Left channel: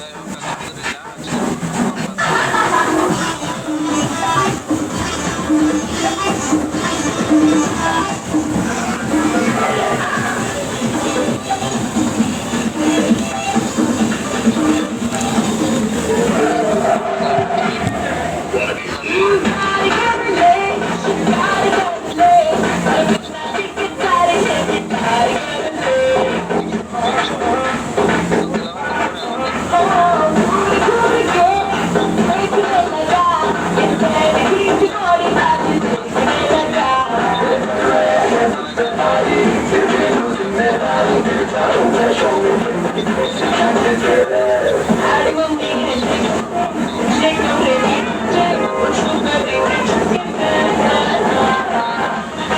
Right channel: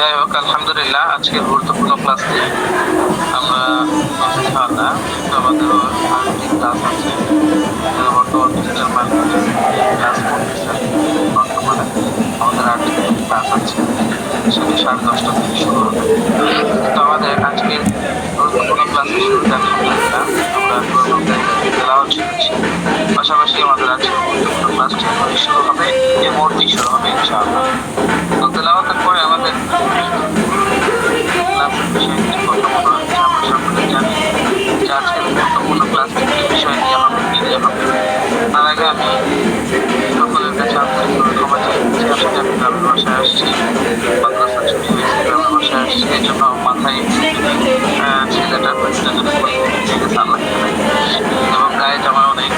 যাই হোক, আলহামদুলিল্লাহ আজকের গুরুত্বপূর্ণ ক্লাস নিয়ে আমরা ইনশাআল্লাহ আমাদেরও আর্থিক ক্লাস আছে। বর্তমান ডিজিটাল মার্কেটিং ক্লাস করতেছেন। বর্তমানে আমাদের আর্থিক ক্লাস আছে, সেটি 10:30 থেকে শুরু হবে। তো আমাদের আজকের গুরুত্বপূর্ণ ক্লাসের শুরুতে আলহামদুলিল্লাহ আমরা তেলাওয়াত শিখেছি। পাশাপাশি আমাদের আজকের গুরুত্বপূর্ণ ক্লাসটি শুরু হবে, এই মুহূর্তেই শুরু হবে ইনশাআল্লাহ। তো তেলাওয়াতের পরে আমাদের গুরুত্বপূর্ণ ক্লাসটি কি বিষয় নিয়ে হবে, কি নিয়ে হবে। তার আগে আমি সকলের কাছে আন্তরিকভাবে ক্ষমা চাইছি। আসলে আমি গ্রামের বাসায় আসছি, মাদ্রাসা ছুটি হয়েছে, গ্রামের বাসায় আসছি, এই জন্য মাথায় ছেলেটার মেডিকেল এবং গায়ে জামা অনেক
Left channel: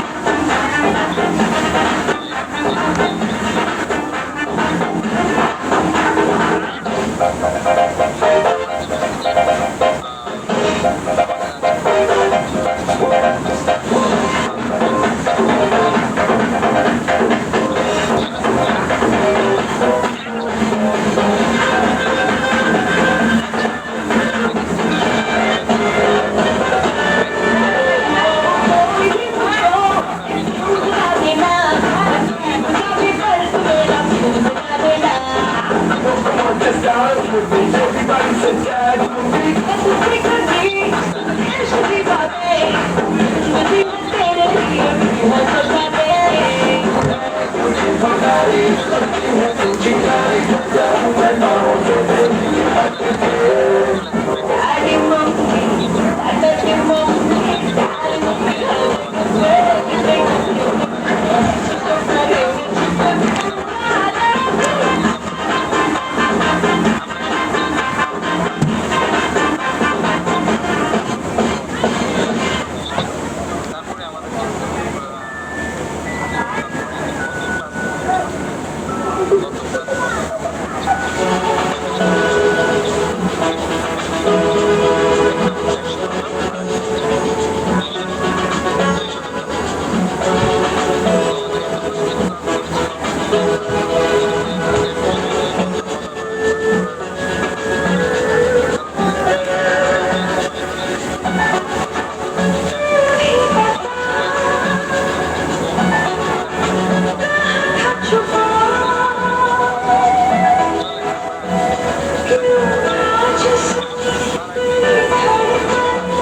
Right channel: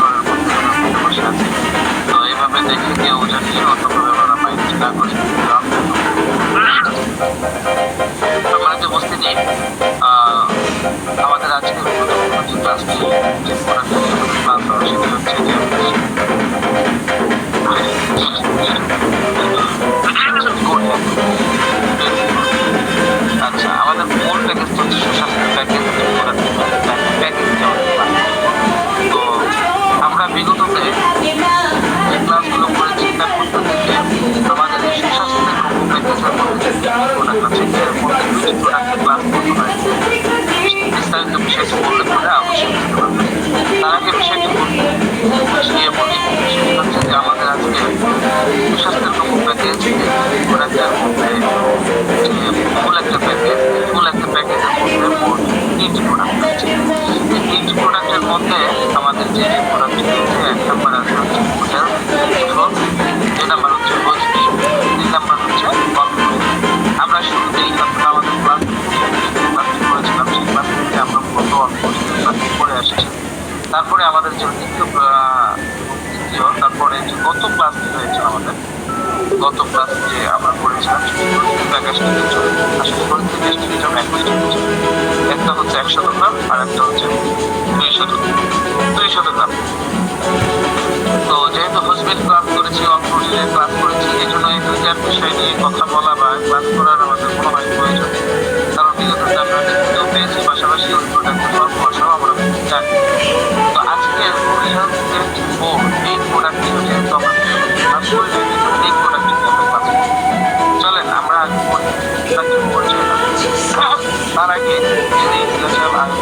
বসে আছে। তো এইভাবে দেখে কেউ জানি অন্যভাবে ওরা মাইন্ড না করে আমরা যে উপস্থিতি আমাদের আজকে ক্লাসটি যে পড়াটি ক্লাস হবে সেটি হচ্ছে আচ্ছা, আমাদের মূল প্যাকেজ হচ্ছে সুস্বাস্থ্য প্যাকেজ। তো আমরা বিগততে যে ক্লাসগুলো করে চিন্তা করতে যে আমাদের সুস্বাস্থ্যের প্যাকেজের মধ্যে বিস্তারিত বিষয়টি বললে পরে আবশ্যক তার আগে বিষয়টি বুঝিয়ে বলি। সেটি হচ্ছে যে আমাদের আসলে সুস্বাস্থ্যের প্যাকেজ মূল একটা প্যাকেজ, মূল একটা প্যাকেজের মধ্যে তিনটি প্রোডাক্ট আছে। এই তিনটি প্রোডাক্টের মধ্যে আমাদের যে প্রোডাক্টটি আছে, 1 নম্বর আছে হচ্ছে হোটেল এবং 2 নম্বর হচ্ছে কোচিং, 3 নম্বর হচ্ছে আমরা শুরুতেই আমাদের ক্লাস করেছিলাম, সেই ক্লাস থেকে আমরা মূলত করে আসছি। তারপরে আমাদের যে দ্বিতীয় তারপরে যে গত ক্লাস হয়েছিল আমাদের গত ক্লাস যে আমরা করেছিলাম একটা হচ্ছে 100 গ্রাম আর একটা হচ্ছে 200 গ্রাম। তো যেহেতু হসপিটাল ক্লাস করেছি, অনফোর্সে ক্লাস করেছি, এই জন্য এই দুইটার বিষয় নিয়ে কথা বলা বা ক্লাস করার আমাদের মনে হয় প্রয়োজন। কারণ বিগততে আমরা দেখতেও পেয়েছি, পাশাপাশি ওই প্রোডাক্টের ফর্ম সহ আমরা জানি। তো আজকে এই প্রোডাক্টটি যেহেতু আমরা ক্লাস করে এই প্রোডাক্টটি নিয়ে আমরা ক্লাস করব। চলেন আমরা আগে পরিচয় তার আগে যদি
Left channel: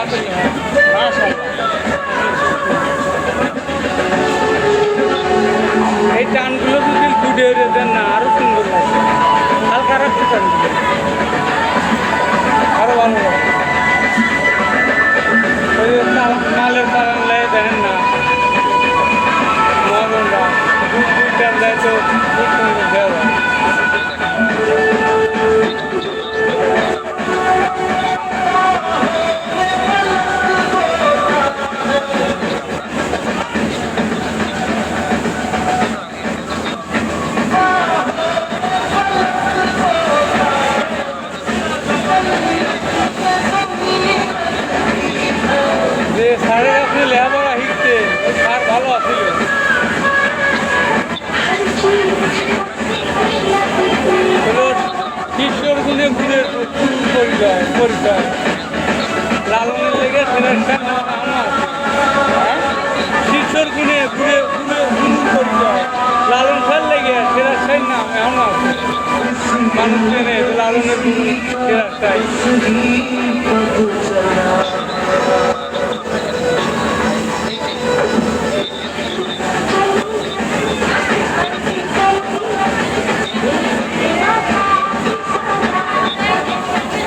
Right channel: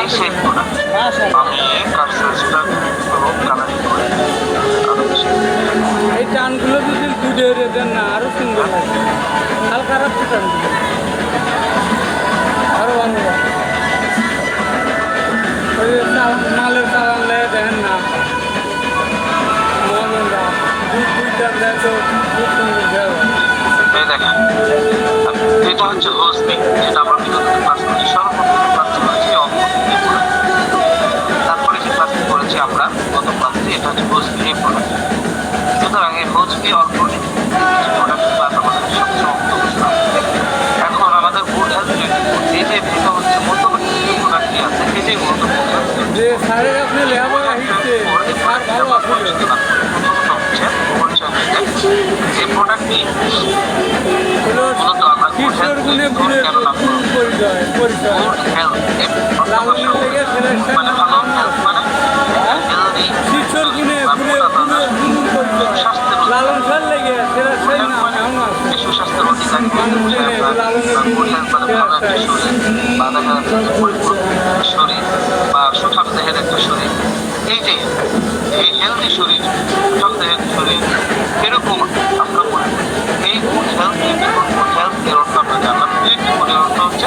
এই সেই প্রোডাক্ট আমি কাস্টমাইজটা কালার করে এই টানগুলো যদি দুধে দেন না আরো সুন্দর লাগবে, হালকা রাখতে টানগুলো আরো ভালো লাগে। মালের চালান লেগে দেখেন না মহাজনরা দুই টান দেয় তো খুব সুন্দর দেওয়া যায়। দেখেন এটা হচ্ছে হোস্টিং, যেটা আমরা বিগত ক্লাস করেছি, সর্বপ্রথম ক্লাস করেছি তারপরে যে ক্লাস করেছি আমরা গত ক্লাসে, এটা হচ্ছে হোস্টিং এর প্রোডাক্ট। সুতরাং এই হোস্টিং অর্থনৈতিক প্রোডাক্ট ক্লাস আমাদের সবচেয়ে এখন আমাদের বোঝার এই যে মধ্যবর্তী প্রোডাক্টটি আছে এটাই মূলত যে স্যারের আপনি লেখাপড়া শিখছে স্যার ভালো আছে এই প্রোডাক্টটি কিশোর গুণে গুণে পরিচয় লালনের লেগে ফেরার শিক্ষর গুণে গুণে গুণ পরিচয় লালন ফের লেগে ফেরার সাই নাম এখন আছে মানুষ চেনে লালনের ফেরার শরীর বা সুঠাম দেহের একটা শরীর, এই যে এই হেলদি শরীর, সুঠাম দেহের শরীর, এরকম আমরা বলে এই হেলদি বিকল্প হেলথের অর্থ আমরা জানলাম। এই জীবনের অর্থ হচ্ছে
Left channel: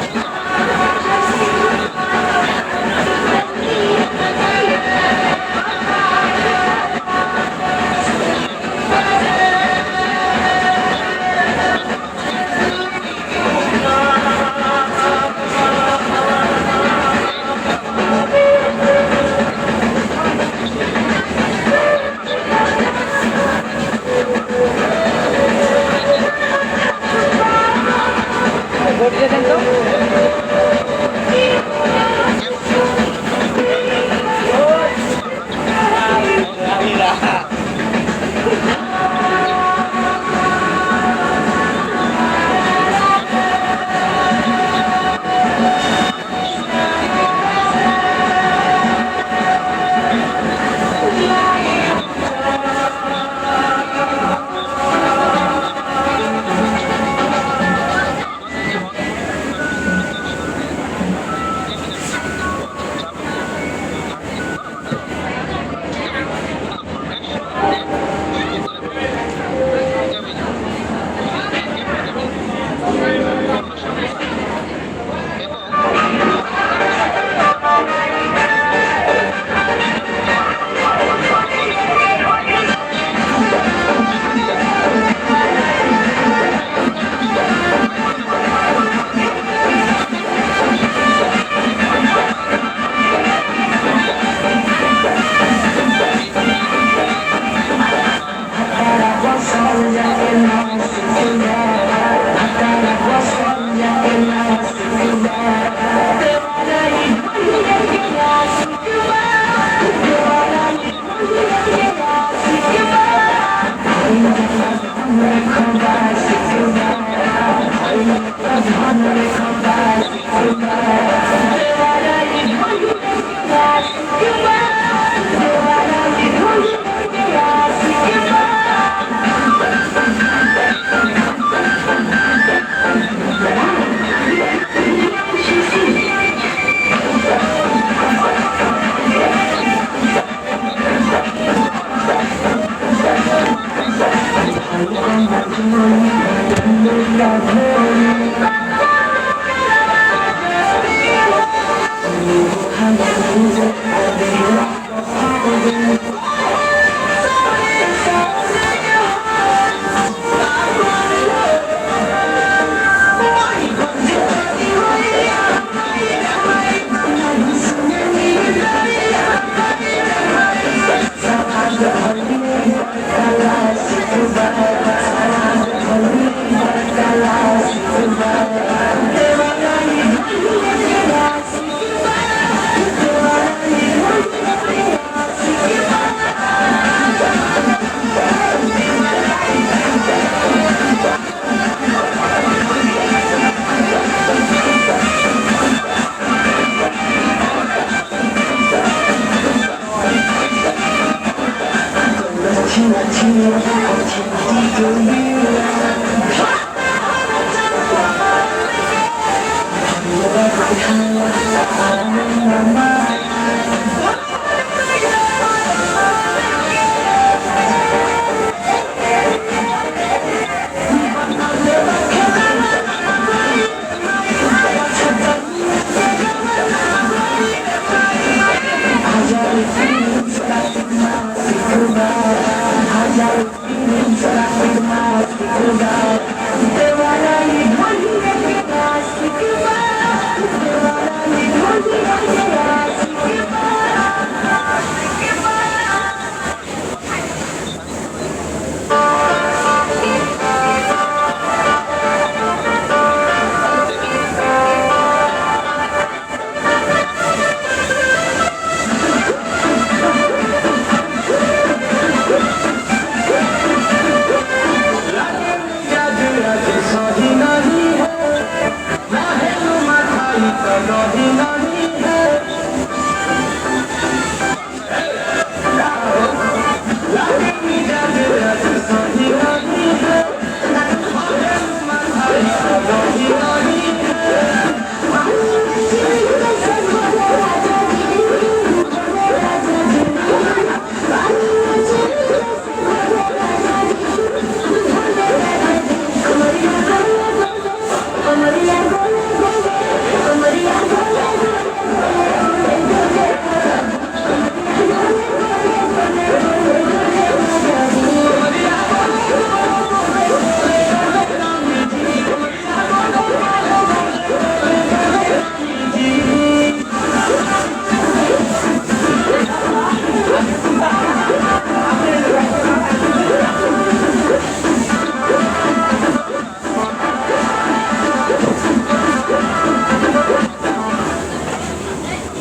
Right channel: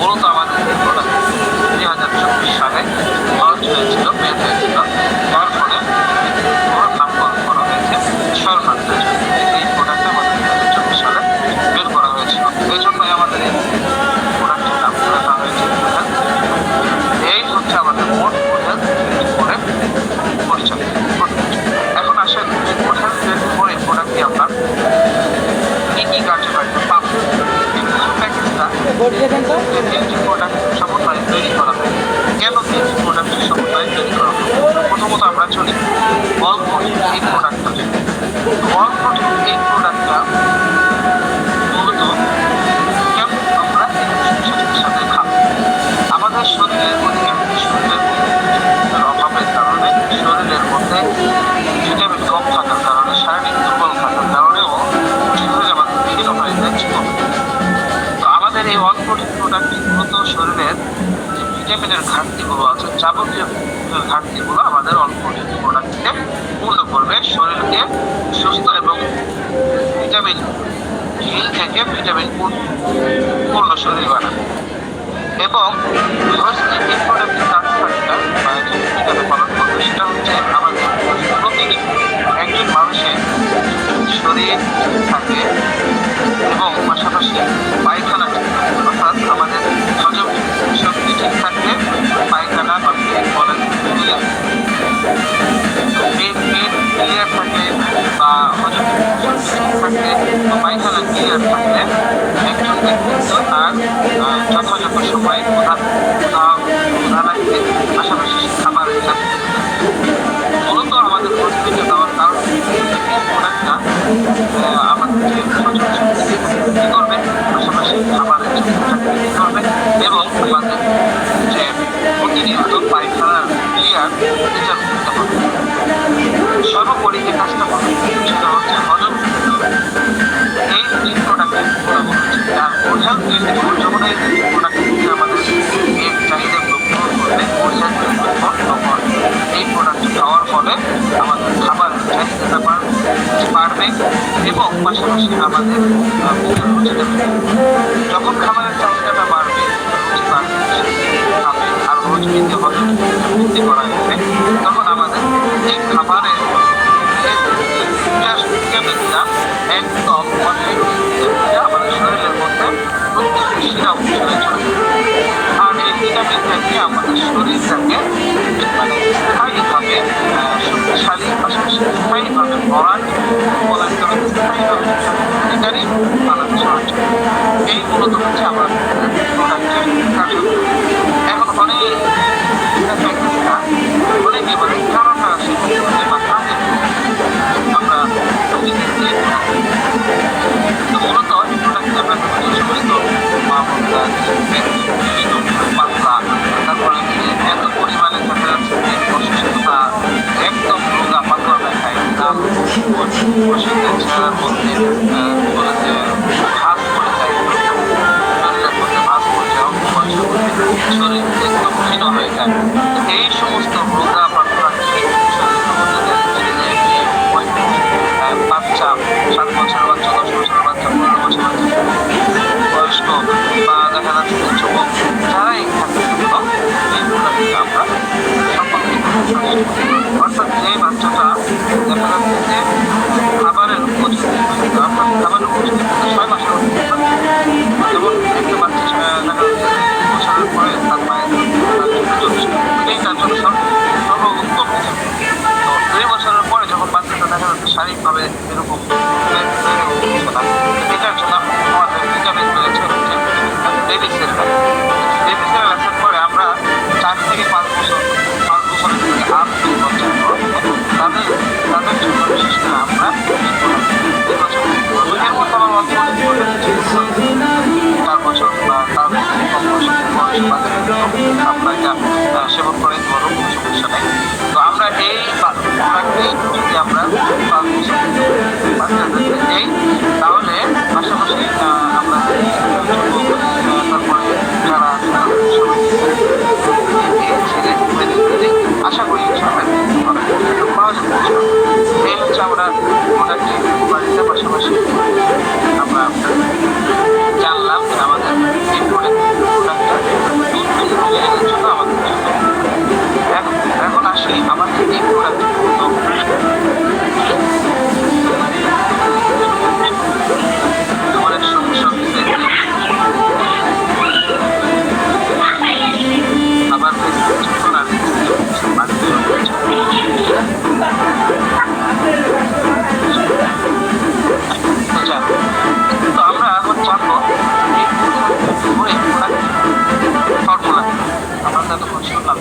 মূলত আমাদের 2024 সালে লঞ্চ হয়েছিল, বের হয়েছিল, তারপরে নামকরণ করা হয়েছে শরণার্থ। এই প্রোডাক্টটা আমাদের 2024 সালে বের করা হয়েছিল, এই জন্যই আমাদের প্রোডাক্টের নাম রাখা হয়েছে। এই হচ্ছে আমাদের মোট হেলথ করে পরিচয়। এখন আসলে কোথাও করে প্রোডাক্টটি আমরা কি কি কার্যকারিতা পাবো, প্রোডাক্ট সমন্বয়ে তৈরি করা হয়। কেন প্রোডাক্টের সমন্বয়ে তৈরি করা হয়? প্রথমত আমরা চলি অল্প এই প্রোডাক্টটা, অল্প এই প্রোডাক্টটা মূলত কেমন আমরা সাথে খাবো। আমাদের শরীরে শরীরের অভাবের কারণে, শরীরের মধ্যে ভিটামিন কম থাকার কারণে, শারীরিক দুর্বল থাকার কারণেও শরীরে আমাদের বিভিন্ন ধরনের জীবন। তো আমাদের এই অল্পটিক প্রোডাক্টটি মূলত শরীরের যে ভিটামিনের ঘাটতিগুলো আছে, যাবতীয় ঘাটতিগুলো আমাদের অল্পটিক প্রোডাক্টকে পূর্ণ করবে, শরীরকে সুস্থ এবং ভিটামিন হিল থেকে ভিটামিন পূর্ণ শরীর বানাবে। এবং এই প্রোডাক্টের কার্যকারিতা বা যে ভূমিকাটা পালন করবে সেটা হচ্ছে আমাদের প্রতিদিন একজন মানুষের শরীর থাকে এবং পাশাপাশি পায়খানা অর্থাৎ আমাদের হজম শক্তি ঠিক থাকলে পায়খানা বা পেট বলেন ক্লিয়ার, পেট ক্লিয়ার থাকলে বা হজম শক্তি ঠিক থাকলে বা পায়খানা ক্লিয়ার থাকলে একজনকে তার যথাযথ সময়ে পাশাপাশি খাবারের মূলত আমাদের প্রতিযোগিতা দেওয়ার কারণ প্রোডাক্টটা আমাদেরকে কি করবে, পাশাপাশি খাবারের কি করবে এবং আমাদের যে প্রতিনিয়ত পায়খানার ক্লিয়ার এটা করতে পারবে। সর্বোপরি যে কাজটা করবে সেটা হচ্ছে হজম এই যে প্রোডাক্টের গুণাগুণ হচ্ছে আর বোঝার যে যখনই প্রোডাক্ট আমাদের এই চাহিদাগুলো পূরণ করবে, বোঝার তখন এই প্রোডাক্টটি খাওয়ার ফলে আমাদের খাবারের চাহিদাটা বাড়বে এবং পাশাপাশি আমাদের যখন খাবারের চাহিদাটা বাড়বে, রুচি বাড়বে, আর রোজ বৃদ্ধি করা যাবে, তখন আমাদের এই খাবারের ভিটামিনটা একদম আমাদের শরীরের মধ্যে প্রত্যেকটি শিরা অঞ্চলে চলে যাবে। আর এই ভিটামিনটাকে আমাদের শরীরটাকে স্থায়ীভাবে শক্তিশালী, পাশাপাশি স্থায়ীভাবে ভরাট বলার কারণে স্থায়ীভাবে এটারই বানাতে সাহায্য করে। এই মূলত হচ্ছে আমার প্রোডাক্টের কার্যক্রম। এখন অনেকে মানে কারণটা আছে আমরা মূলত তারপরে এত পরিমাণে অসুস্থতা, একদম রোগা পাতলা দেখায় ভাত পড়ে যায়, শরীরের মধ্যে ভাত পড়ে যায়, শরীর একদম হয়ে যায়। তো এই সমস্ত রোগা বাচ্চা বাচ্চা 7 বছরের বাচ্চা, 10 বছরের বাচ্চা, 15 বছরের বাচ্চা, বয়স্ক বা দেখা যাচ্ছে যে যুবক, যারাই থাকে না কেন এইগুলো থেকে আমরা অর্থাৎ এই বাচ্চাটা দেখা যাচ্ছে যে খাবারের উপযোগী, অর্থাৎ খাবারের উপযোগী 6 মাসের মধ্যে যেমন দেখতে পাচ্ছি দেখা যাচ্ছে যে 2 বছরের পরে তার মায়ের এইটার জন্য সর্বোত্তম কিছু। তো 2 বছরের পরে যখন বাচ্চাটা দেখা যাচ্ছে শারীরিকভাবে এরকম এটার জন্য আমাদের ভিটামিন রয়েছে হচ্ছে বেবি সেরেলাক। বেবি সেরেলাকের পরে আমরা 4 থেকে 5 বছর, 5 বছরের থেকে 8 বছর পর তাদের জন্য বিশেষ করে আমরা এর মধ্যে আমার অল্প 4 বছর বা তার কম বয়সী আমরা এটা সেবন করে কোনো সমস্যা নেই। তো আমরা এই প্রোডাক্টটি যদি আমরা 5 বছর বাচ্চাদেরকে দিই তাহলে পাশাপাশি আমরা তারপরে যারা আশা করি পাওয়া যাবে। এই হচ্ছে আমরা প্রোডাক্টটি বাড়িতে পাশাপাশি আমরা জানলাম যে আমাদের এই প্রোডাক্টটা জন্য আমাদের এখন আসি আমাদের এই প্রোডাক্ট অনেক সমস্যা হচ্ছে আবার যখন আমি তো আমরা এখন জানবো ফর্মুলা আমরা তখন শুনলাম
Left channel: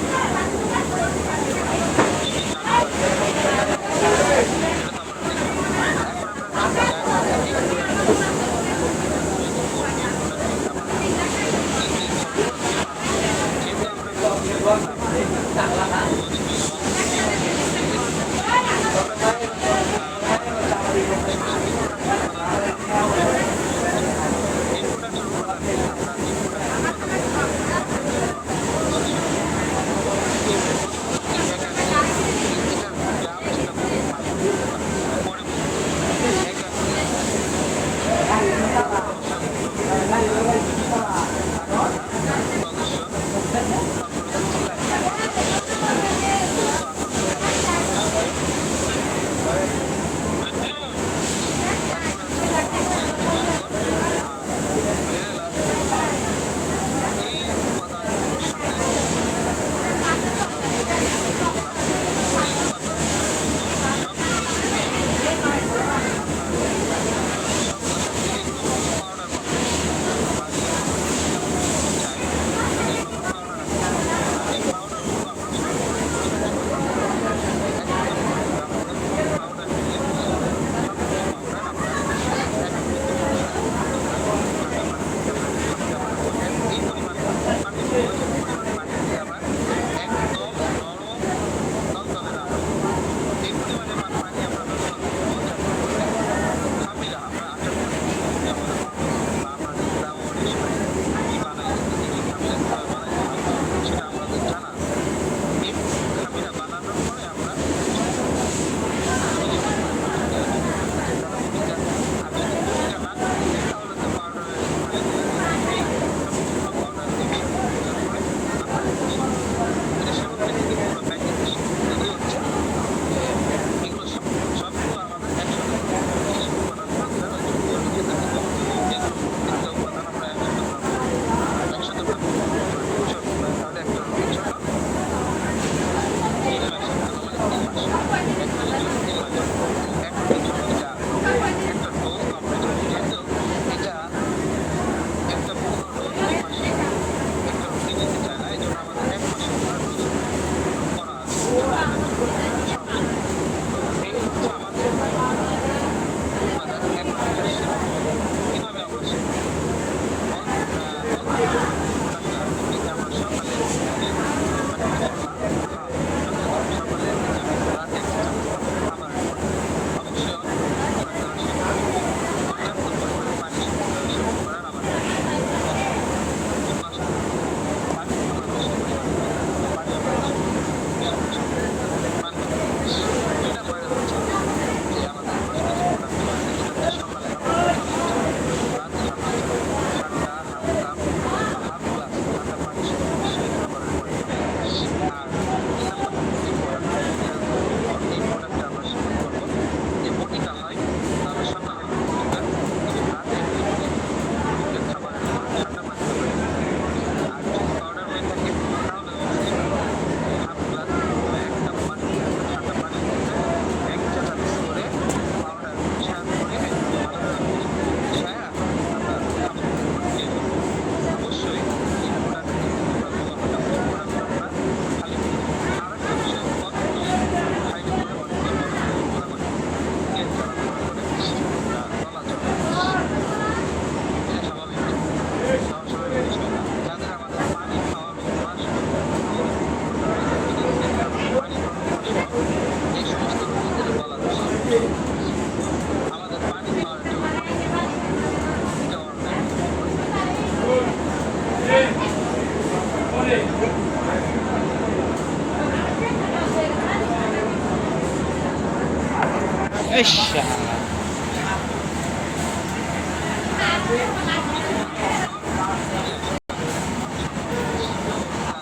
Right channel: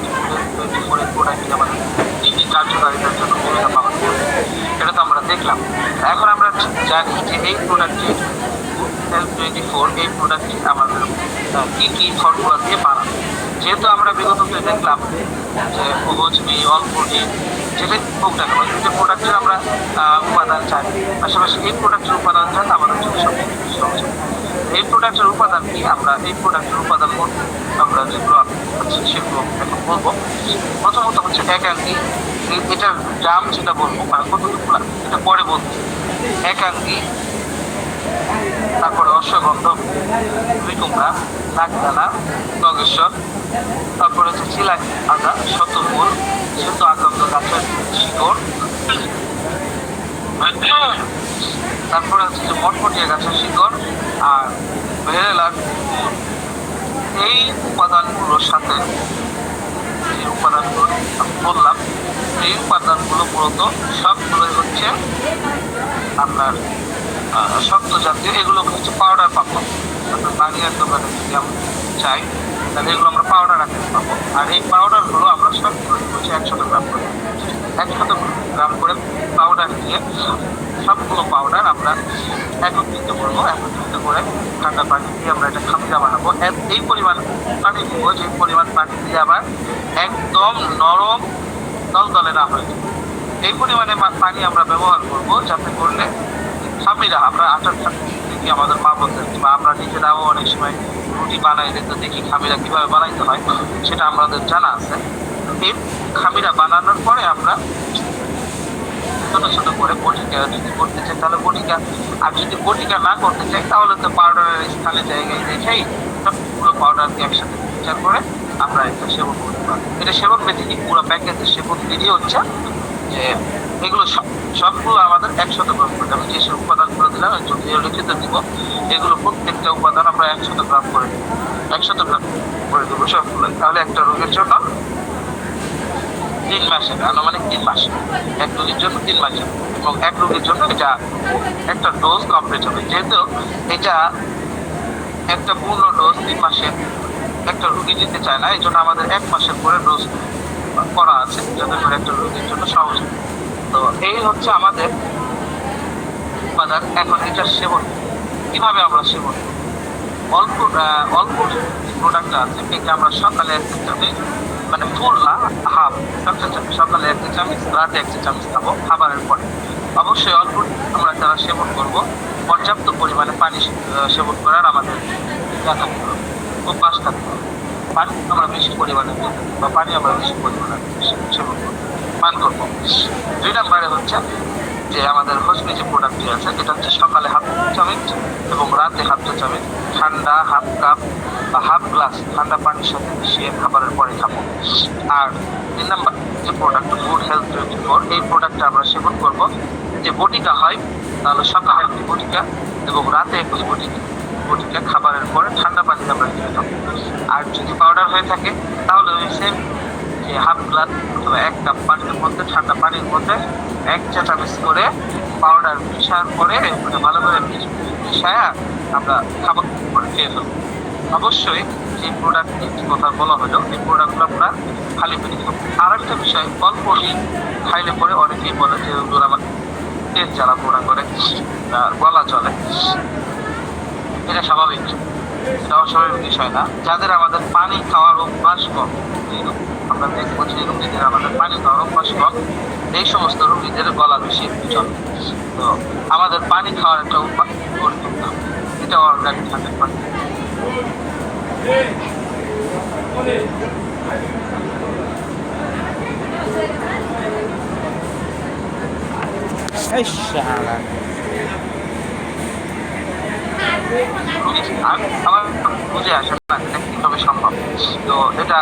প্রোডাক্ট আমাদের কার্যকারিতার জন্য ভূমিকা পালন করে, এটা তো আমরা দেখলাম। এখন আমরা জানি যে এই প্রোডাক্টটি Health24 এই প্রোডাক্টটি আমাদের কি কি ফর্মুলা দিয়ে বানানো। যেহেতু আমরা বিগততে দেখলাম যে ভোজমি অল্পটি যেটাই হোক না কেন কিন্তু প্রোডাক্টের আমরা উপাদান চাই, পাশাপাশি এই প্রোডাক্টের উপাদান চাই আমাদের জন্য সবচেয়ে এই প্রোডাক্টের উপাদান কি, আমরা এই প্রোডাক্টের উপাদান বলতে আমরা যেগুলো হচ্ছে সেগুলো এখন বলবো। প্রথমত হচ্ছে একাঙ্গি, এটার দাম যেটা বলবো বা কতটুকু এটা পরে বলতে। একাঙ্গি, তারপরে অশ্বগন্ধ, কুমড়া, নাকদানা, তগেশ্বর, তারপরে হচ্ছে চিলাকি আদা, শতফুল, শ্বেত আকন্দ গাছের শিকড়, তারপরে হচ্ছে যে মটমটিয়া গাছের শিকড় আর ভেড়েলার গুড়। এই উপাদানগুলোর সাথে যে উপাদানগুলো বললাম এই উপাদানগুলো মূলত সবগুলোই হচ্ছে আপনার শক্ত জাতীয়, এগুলো হচ্ছে পাউডার পাবো। আপনার বাড়ি একদম যেমন চাই তাহলে এগুলো আমরা পাউডার আকারে পাবো। আর এই পাউডারগুলো আমরা সবগুলো হচ্ছে 100 গ্রাম করে 100 গ্রাম করে পাউডার নিয়ে সবগুলো পাউডার আমরা একত্রিত করবো। একত্রিত করে ঠান্ডা পানি দিয়ে আমরা এটা খামিরা বানাবো। এই পরিমাণ পানি দিব যে পরিমাণ পানি দিয়ে আবার একদম নরম দলদলে না হয়ে যায় এই পরিমাণে পানি আমরা ব্যবহার করবো, যাতে করলে খামিরা আমরা আটার দেখি আমাদের মা বলতে বা আমরা নিজেরাও অনেক সময় রুটি বানাই দিতে দেখি খামিরা কিভাবে বানাইতে হয় সেটা আমাদের জানা আছে। এই খামিরা বানানোর পরে আমরা ছোট ছোট করে বটিকা যদি করতে চাই তাহলে বটিকা, আর যদি বটিকা না করতে চাই তাহলে তো পাউডারের স্থানে জায়গায় রেখেই সবগুলো পাউডারকে একসাথে বিচার করে আমরা এটা সেবন করতে পারি। এটা সেবন মেথি পুরো প্যাকেজের সেবন বিধি হচ্ছে যে এগুলো সবগুলো আমাদের 100 গ্রাম করে, আমি যেসব উপাদানগুলো দিলাম লিখিত দিব, এগুলো প্রত্যেকটা উপাদান আমরা 100 গ্রাম করে 100 গ্রাম করে দেবো সবগুলো। তাহলে একটা রোগের জন্য 3 মাসে, আনুমানিক 3 মাস, এক রোগের জন্য 3 মাসে, এবং এক রোগের জন্য এটা একটা ডোজ কমপ্লিট হবে। যেহেতু এটা একটা পূর্ণ ডোজ 3 মাসে একটা রোগী দিতে চায় না, এই জন্য আমাদের 1 মাসের পরে ডোজ করা আছে যাতে করে একটা রোগীর জন্য সহজ। তো এই হচ্ছে আমাদের উপাদান। এখন এটা সেবন কিভাবে আমরা সেবন অল্প অল্প প্রোডাক্টটা আছে এটা আমরা সকালে 1 চামচ, মানে ফুল না হাফ, সকালে 1 চামচ, রাতে 1 চামচ খাবো খাবারের পরে। অবশ্যই অল্প আমরা যারা সেবন করবো পর্যাপ্ত পরিমাণে পানি সেবন করার আমাদের অভ্যাস থাকতে হবে। পানি আমরা বেশি পরিমাণে দেব বা পানি আমরা বেশি পরিমাণে সেবন করবো, পান করবো। 2 নম্বরে হচ্ছে যে আমাদের হজমি যে প্রোডাক্টটি আছে এটা হচ্ছে সকালে হাফ চামচ এবং রাতে হাফ চামচ ঠান্ডা হাফ কাপ বা হাফ গ্লাস ঠান্ডা পানির সাথে মিশিয়ে খাবারের পরে খাবো। আর 3 নম্বর যে প্রোডাক্ট ফুড হেলথ 24, এই প্রোডাক্টটা আমরা সেবন করবো। যে বটিকা হয় তাহলে সকালে একটি বটিকা এবং রাতে একটি বটিকা খাবারের পরে ঠান্ডা পানিতে আমরা খেতে খাবো। আর যদি পাউডার হয়ে থাকে তাহলে ওই সেম যে হাফ গ্লাস অথবা 1 কাপ পানির মধ্যে ঠান্ডা পানির মধ্যে 1 চা চামচ করে পাউডার মিশানোর পরে ওটা ভালো করে মিশায়া আমরা খাবার করে খেয়ে ফেলবো। অবশ্যই যে প্রোডাক্টের কথা বলা হলো এই প্রোডাক্টগুলো আমরা খালি পেটে খাবো। আর একটা বিষয়, অল্প খাইলে পরে অনেকেই বলে যে ওগুলো আমার পেট জ্বালা পোড়া করে, গলা চলে। এটা স্বাভাবিক, এটা অস্বাভাবিক বিষয় না। যাদের আমাদের পানি খাওয়ার অভ্যাস কম, আমরা দেখবো যে রোগীদের আমাদের পানি খাওয়ার অভ্যাস কম, এই সমস্ত রোগীদের গলা বেশি চলে। তো আমাদের পানি খাওয়ার একটা অভ্যাস গড়ে তুলতে হবে, এটা অর্গানিক থাকতে পারে। আমার বুঝে আসে না এটা কিভাবে সম্ভব। তো এটা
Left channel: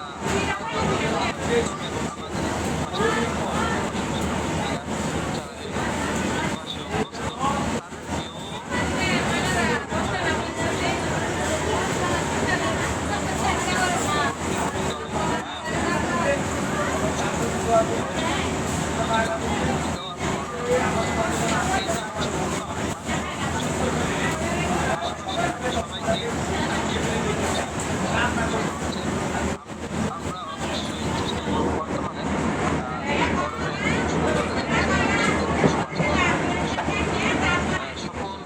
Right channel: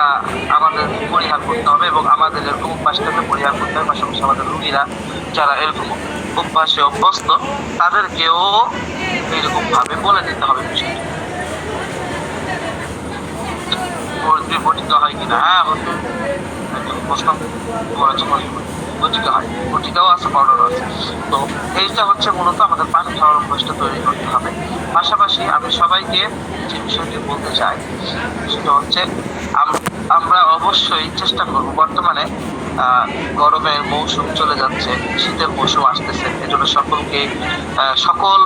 আমাদের পরিহার করতে হবে এবং আমাদের এরকম অভ্যাসটাকে পরিহার করতে হবে। পাশাপাশি আমাদের রুগীরা যারা এরকম অভ্যাসে অভ্যস্ত তাদেরকেও এরকম ভাবে বলে দিতে হবে বিষয়টা। বটিকা হয় কিনা, হ্যাঁ প্রশ্ন বটিকা হয়, বটিকাও আছে, পাউডারও আছে। তো এইটা হচ্ছে মূলত আমাদের পানি খাওয়ার অভ্যাসটা তৈরি করতে হবে। পাশাপাশি আমি সবাইকে যে বিষয়টি বলতে চাই সেটা হচ্ছে আমরা অবশ্যই চেষ্টা করব, বর্তমানে গরমের মৌসুম চলে যাচ্ছে, শীতের মৌসুম আসতেছে, এজন্য সকলকে সকল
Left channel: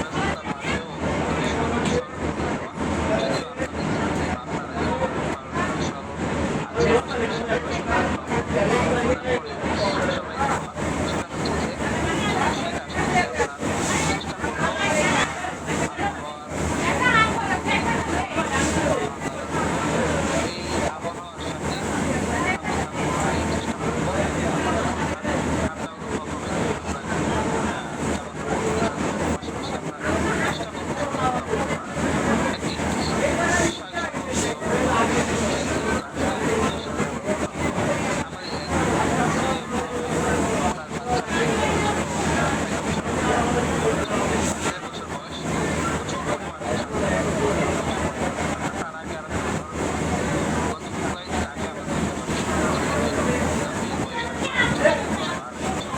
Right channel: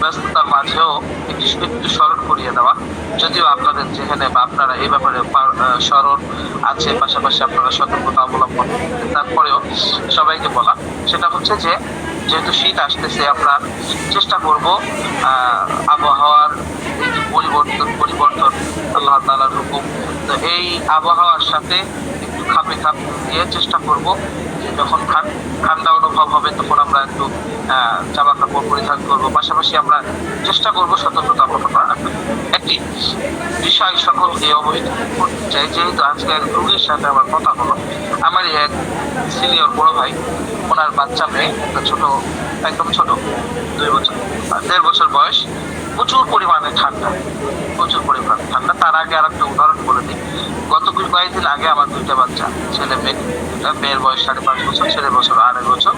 ব্যস্ততার মাঝেও একটু স্মরণ করিয়ে দেওয়া। যদিও আপনাদের যেখানে বা আপনারা এই ব্যাপারে স্মরণ আছে, পাশাপাশি আপনারা সতর্কতা অবলম্বন, তারপরেও সবাইকে বলা সেটা হচ্ছে যে যেহেতু শীত আসতেছে আমরা চেষ্টা করব আবহাওয়ার পরিবর্তন আল্লাহ তাআলার হুকুম, তো এই আবহাওয়ার সাথে একটু খাপে খাপ দিয়ে চেষ্টা করব যে যখন ঠান্ডা অনুভব হবে তখন আমরা একটু জামা কাপড় পরিধান করবো। পাশাপাশি আমরা চেষ্টা করবো সতর্কতা অবলম্বন। একটি বিষয় সকলকে অবহিত করতে চাই, যেহেতু আজকে এক রোগীর সাথে আমার কথা হলো, আমারই এক সিনিয়র বড় ভাই, ওনার বাচ্চা মেয়ে ছোট, একদম ছোট, 1.5 বছর বয়স, প্রচুর পরিমাণে ঠান্ডা। তার আগে আর একটা উদাহরণ বলে দিই, গত কয়েকদিন আগে আমার 2টা বাচ্চা, ছেলে মেয়ে, মেয়ের বয়স 5.5 বছর, ছেলের বছর 2.5 বছর।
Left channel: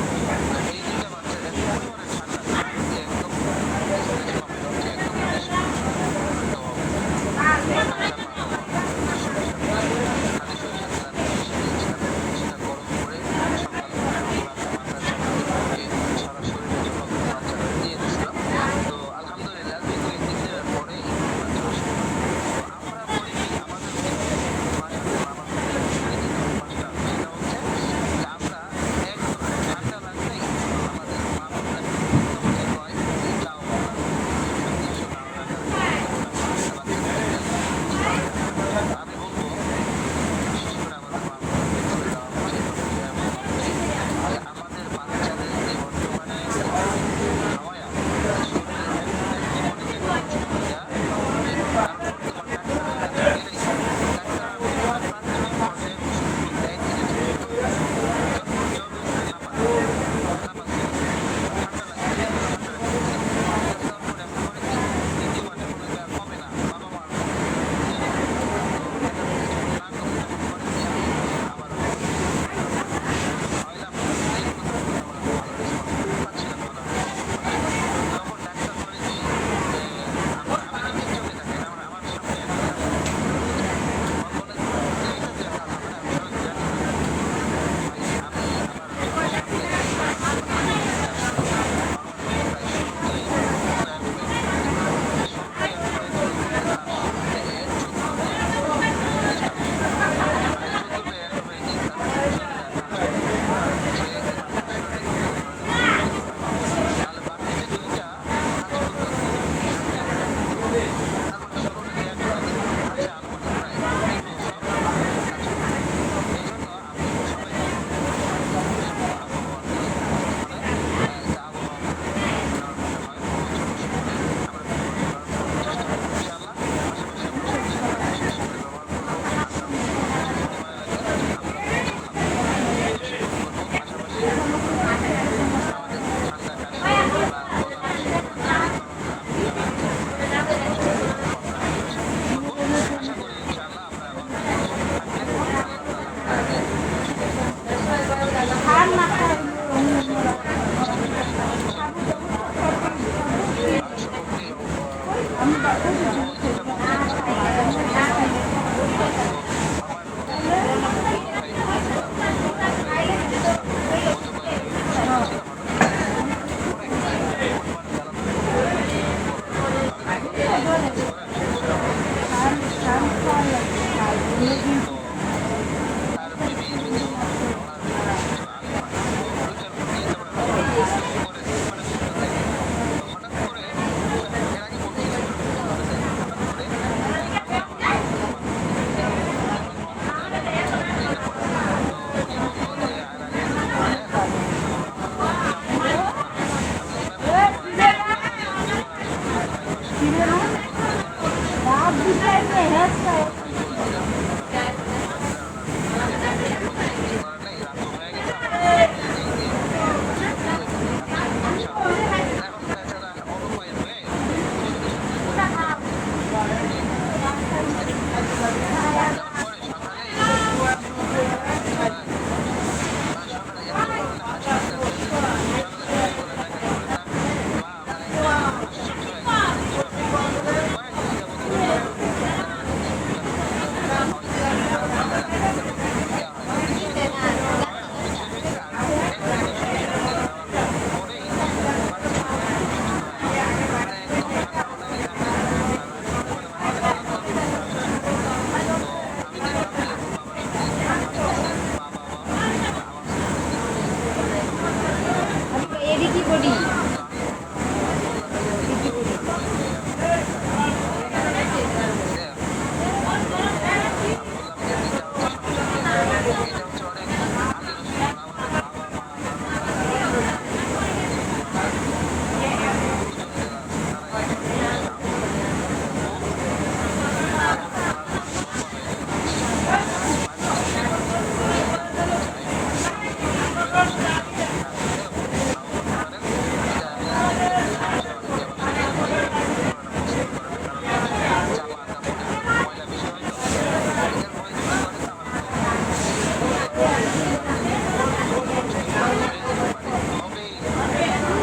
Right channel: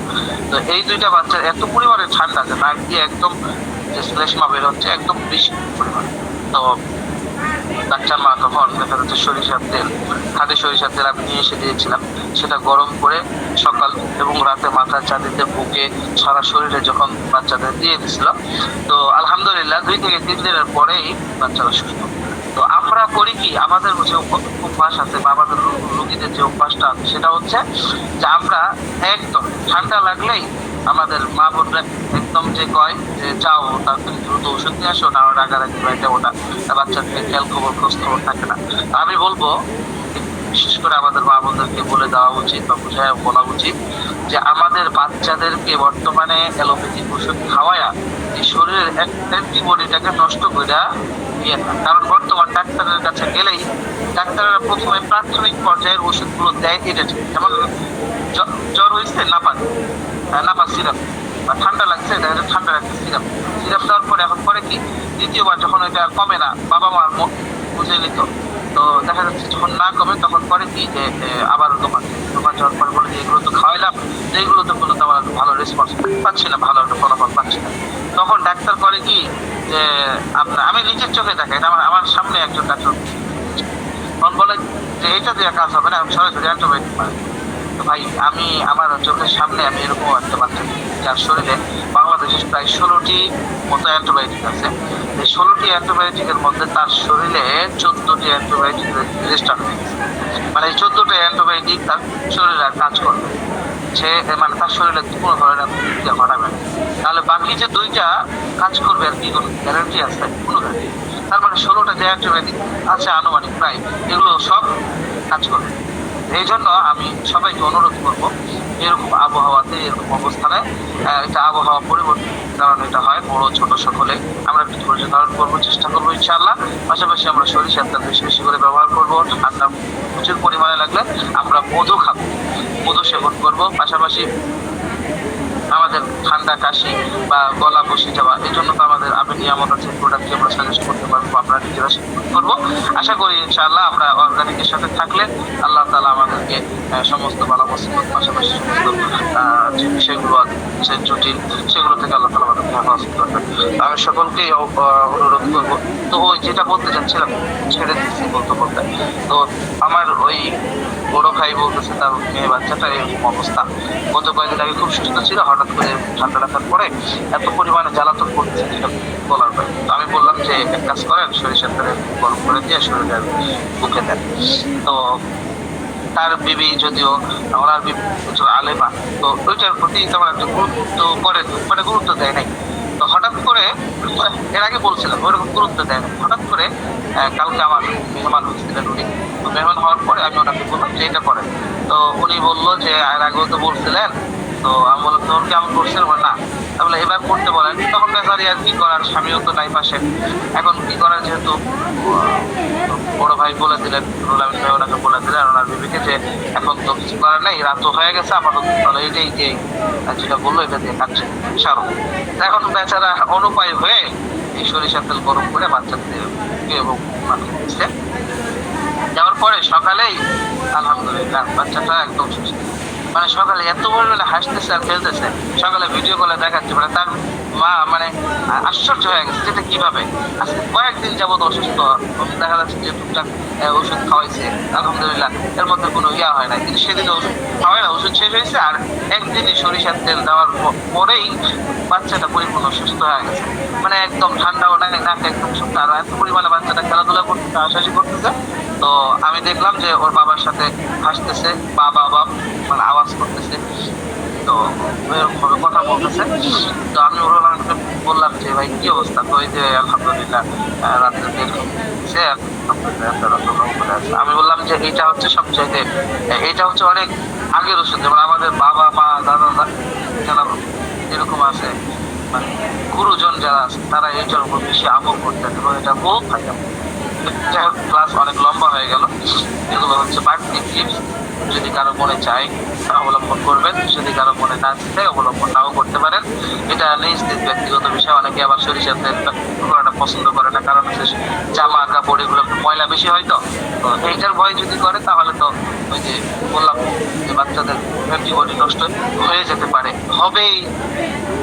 তো এই 2টা বাচ্চার এত পরিমাণে ঠান্ডা যে নাক দিয়ে একদম শ্লেষ্মা বের হচ্ছে, একদম বেশি পরিমাণ। তো বাচ্চার মা তখন দেখা যাচ্ছে খাঁটি সরিষার তেল আমি নিয়ে এসে দিয়েছিলাম, সেটা গরম করে সকাল এবং রাতে মাথার চাঁদিতে বুকে সারা শরীরে যখন বাচ্চাদের দিয়ে দিছিল, তো আলহামদুলিল্লাহ 2 থেকে 3 দিনের পরেই বাচ্চারা সুস্থ। তো আমরা করি কি, আমাদের যে অভ্যাস আছে বা আমাদের রোগীদের যে অভ্যাসটা আছে সেটা হচ্ছে যে আমরা একদম ঠান্ডা লাগলেই আমাদের মা বোনরা একদম যে কয় যে যাও তাড়াতাড়ি দ্রুত ওষুধ নিয়ে আসো, না রাগারাগি বাইটা ওটা, বাচ্চাদের খেয়াল খোঁজ খবর থাকে না। আমি বলবো বিশেষ করে আমাদের মা বোনদেরকে বলে দেওয়া উচিত বা বুঝায় বলা উচিত যে আমাদের বাচ্চাদেরকে বর্তমানে অ্যালোপ্যাথিক ওষুধ খাওয়ায়া এই শরীরের অ্যান্টিবডিটাকে নষ্ট করে দিয়ে না। কারণ বর্তমান ডাক্তারের কাছে গেলেই ডাক্তাররা প্রথমে প্রাথমিক পর্যায়ের ওষুধগুলো দেয় এটা ঠিক, যেমন জ্বর হয়েছে নাপা সিরাপ, বা ঠান্ডা লাগছে ঠান্ডা লাগছে সিরাপ দেওয়ার পরে এখন করে কি, দ্বিতীয়বার যখন এটা কমে না, বাবা মার বুঝে নিত, তো দেখা যাচ্ছে যখন না কমে তখন করে কি যে আবারও দোকান যাওয়ার পরে বলে এগুলো তো খাওয়াইলাম, এইগুলো তো কোনো তেমন ভালো রেসপন্স পাচ্ছি না, ভালো একটা ফলাফল পাচ্ছি না। তখন ডাক্তার করে কি যে আমি নিজের চোখে দেখাই, আমার সামনে একজন ডাক্তার তখন বলে যে এটা দিয়ে কাজ হবে না, আমি সরাসরি অ্যান্টিবায়োটিক পাই। তো ভাই আমি আমার চোখের সামনে আমি এরকম একটা বাচ্চা যার শরীরে বাংলাদেশে প্রায় 16টি মতো অ্যান্টিবায়োটিক আছে, এই 16টি অ্যান্টিবায়োটিকের মধ্যে তার শরীরে 14টি অ্যান্টিবায়োটিক রেজিস্টার হয়ে গেছে। মানে এই 14টা অ্যান্টিবায়োটিক তার শরীরে কাজ করবে, সে মানে তার শরীরে কোনো ধরনের প্রতিক্রিয়া ঘটাবে। তাহলে বাকি যে 2টা কাজ করবে আর কি কোনো গ্যারান্টি আছে? কোনো তার মানে 16টা যে অ্যান্টিবায়োটিক আছে আনুমানিক প্রায়, এগুলো সব কাজ করে। এই জন্য আমি সবাইকে অনুরোধ করবো, এরকম আবহাওয়াতে এরকম অবস্থানে এটা আবহাওয়া পরিবর্তন কারণ এটা হয়, বড় ছোট সকলে আমরা একটু ধৈর্য ধারণ করবো, চেষ্টা করবো ইনশাআল্লাহ। পাশাপাশি আমরা সরিষার তেল বেশি বেশি করে ব্যবহার করবো, ঠান্ডা প্রচুর পরিমাণে লাগলে আমরা মধু খাবো, মধু সেবন করবো। পাশাপাশি আমাদের ঠান্ডা কাশি বা গলা বসে যাওয়া, এই জন্য তো আমাদের আপনি নিয়ামত আছে, প্রোডাক্ট আমরা সাজেস্ট করতে পারবো, আপনারা নিজেরা সেবন করবো। আশা করি ইনশাআল্লাহ আমরা অর্গানিকের সাথে থাকলে আল্লাহ তাআলা আমাদেরকে সমস্ত বালা মুসিবত, পাশাপাশি সমস্ত যে বিষয়গুলো আছে যে জটিল, সেগুলো থেকে আল্লাহ তাআলা আমাদেরকে হেফাজত করবেন। আমি সকলকে অনুরোধ করবো। তো ওই যেটা বলতে চাচ্ছিলাম ছেড়ে দিচ্ছি বলতে বলতে, তো আমার ওই বড় ভাই বলতেছে তার মেয়ে বাচ্চাটা এরকম অবস্থা, গত কয়েকদিন আগে খুব সুস্থ ছিল, হঠাৎ করে ঠান্ডা লাগার পরে এত পরিমাণে জ্বালাতন করতেছে যেটা বলার পরে। আমি বললাম যে এক কাজ করেন, সরিষার তেলে গরম করে দিয়ে শরীরে বুকে দেন। তো তার বিবি যদিও ওনার বিবি আলেমা, তো ওইটার প্রতি তেমন একটা গুরুত্ব করে মানে গুরুত্ব দেয় নাই। তো হঠাৎ করে এর আগে বলছিলাম ওইরকম গুরুত্ব দেয় না, হঠাৎ করে কালকে আমার মেহমান হচ্ছিলেন উনি, তো মেহমান হওয়ার পরে আমি ওনাকে বললাম যে এটা করেন। তো উনি বললো যে এর আগেও তো বলছিলেন, তো আমি বললাম তোর কেমন করছিলাম না, তাহলে এবার করতে বলেন। তখন বেচারি আর কি করার, স্বামীও তো নাই পাশে, এখন কি করার, যেহেতু বড় ভাই বলে দিলেন, রুল আমিন ভাই ওনাকে বলে দিলেন ওনার বিবিকে যে এখন তো কিছু করার নেই, রাত তো হয়ে গেছে, আপাতত তাহলে এইটাই যে যেটা বললো এটা দিয়ে কাটছে সারো। এখন বেচারা অনুপায় হয়ে এই সরিষার তেল গরম করে বাচ্চাদের এবং দিচ্ছে। যাওয়ার পরে সকালেই আলহামদুলিল্লাহ বাচ্চাটা একদম সুস্থ, মানে সকালে এত পরিমাণে হাসতেছে আর খেলতেছে, সকালে ভিডিও কলে দেখাচ্ছে, মানে তার মা মানে আশ্চর্য হয়ে গেছে যেটা কিভাবে। আজকে কয়েকদিন যাবত অসুস্থ, দেখা যাচ্ছে যে টুকটাক ওষুধ খাওয়াইছে আলহামদুলিল্লাহ, এর মধ্যে কোনো ইয়া হয় না, কিন্তু সেদিন ওষুধ খাওয়াই না, ওষুধ শেষ হয়েছে আর একদিনই সরিষার তেল দেওয়ার পরেই বাচ্চাটা পরিপূর্ণ সুস্থ হয়ে গেছে, মানে একদম ঠান্ডাও নাই, নাকে একদম সুস্থ। আর এত পরিমাণে বাচ্চাটা খেলাধুলা করতেছে, হাসাহাসি করতেছে। তো আমি দেখলাম যে ওর বাবার সাথে হাসতেছে, বাবা বাবা মানে আওয়াজ করতেছে, তো এরকম ভাবে কথা বলতেছে। তো আমি ওর বললাম যে ভাই কি অবস্থা, তো ওই যে আলহামদুলিল্লাহ রাত্রে বের হয়েছে, আমি বললাম যে এটা হচ্ছে সবচাইতে, এটা হচ্ছে অনেক আগের ওষুধ, যেমন আমাদের বাবা মা দাদা যারা এরকম আছে মানে গুরুজন যারা আছে তারা এইটার উপর বেশি আমল করতেন এবং এটা বহু খাইতাম। ক্লাস অনেক লম্বা হয়ে গেল, এগুলো হচ্ছে বাড়তি টিপস, যদি কারো মনে চায় অবলম্বন করবেন, যদি কারো মনে না চায় অবলম্বন নাও করতে পারেন। এটা নিজ ব্যক্তিগত বিষয়, অনেকে আবার সরিষার তেল করাটা পছন্দ করে না, কারণ হচ্ছে জামা কাপড় এগুলো ময়লা বেশি হয়। তো এইটার ভয় যদি করে তাহলে তো ওই যে বললাম যে বাচ্চাদের জীবনী নষ্ট হয়ে যেতে পারে, হবেই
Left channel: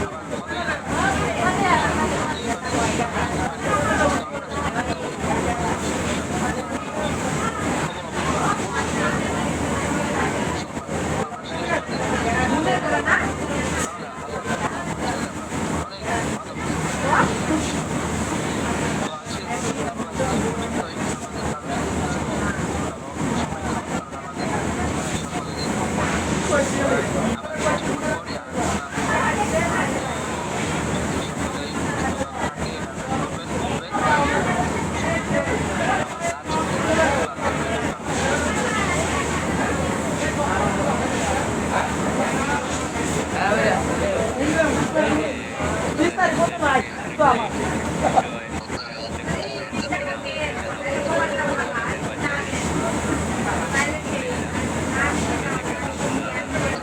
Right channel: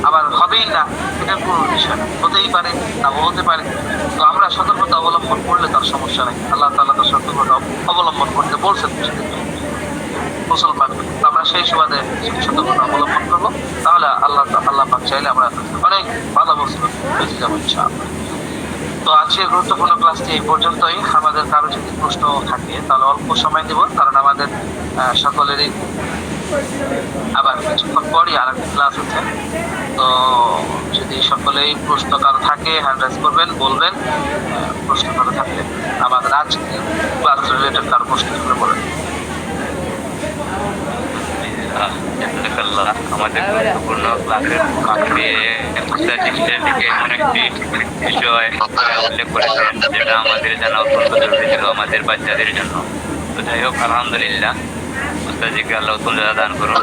আবার হবেই না, এটার কোনো বিষয় হতেই পারে না হতে পারে। তো আমরা সতর্কতা অবলম্বন করলে তার সমস্যা নেই, আল্লাহ তাআলা তার সতর্কতা অবলম্বন করতে বলছেন মুসলমান, আমরা সেই সুবাদে সতর্কতা অবলম্বন করবো, তাহলে আল্লাহ পাক চাইলে আমরা অনেক ভালো বস্তু বেঁচে যাবো ইনশাআল্লাহ। তো আজকের গুরুত্বপূর্ণ ক্লাসটি এই পর্যন্তই। আমাদের কারো যদি প্রশ্ন থাকে তাহলে অল্প সময় দেব, কারণ আমাদের সকলেরই আবার কিছুক্ষণ পরই আর একটা ক্লাস আছে। তো যদি সকলেই প্রশ্ন কারো থাকে হ্যান্ড রাইজ করবেন, বলবেন প্রশ্ন কারো থাকলে, আমাদের আজকে ক্লাস রিলেটেড কারো প্রশ্ন শুরু করেন। আমাদের গুরুত্বপূর্ণ ক্লাসের আজকে অনেকটি বিষয় উল্লেখ করেছেন, যেটা আমাদের জানা অত্যন্ত জরুরি ছিল আমাদের বাচ্চাদের জন্য। তো যাই হোক আলহামদুলিল্লাহ, উস্তাদজিকে আল্লাহ তাআলা দান করুন।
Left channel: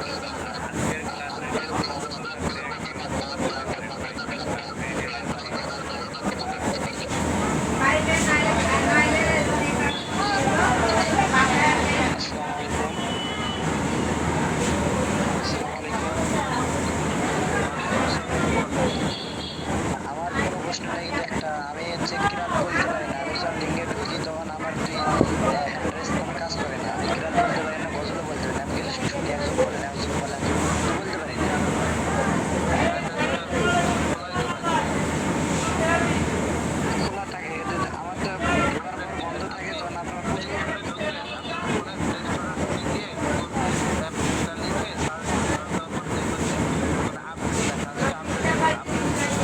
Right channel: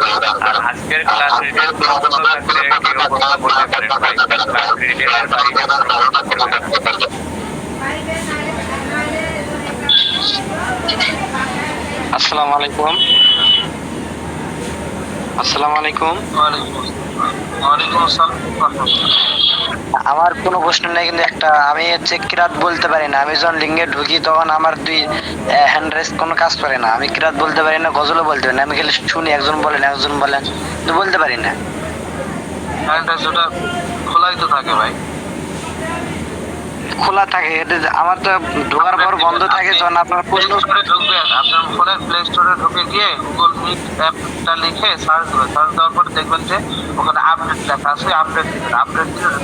আর আজকের ক্লাস রিলেটেড প্রশ্ন থাকলে কেউ কথা বলতে পারেন, ক্লাস রিলেটেড আসসালামু আলাইকুম। আসসালামু আলাইকুম। ওয়ালাইকুম আসসালাম। আমার কোনো প্রশ্ন নেই, কিন্তু একটা আমি হচ্ছে কিরাত বলতে পারি না। আমি যখন লিঙ্গে ঢুকি তখন আমার দুই হ্যান্ড রেস কোনো কাজ করে না। আমি কিরাত বলতে পারি না, গজলও বলতে পারি না। আমি খালি শুনি, একজন বলেন একজন বলেন, তো বলতে পারি না। ওটা খোলাই তো থাকে ভাই, খোলা থাকে, আমার তো ঢোকার পর বন্ধ থাকে। যখন আপনার প্রশ্ন ঢুকবেন, আপনার ফোনের প্লে স্টোরে ঢুকে গিয়ে গুগল মিট অ্যাপটা লিখে সার্চ করবেন, সার্চ দেওয়ার পরে দেখবেন যে ওখানে আপডেট লেখা আছে, আপডেট দিলে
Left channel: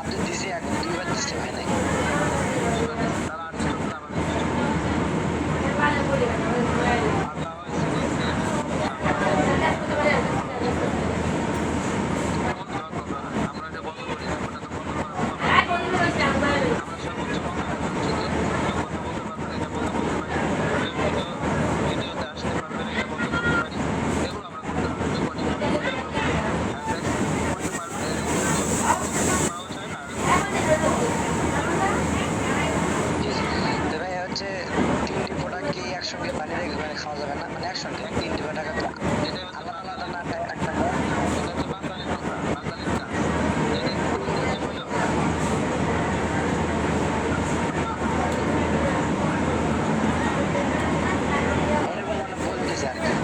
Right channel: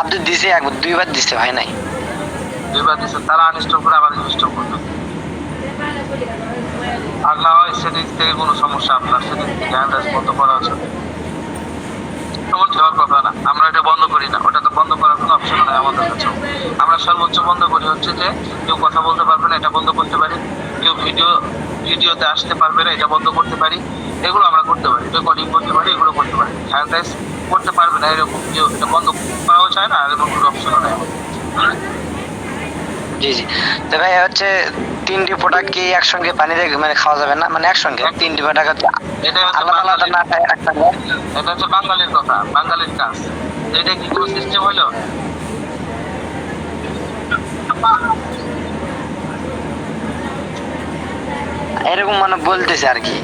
আপডেট দিছে একবার 2বার দিছে ভাই নাই। 2বার দিছে, তারা আনইনস্টল করে আবার ইনস্টল করবে। আর না হয় সেটিংস থেকে কোনো সমস্যা, আপনার সেটিংস থেকে হ্যান্ড বন্ধ করা আছে, এমন হওয়ার কথা না। আমরা এটা বন্ধ করি না, ওটা তো বন্ধ করার কোনো অপশন নাই আমাদের কাছে। আমরা সর্বোচ্চ বন্ধ করি হচ্ছে যে কেউ কথা বলতে পারবে না, এটা বন্ধ করতে পারি। কেউ ভিডিওতে আসতে পারবে না, এটা বন্ধ করতে পারি। এগুলো আমরা করতে পারি, রেকর্ডিং করতে পারি, এগুলো করতে পারি। হ্যান্ড করতে পারবে না এরকম কেউ এটা বন্ধ করাও চায় না, আর এরকম কোনো অপশন নেই। জি জি। তো ভাই হচ্ছে 3টি প্রোডাক্ট কি একসঙ্গে পানিতে মানে খাওয়া যাবে না, মানে একসঙ্গে 3টি প্রোডাক্ট এটা হচ্ছে আলাদা আলাদা না খায় একসঙ্গে? এটা হচ্ছে বাঙালির কথা, বাঙালির কাজ। এটা কি কোনো সিস্টেম হইলো? এরকম মানে বলতেছে আর কি।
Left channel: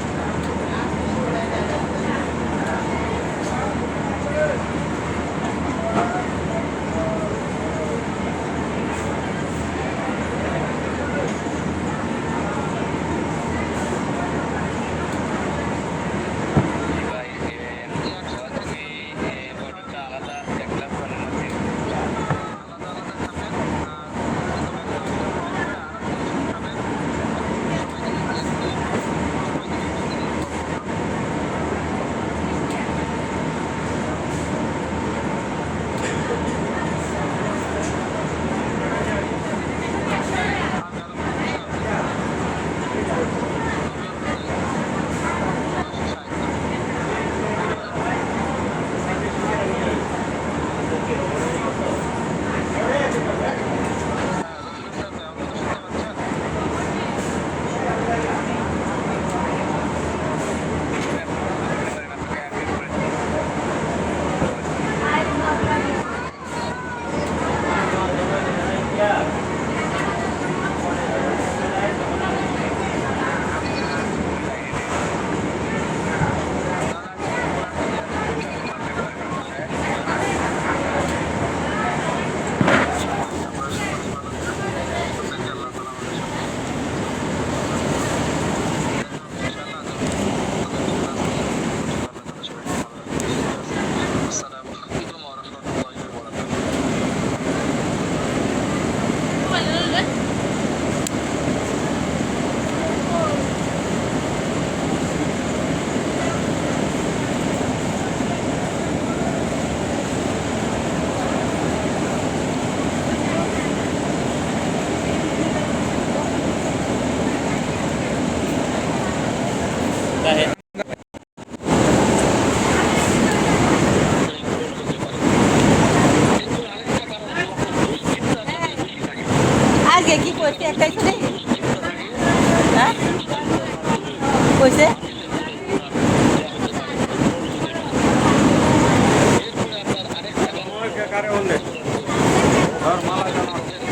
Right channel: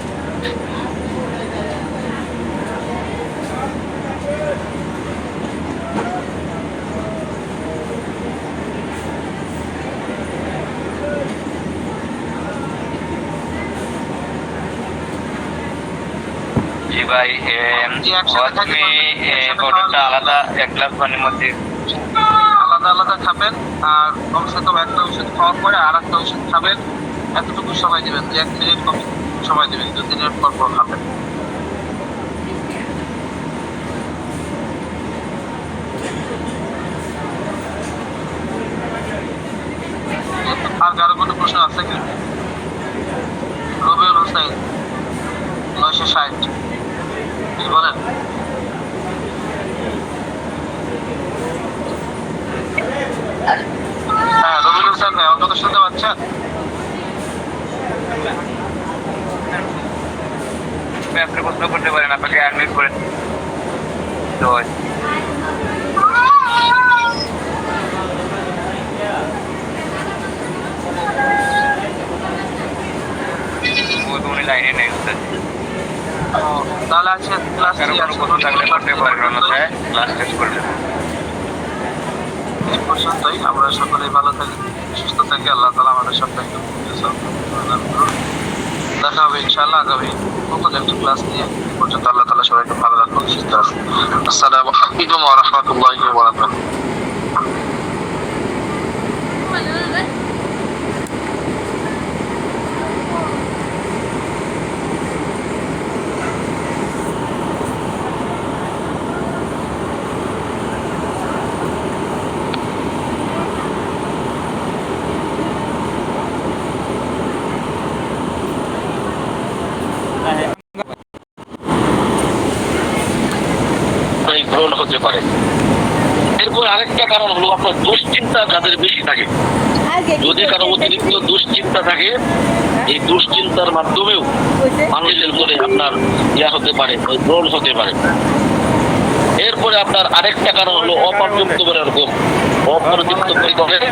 জি ভাই, তুমি প্রোডাক্টটা আলাদা 1 গ্লাস পানির মধ্যে আলাদা আলাদা খাবেন, আর কমসে কম একটা ওষুধ খাওয়ার পরে আর একটা ওষুধ খাবেন। এতটুকু সময় দেবেন, 1 মিনিট সময় দেবেন, 2 মিনিট পর পর খাবেন। আর কারো কোনো প্রশ্ন আছে কি? রবিউল হোসেন 960 কি বলেন? হ্যাঁ রবিউল হোসেন ভাই, অন্তত শুনতে পাচ্ছেন? আপনি প্রশ্ন করতে পারেন, আপনাকে অ্যাডমিট করে তো উনি লাইনে নেই। তাহলে আছে ক্লাস কারো কোনো কথা থাকলে করতে পারেন, অন্যথায় ক্লাস শেষ করবেন। পর্যন্তই। আমরা সকলেই ভালো থাকি, সুস্থ থাকি। আল্লাহ তাআলা আমাদের সবাইকে দেখা হবে ইনশাআল্লাহ আগামী নতুন একটি ক্লাস নিয়ে। পর্যন্ত আল্লাহ তাআলা সবাইকে ভালো রাখুন, সুস্থ রাখুন। আসসালামু আলাইকুম ওয়া রাহমাতুল্লাহি ওয়া বারাকাতুহু। গ্রহণ হতে পারে। এরপর আরেকটা কারণ হলো আপনার দুশ্চিন্তা যাদের বেশি থাকে। যদি কারো অতিরিক্ত দুশ্চিন্তা থাকে, এই দুশ্চিন্তার মাধ্যমেও মানুষের মনে আপনার ইয়া হতে পারে, গ্রহণ হতে পারে। এরপরে আপনার আরেকটা কারণ হলো অপর্যাপ্ত পরিমাণের ঘুম। অপর্যাপ্ত পরিমাণের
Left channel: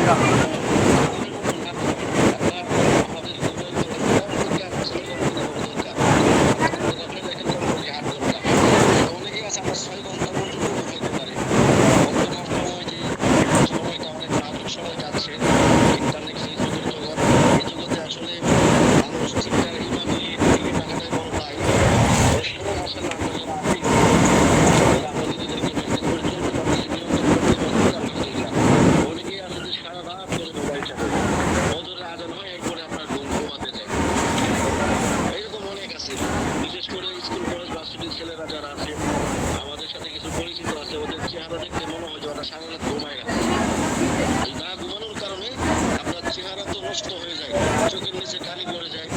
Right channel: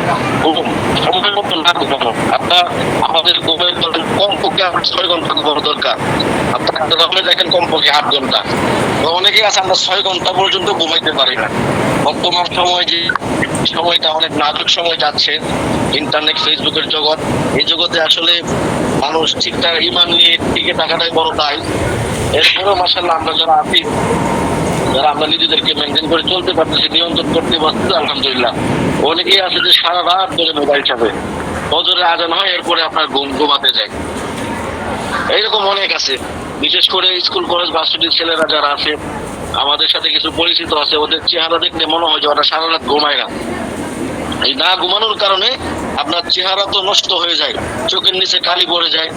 ঘুম সময় মতো না ঘুমানো। আপনার আমাদের ঘুমের কমপক্ষে 6 ঘন্টা ঘুমানো দরকার। আপনার দেখেন কমপক্ষে 8 ঘন্টা। অনেকে আছে আমরা 6 ঘন্টা পর্যন্ত ঘুমাইতে পারি না। বর্তমান সময় যে সময়টা অনেক নাজুক সময় যাচ্ছে, ইন্টারনেট ফেসবুকের জগৎ, এই জগতে আসলে মানুষ ঠিকঠাক ইমান নিয়ে টিকে থাকাটাই বড় দায়। এরপরেও মাশাআল্লাহ আমরা যারা আছি, যারা আমরা নিজেদেরকে মেনটেন করে চলতে পারতেছি, নিয়ন্ত্রণ করতে পারছি, আলহামদুলিল্লাহ। অনেকেই আছে যে সারা রাত ধরে মোবাইল চাপে, ফজরে আজান হয়, এরপরে আপনার ঘুমাতে যায়। এইরকম অনেক আছে। বিশেষ করে স্কুল কলেজ ভার্সিটির ছেলেরা যারা আছে, আমাদের সাথে কিছু পরিচিত আছে, ওদের চেহারা দেখলে মনে হয় যে ওরা সারা রাত ঘুমায় না। এই না ঘুমানোর কারণে আপনার চেহারা তো নষ্ট হয়ে যায়, চোখের নিচে কালি পড়ে যায়।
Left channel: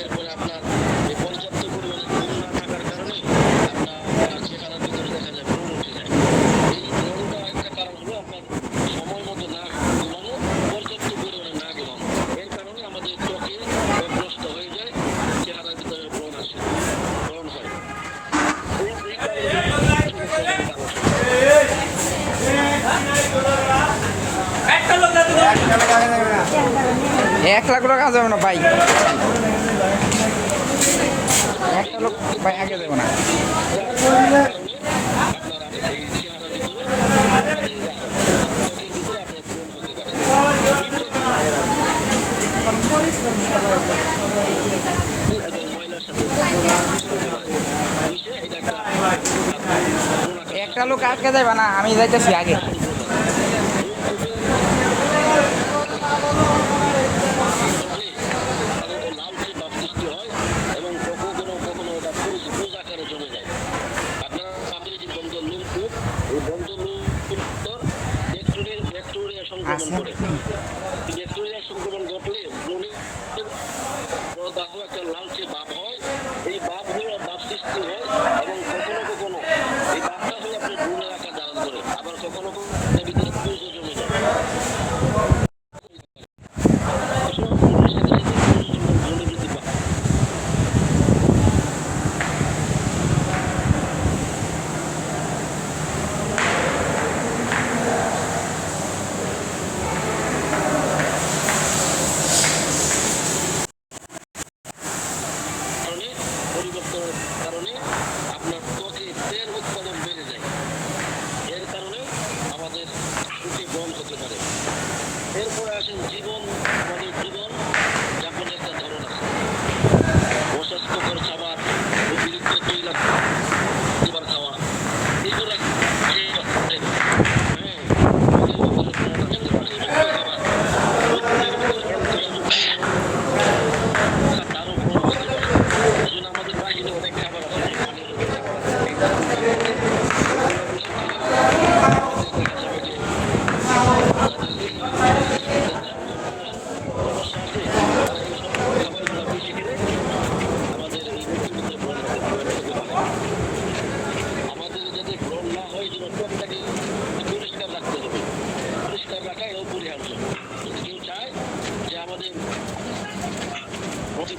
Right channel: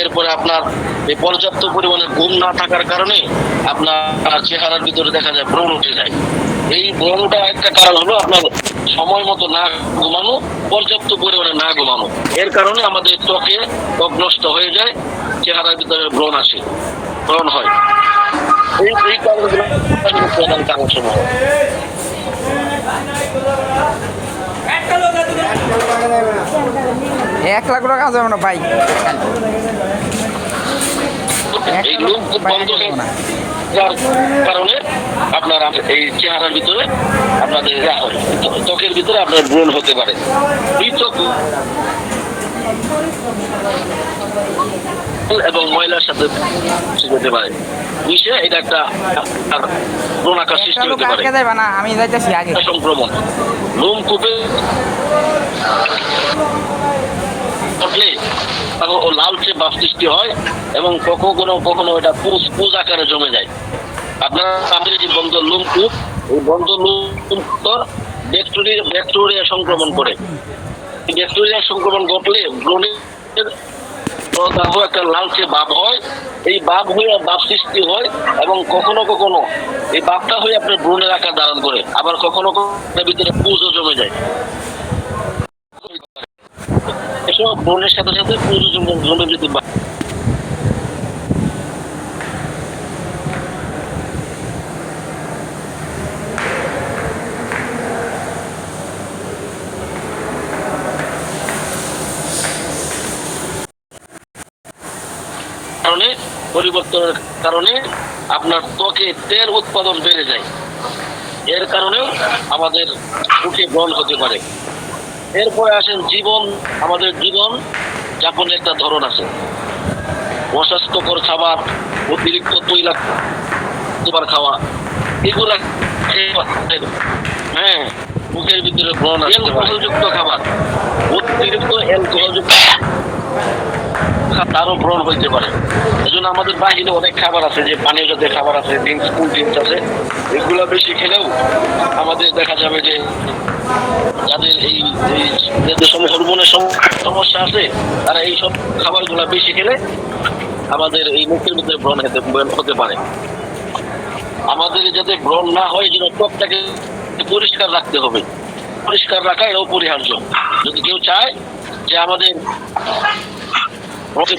এরপরে আপনার এই পর্যাপ্ত পরিমাণে ঘুম না থাকার কারণে আপনার চেহারার ভিতরে দেখা যায় ব্রণ উঠে যায়। এই ব্রণটা একটা কারণ হলো আপনার সময় মতো না ঘুমানো, পর্যাপ্ত পরিমাণে না ঘুমানো। এর কারণে আমাদের ত্বকে ত্বক নষ্ট হয়ে যায়, চেহারার ভিতরে ব্রণ আসে, ব্রণ হয়। এই কারণগুলো প্রধান কারণ সময়। 1 লাখ টাকা কাজ হবে না ভাই, কারণে আপনার এই চেহারার ভিতরে আপনাদের ত্বকের ভিতরে আপনার ব্রণ হতে পারে। এবং ময়লার সাথে যেতে পারে। মিশে এটা একটা ব্রণাকার একটা সৃষ্টি লোক হতে পারে। আটকে যাবে না, আমি যাইতেছি আগে। সংক্রমণ লোমকূপে ঘটলে তখন ও লালচে ভাব সৃষ্টি হয় এবং কখনো কখনো এটা পুজ আকারে জমে যায়। আপনারা আমাদের যে বন্ধ লোমকূপ, এই বন্ধ লোমকূপ ব্যাকটেরিয়া সংক্রমণ করে। ব্যাকটেরিয়া সংক্রমণ ঘটলে ব্রণের প্রদাহ একটা লালচে ভাব হয়, এই ভাব হয়ে ভাব সৃষ্টি হয় এবং কখনো কখনো এই ভাবটা হয়ে আপনার ব্রণের আকার ধারণ করে, আবার কখনো কখনো ভিতরে পুজও জমে যায়। এসব ব্রণের সাথে সাথে পুজো জমে যেতে পারে। কারণে পরিবর্তনের কারণে আপনার ত্বকে তেল উৎপাদন বেড়ে যায়, এর কারণেও আমাদের মুখে ব্রণ হতে পারে। এরপরে আসেন জীবন, আমাদের জীবন যাপনের একটা ধরন আছে। অস্বাস্থ্যকর খাবার, অতিরিক্ত তৈলাক্ত খাওয়া, এগুলা হ্যাঁ মুখের ভিতরে ব্রণ আসতে পারে। অ্যালকোহলযুক্ত খাবার, অতিরিক্ত অ্যালকোহলযুক্ত তারও ব্রণ হইতে পারে। এই জন্য আমাদের বাহিরে অনেক খাবার আছে, যে পানীয় জাতীয় খাবার আছে, কোল্ড ড্রিঙ্কস আছে, এগুলো বেশি খেলেও আমাদের দেখা যাবে যে যাদের এই যাদের হরমোনের সমস্যা আছে তারা এই সব খাবারগুলো বেশি খেলে আমাদের এই মুখের ভিতরে ব্রণ হতে পারে। আমাদের যাতে ব্রণ না হয়, যেন ত্বকটাকে পরিষ্কার রাখতে হবে। পরিষ্কার রাখা এটা অপরিহার্য। যদি কেউ চায় যে আমাদের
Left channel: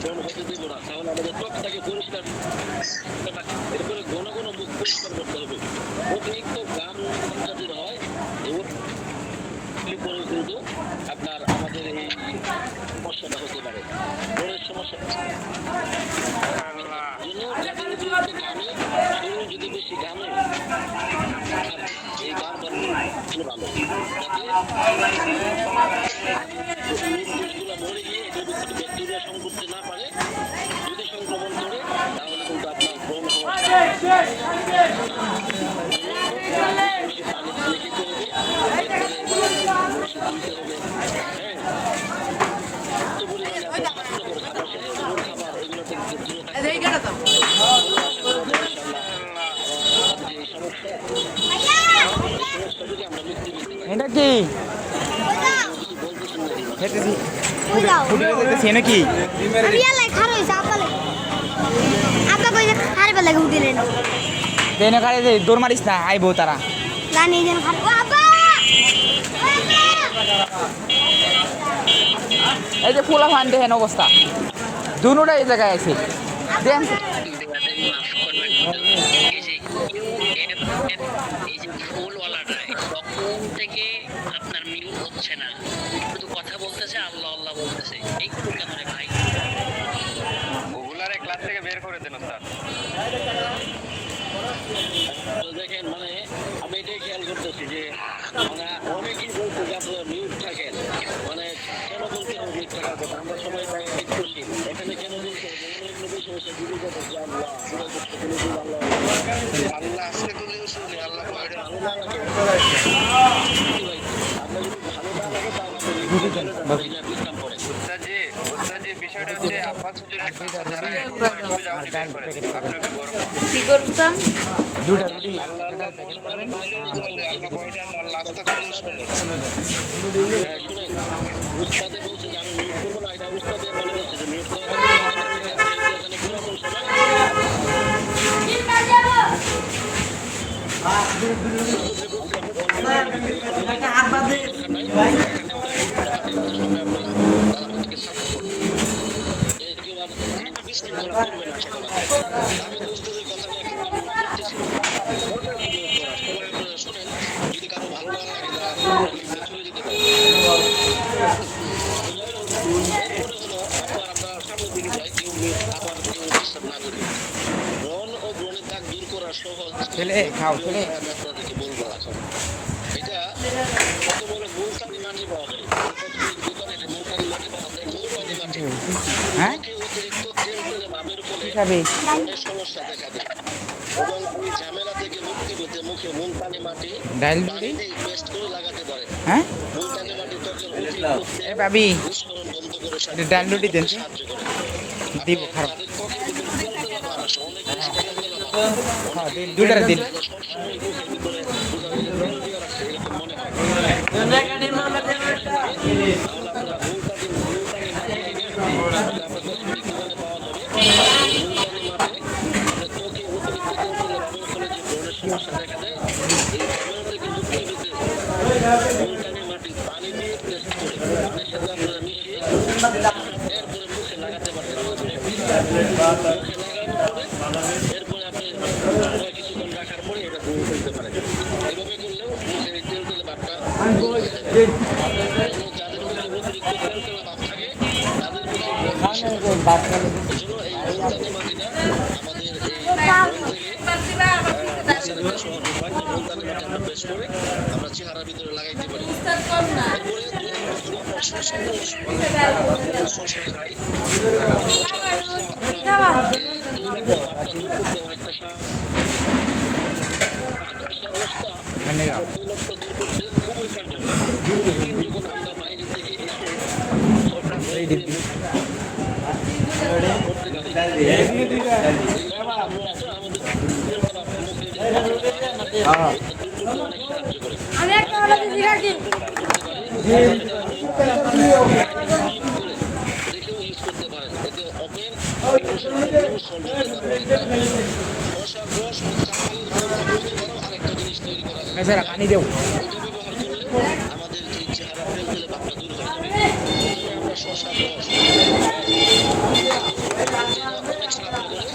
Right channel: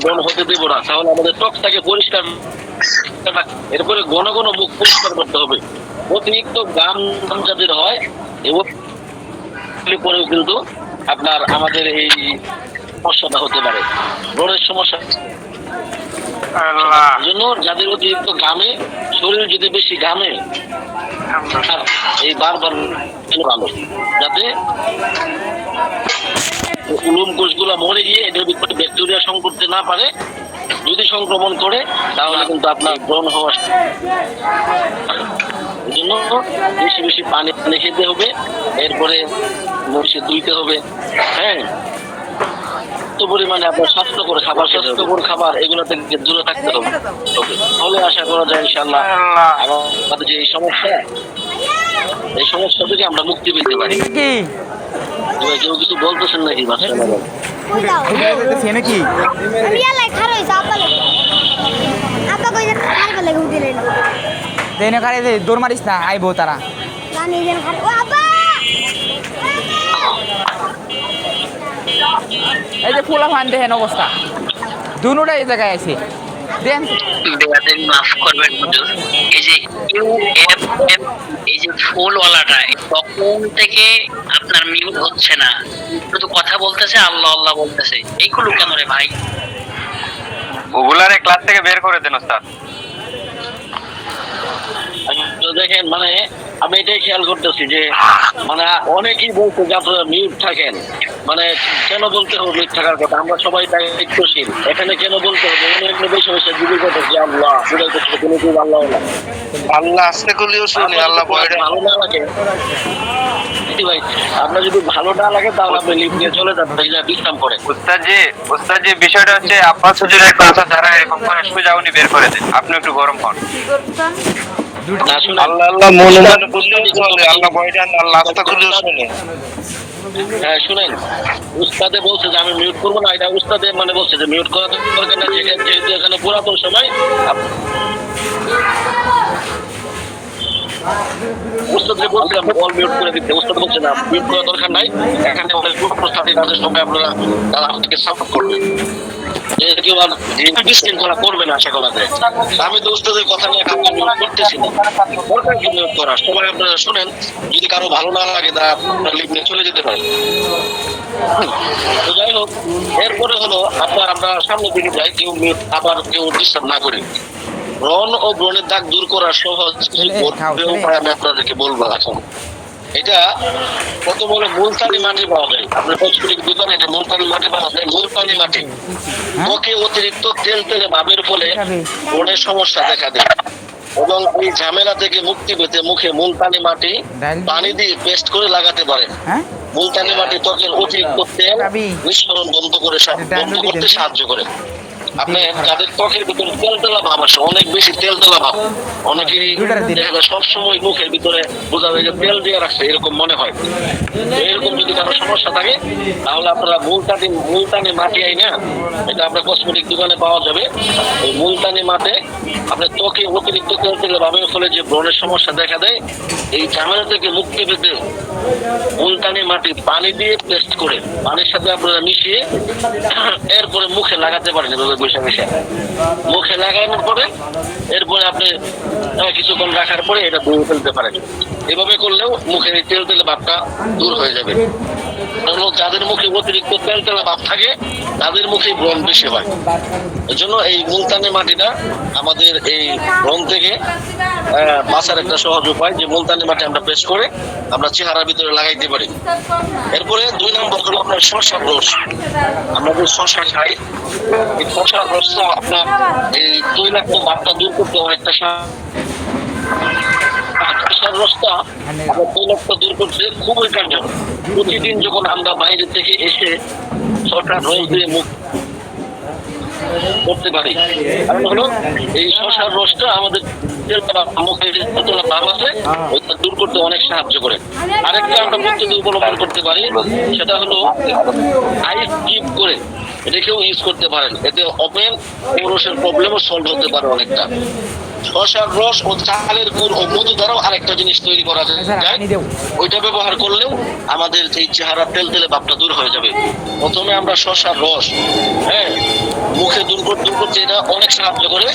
ব্রণ হতে দেবো না, তাহলে আমাদের ত্বকটাকে পরিষ্কার, এরপরে ঘন ঘন মুখ পরিষ্কার করতে হবে। অতিরিক্ত গাম যাদের হয় পরেও কিন্তু আপনার আমাদের এই সমস্যাটা হতে পারে, ব্রণের সমস্যা। জন্য যাদের অতিরিক্ত ঘামে, শরীর যদি বেশি ঘামে, এই বারবার ভালো যাতে লোম কোষগুলো মরে গিয়ে এদের ভিতরে ব্যাকটেরিয়া সংক্রমণ না পারে। যদি সংক্রমণ করে তাহলে কিন্তু আপনার ব্রণ হওয়া জন্য বেশি বেশি পানি খেতে হবে, এরপরে মুখে ধুইতে হবে। হ্যাঁ, পরিমাণে আপনার স্বাস্থ্যকর খাবার এগুলো থেকে দূরে থাকতে হবে। তাহলে আশা করা যায় ইনশাআল্লাহ আমাদের যে এই সমস্যা থেকে আমরা মুক্তি পেতে পারি। কেউ কিছু বলতেছেন নাকি? নাকি দৌড় মারিস না, আইবো তারা। এই যে পোলা ফান দেখেন অবস্থা, দুটা এই জায়গায় আছে। মাফ করবেন, এই যে এই যে ফুলওয়ালাটা তখন থেকে আপনার মিউট হচ্ছে না, শুধু কথা বলতেছে, আল্লাহ আল্লাহ বলতেছে, এইগুলো কেন রে ভাই? ওগুলারে ক্লাস থেকে বের করে দেন ওস্তাদ। দেখেন, মানে আমি এটাই খেয়াল করতেছি যে মানে অনেকেই বলতে যে আপনারা মিউট থাকেন, মানে কেন বলতে হবে মিউট থাকার কথা? আমরা সবাই দায়িত্বশীল, এখানে কেন বলতে হবে? বেশি বেশি যুগের কথা যে আল্লাহ আল্লাহ আল্লাহ আসতে করলেও শুনি, আল্লাহ ভালো না লাগে ভাই, আপনার যদি ভালো না লাগে তাহলে আপনি লিফট নিয়ে চলে যাবেন, বিশ্রাম করে। ওস্তাদ যে বিষয়টা হচ্ছে আব্বাস হুজুরের কথা, যারা এরকম করে সোজা উনি বের করে দেন, আপনি একটু গরম হন। আল্লাহ আল্লাহ মনে মনে বললেও চলে, আল্লাহ বয়টান আল্লাহ আসতে করলেও শুনি। হ্যাঁ শুনেন, উস্তাদে বলছে যে আমি মিউট করবো না, এটা উস্তাদে মানে বলছে যে মিউট করা দরকার না, যেহেতু এখানে পুরাতন সময় উস্তাদকে বলছিলাম অল মিউট করে দিতে, উস্তাদ বলছে না মিউট করার দরকার নাই, এখানে আমাদের প্রস্তাবের সময় আপনারা তারা আমাদেরকে সাপোর্ট করবেন, কেউ আর বিশৃঙ্খলা করবে না আশা করা যায়। আমি তো উস্তাদের কথা নিয়ে কাউকে মিউট করতেছি না, দরকার কি মিউট করা? সবাই আপনারা শুনেন, যদি কারো ভালো না লাগে তা আপনার লিভ নিয়ে চলে যেতে পারে। তো যাই হোক, এরপরে হলো আপনার আমরা সামনের দিকে যাই, কেউ মিউট আবার কেউ ডিস্টার্ব না করি। ব্রণ ও ব্রণের দাগ দূর করার সহজ উপায় আমি আপনাদেরকে বলবো। এখন এটা কত বড় মুলতানি মাটি পাওয়া যায়, আপনার কসমেটিক দোকানে এটা মুলতানি মাটি পাওয়া যায়। মুলতানি মাটি ত্বকে অতিরিক্ত তেল তেলে ভাবের ফলে ব্রণের সমস্যা দেখা দেয়, এবং এই ঝামেলা থেকে মুক্তি পেতে মুখে মুলতানি মাটি পানি দিয়ে পেস্ট করে লাগাতে পারেন। হ্যাঁ মুলতানি মাটি ত্বকের অতিরিক্ত তেল নিঃসরণ বন্ধ করতে সাহায্য করে। আপনি যাদের ত্বকের ভিতরে তেল তেলা ভাব আসে, অনেক বেশি তেল তেলা ভাব, অনেকেরই সবসময় মুখের ভিতরে বোঝা যায় যে তেল দিয়ে রাখছে এরকম মনে হয়। এরকম যদি কারো সমস্যা থাকে তাহলে আপনারা মুলতানি মাটি আই না, এটা আপনার কসমেটিক দোকানে পাওয়া যাবে। ওই মুলতানি মাটি আপনার ত্বকে অতিরিক্ত তেল তেলে ভাবের ফলে যে ব্রণের সমস্যা দেখা দেয়, এই ঝামেলা থেকে মুক্তি পেতে মুলতানি মাটি পানি দিয়ে পেস্ট করে পানির সাথে আপনারা মিশিয়ে এরপরে মুখে লাগাতে পারেন। এভাবে বসে বসে মুখে লাগানোর পরে এরপরে আপনি কিছুক্ষণ রাখার পরে এটা ধুয়ে ফেলতে পারেন। এভাবে করলেও মুখের এই তেল তেলে ভাবটা দূর হয়ে যাবে। যাদের মুখে অতিরিক্ত তেল তেলা ভাব থাকে তাদের মুখে ব্রণ বেশি হয়। এই জন্য এই মুলতানি মাটিটা আমাদের এই ব্রণ থেকে বাঁচার একটা সহজ উপায়, যে মুলতানি মাটি আমরা পেস্ট করে আমরা চেহারার ভিতরে লাগাইতে পারি। এরপরে 2 নম্বর হলো আপনার শসার রস। আমরা যে শসা খাই, এই শসার রসটা আপনার এই তৈলাক্ত ভাবটা দূর করতে অনেকটা রসটা তৈলাক্ত দূর করতে খুবই কার্যকর। প্রতিদিন যখন আমরা বাইরে থেকে এসে শসার রস দিয়ে মুখ করতে পারি, কারণ হলো এই শসার রসটা আমাদের মুখের ভাব আছে ওইটা দূর করতে অনেক সাহায্য করে। আরেকটা আমরা পদ্ধতি অবলম্বন করতে পারি, সেটা হলো আইস কিপ করে রেখেও ইউজ করতে পারেন। এতে ওপেন পুরুষের প্রবলেমও সলভ হতে পারে অনেকটা। শসার রস ও চালের গুড় ও মধু দ্বারাও আরেকটা জিনিস তৈরি করা যায়, ওইটা ব্যবহার করলেও আমাদের এই চেহারা তেল তেলে ভাবটা দূর হয়ে যাবে। প্রথমে আমরা শসার রস মুখে দূর করতে এটা অনেক সাহায্য করে,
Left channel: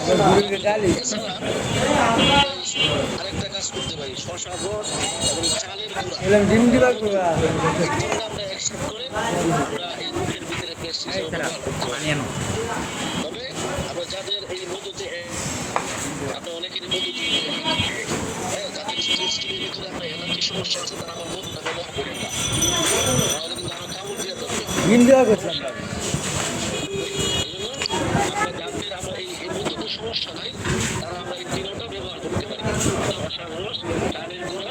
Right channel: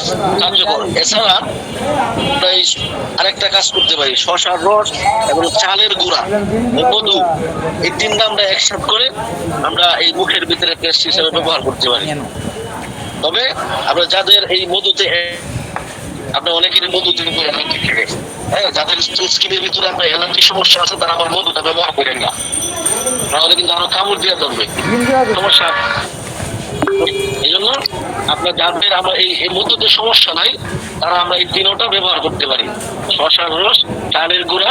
কার্যকর। এছাড়া আমরা আরেকটা কাজ করতে পারি, শসার রস এবং চালের গুঁড়া মধু এই তিনটা আমরা একসাথে করে আমরা এই মুখের ভিতরে পেস্ট হিসেবে ব্যবহার করতে পারি। তবে আমরা যাদের এই মধুতে আপনার অনেকেরই মধুতে যাদের স্কিনের ভিতরে আপনার অ্যালার্জি সমস্যা আছে তারা আমার মধুটা ব্যবহার করেন না, তাহলে কিন্তু আরো কামড় দিয়ে ধরবে সমস্যা। এই জন্য আপনার যাদের আমরা এই মধুতে সমস্যা নাই তারা আমরা এই তিনটা ব্যবহার করতে পারি, শসার রস, চালের গুঁড়া,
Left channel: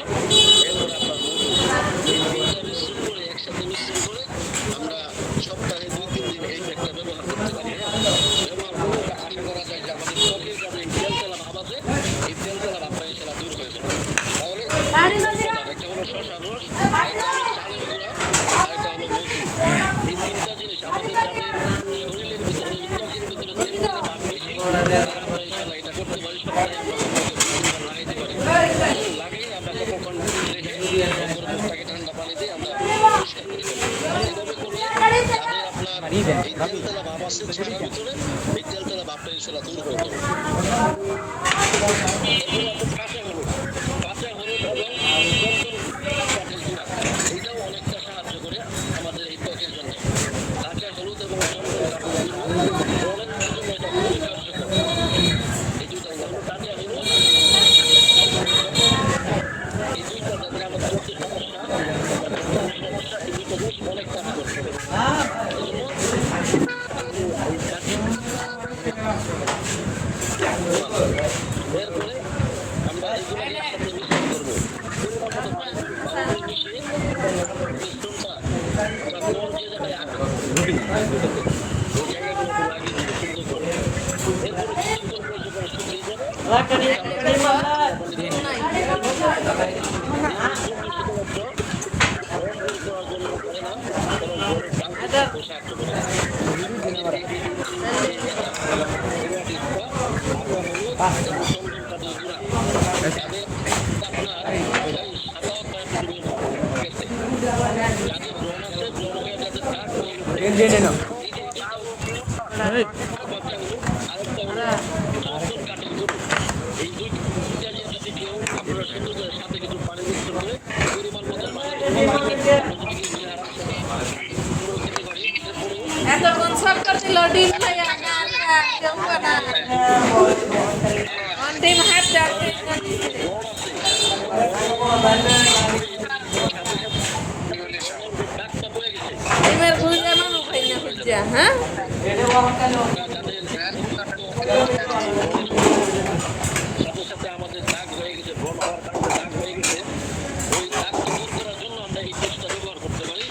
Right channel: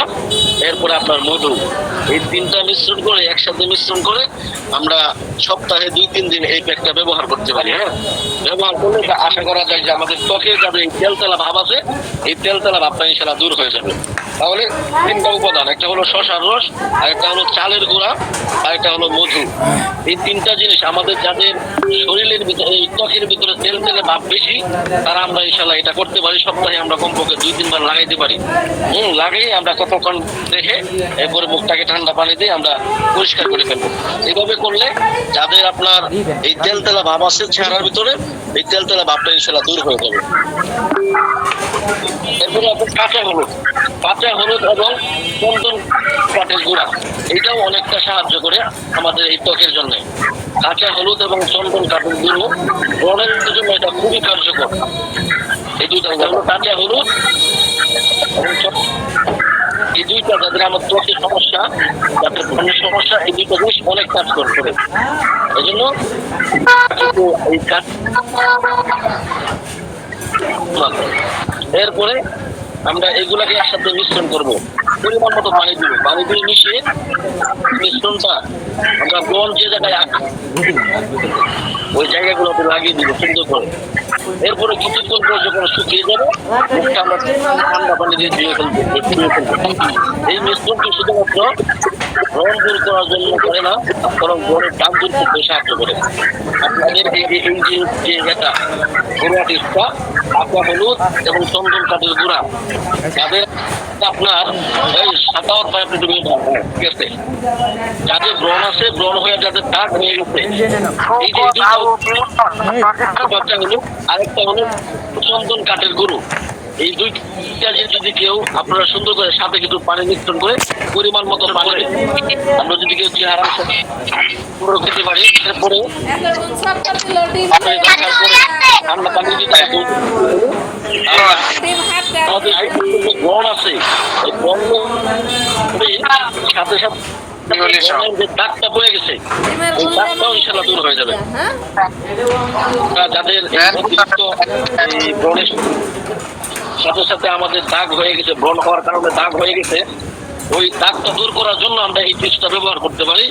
এরপরে আপনার মধু, এই তিনটা মিশ্রণ করে একসাথে মিশ্রণ করে আমরা সপ্তাহে 2-3 দিন এই প্যাকটা ব্যবহার করতে পারি। ব্যবহার করলে আশা করা যায় যে আমাদের ত্বকের যাদের এই তেলতেলা ভাব আছে এই তেলতেলা ভাবটা ইনশাআল্লাহ দূর হয়ে যাবে। তাহলে 3টা উপাদান, একটা হলো শসার রস, আরেকটা হলো চালের গুঁড়া, আরেকটা হলো মধু। এই 3টা জিনিস আমাদের যাদের শরীরের ভিতরে এই ত্বকের ভিতরে তেল তেলে ভাব বেশি তারা আমরা ইনশাআল্লাহ এটা করতে পারি। সপ্তাহে আমরা কমপক্ষে 2-3 বার লাগাইতে পারি। লাগিয়ে আমরা কতক্ষণ রেখে এরপরে মুখটাকে ঠান্ডা পানি দিয়ে আমরা পরিষ্কার করে ফেলবো। এভাবে করলে যাদের আপনার এই তেল তেলা ভাব আছে চেহারার ভিতরে এই তেল তেলা ভাবটা ইনশাআল্লাহ দূর হয়ে যাবে। এরপরে আপনার কাঁচা হলুদ এবং চন্দন কাঠের গুঁড়া, এটাও অনেকটা সাহায্য করে আমাদের এই ত্বকের জন্য। কাঁচা হলুদ এবং চন্দন কাঠের গুঁড়ো ব্রণের জন্য এটা খুবই কার্যকর। এই দুইটা হলো কাঁচা হলুদ, এই দুইটা যাদের আমার ত্বকের সমস্যা, যাদের ব্রণের সমস্যা, এই দুইটা জিনিস অনেক কাজ করতে হবে। এই জন্য এই কাজ এরপরে আমরা এগুলাকে একসাথে মিশ্রণ করবো, পরিমাণ মতো পানি দিব, পানি দিয়ে মিশিয়ে মিশ্রণটা আমরা ব্রণ যে জায়গায় ওই জায়গাগুলোতে লাগিয়ে দিব সুন্দর করে। এরপরে কিছুক্ষণ পর যখন শুকিয়ে যাবে আমরা ঠান্ডা পানি দিয়ে ধুয়ে ফেলবো। এই মিশ্রণটি শুধুমাত্র ব্রণ দূর করার জন্য করে না, বরং ব্রণের দাম দূর করতে সাহায্য করে। আপনাদের এই যে এটা ঘরোয়া টিপসটা কাঁচা হলুদ এবং চন্দন কাঠের গুঁড়া, তাদের আপনার এই 7 পাইপ গেছে, যাদের ব্রণ আছে, ব্রণ হয়ে যাদের দাগ হয়ে গেছে, এই যে হলো আরেকটা হলো চন্দন কাঠের গুঁড়ো। এই দুইটা যদি কেউ আপনারা সুন্দর করে সাথে কিছু পানি মিশ্রণ করে পরিমাণ মতো পানি আমরা যদি কেউ চেহারা পুরো খেতে পারি, এরপরে ঠান্ডা পানি যদি আমাদের ব্রণ আছে এই ব্রণ সাথে সাথে যে দাগটা পড়ে গেছে এই দাগটাও ইনশাল্লাহ দূর হয়ে যাবে। যাদের এই ব্রণের সাথে সাথে আমাদের দাগ হয়ে গেছে, ব্রণ হওয়ার কারণে দাগ হয়ে গেছে, ওই দাগটা দূর করার জন্য আমরা এই টিপসটা ব্যবহার করতে পারি।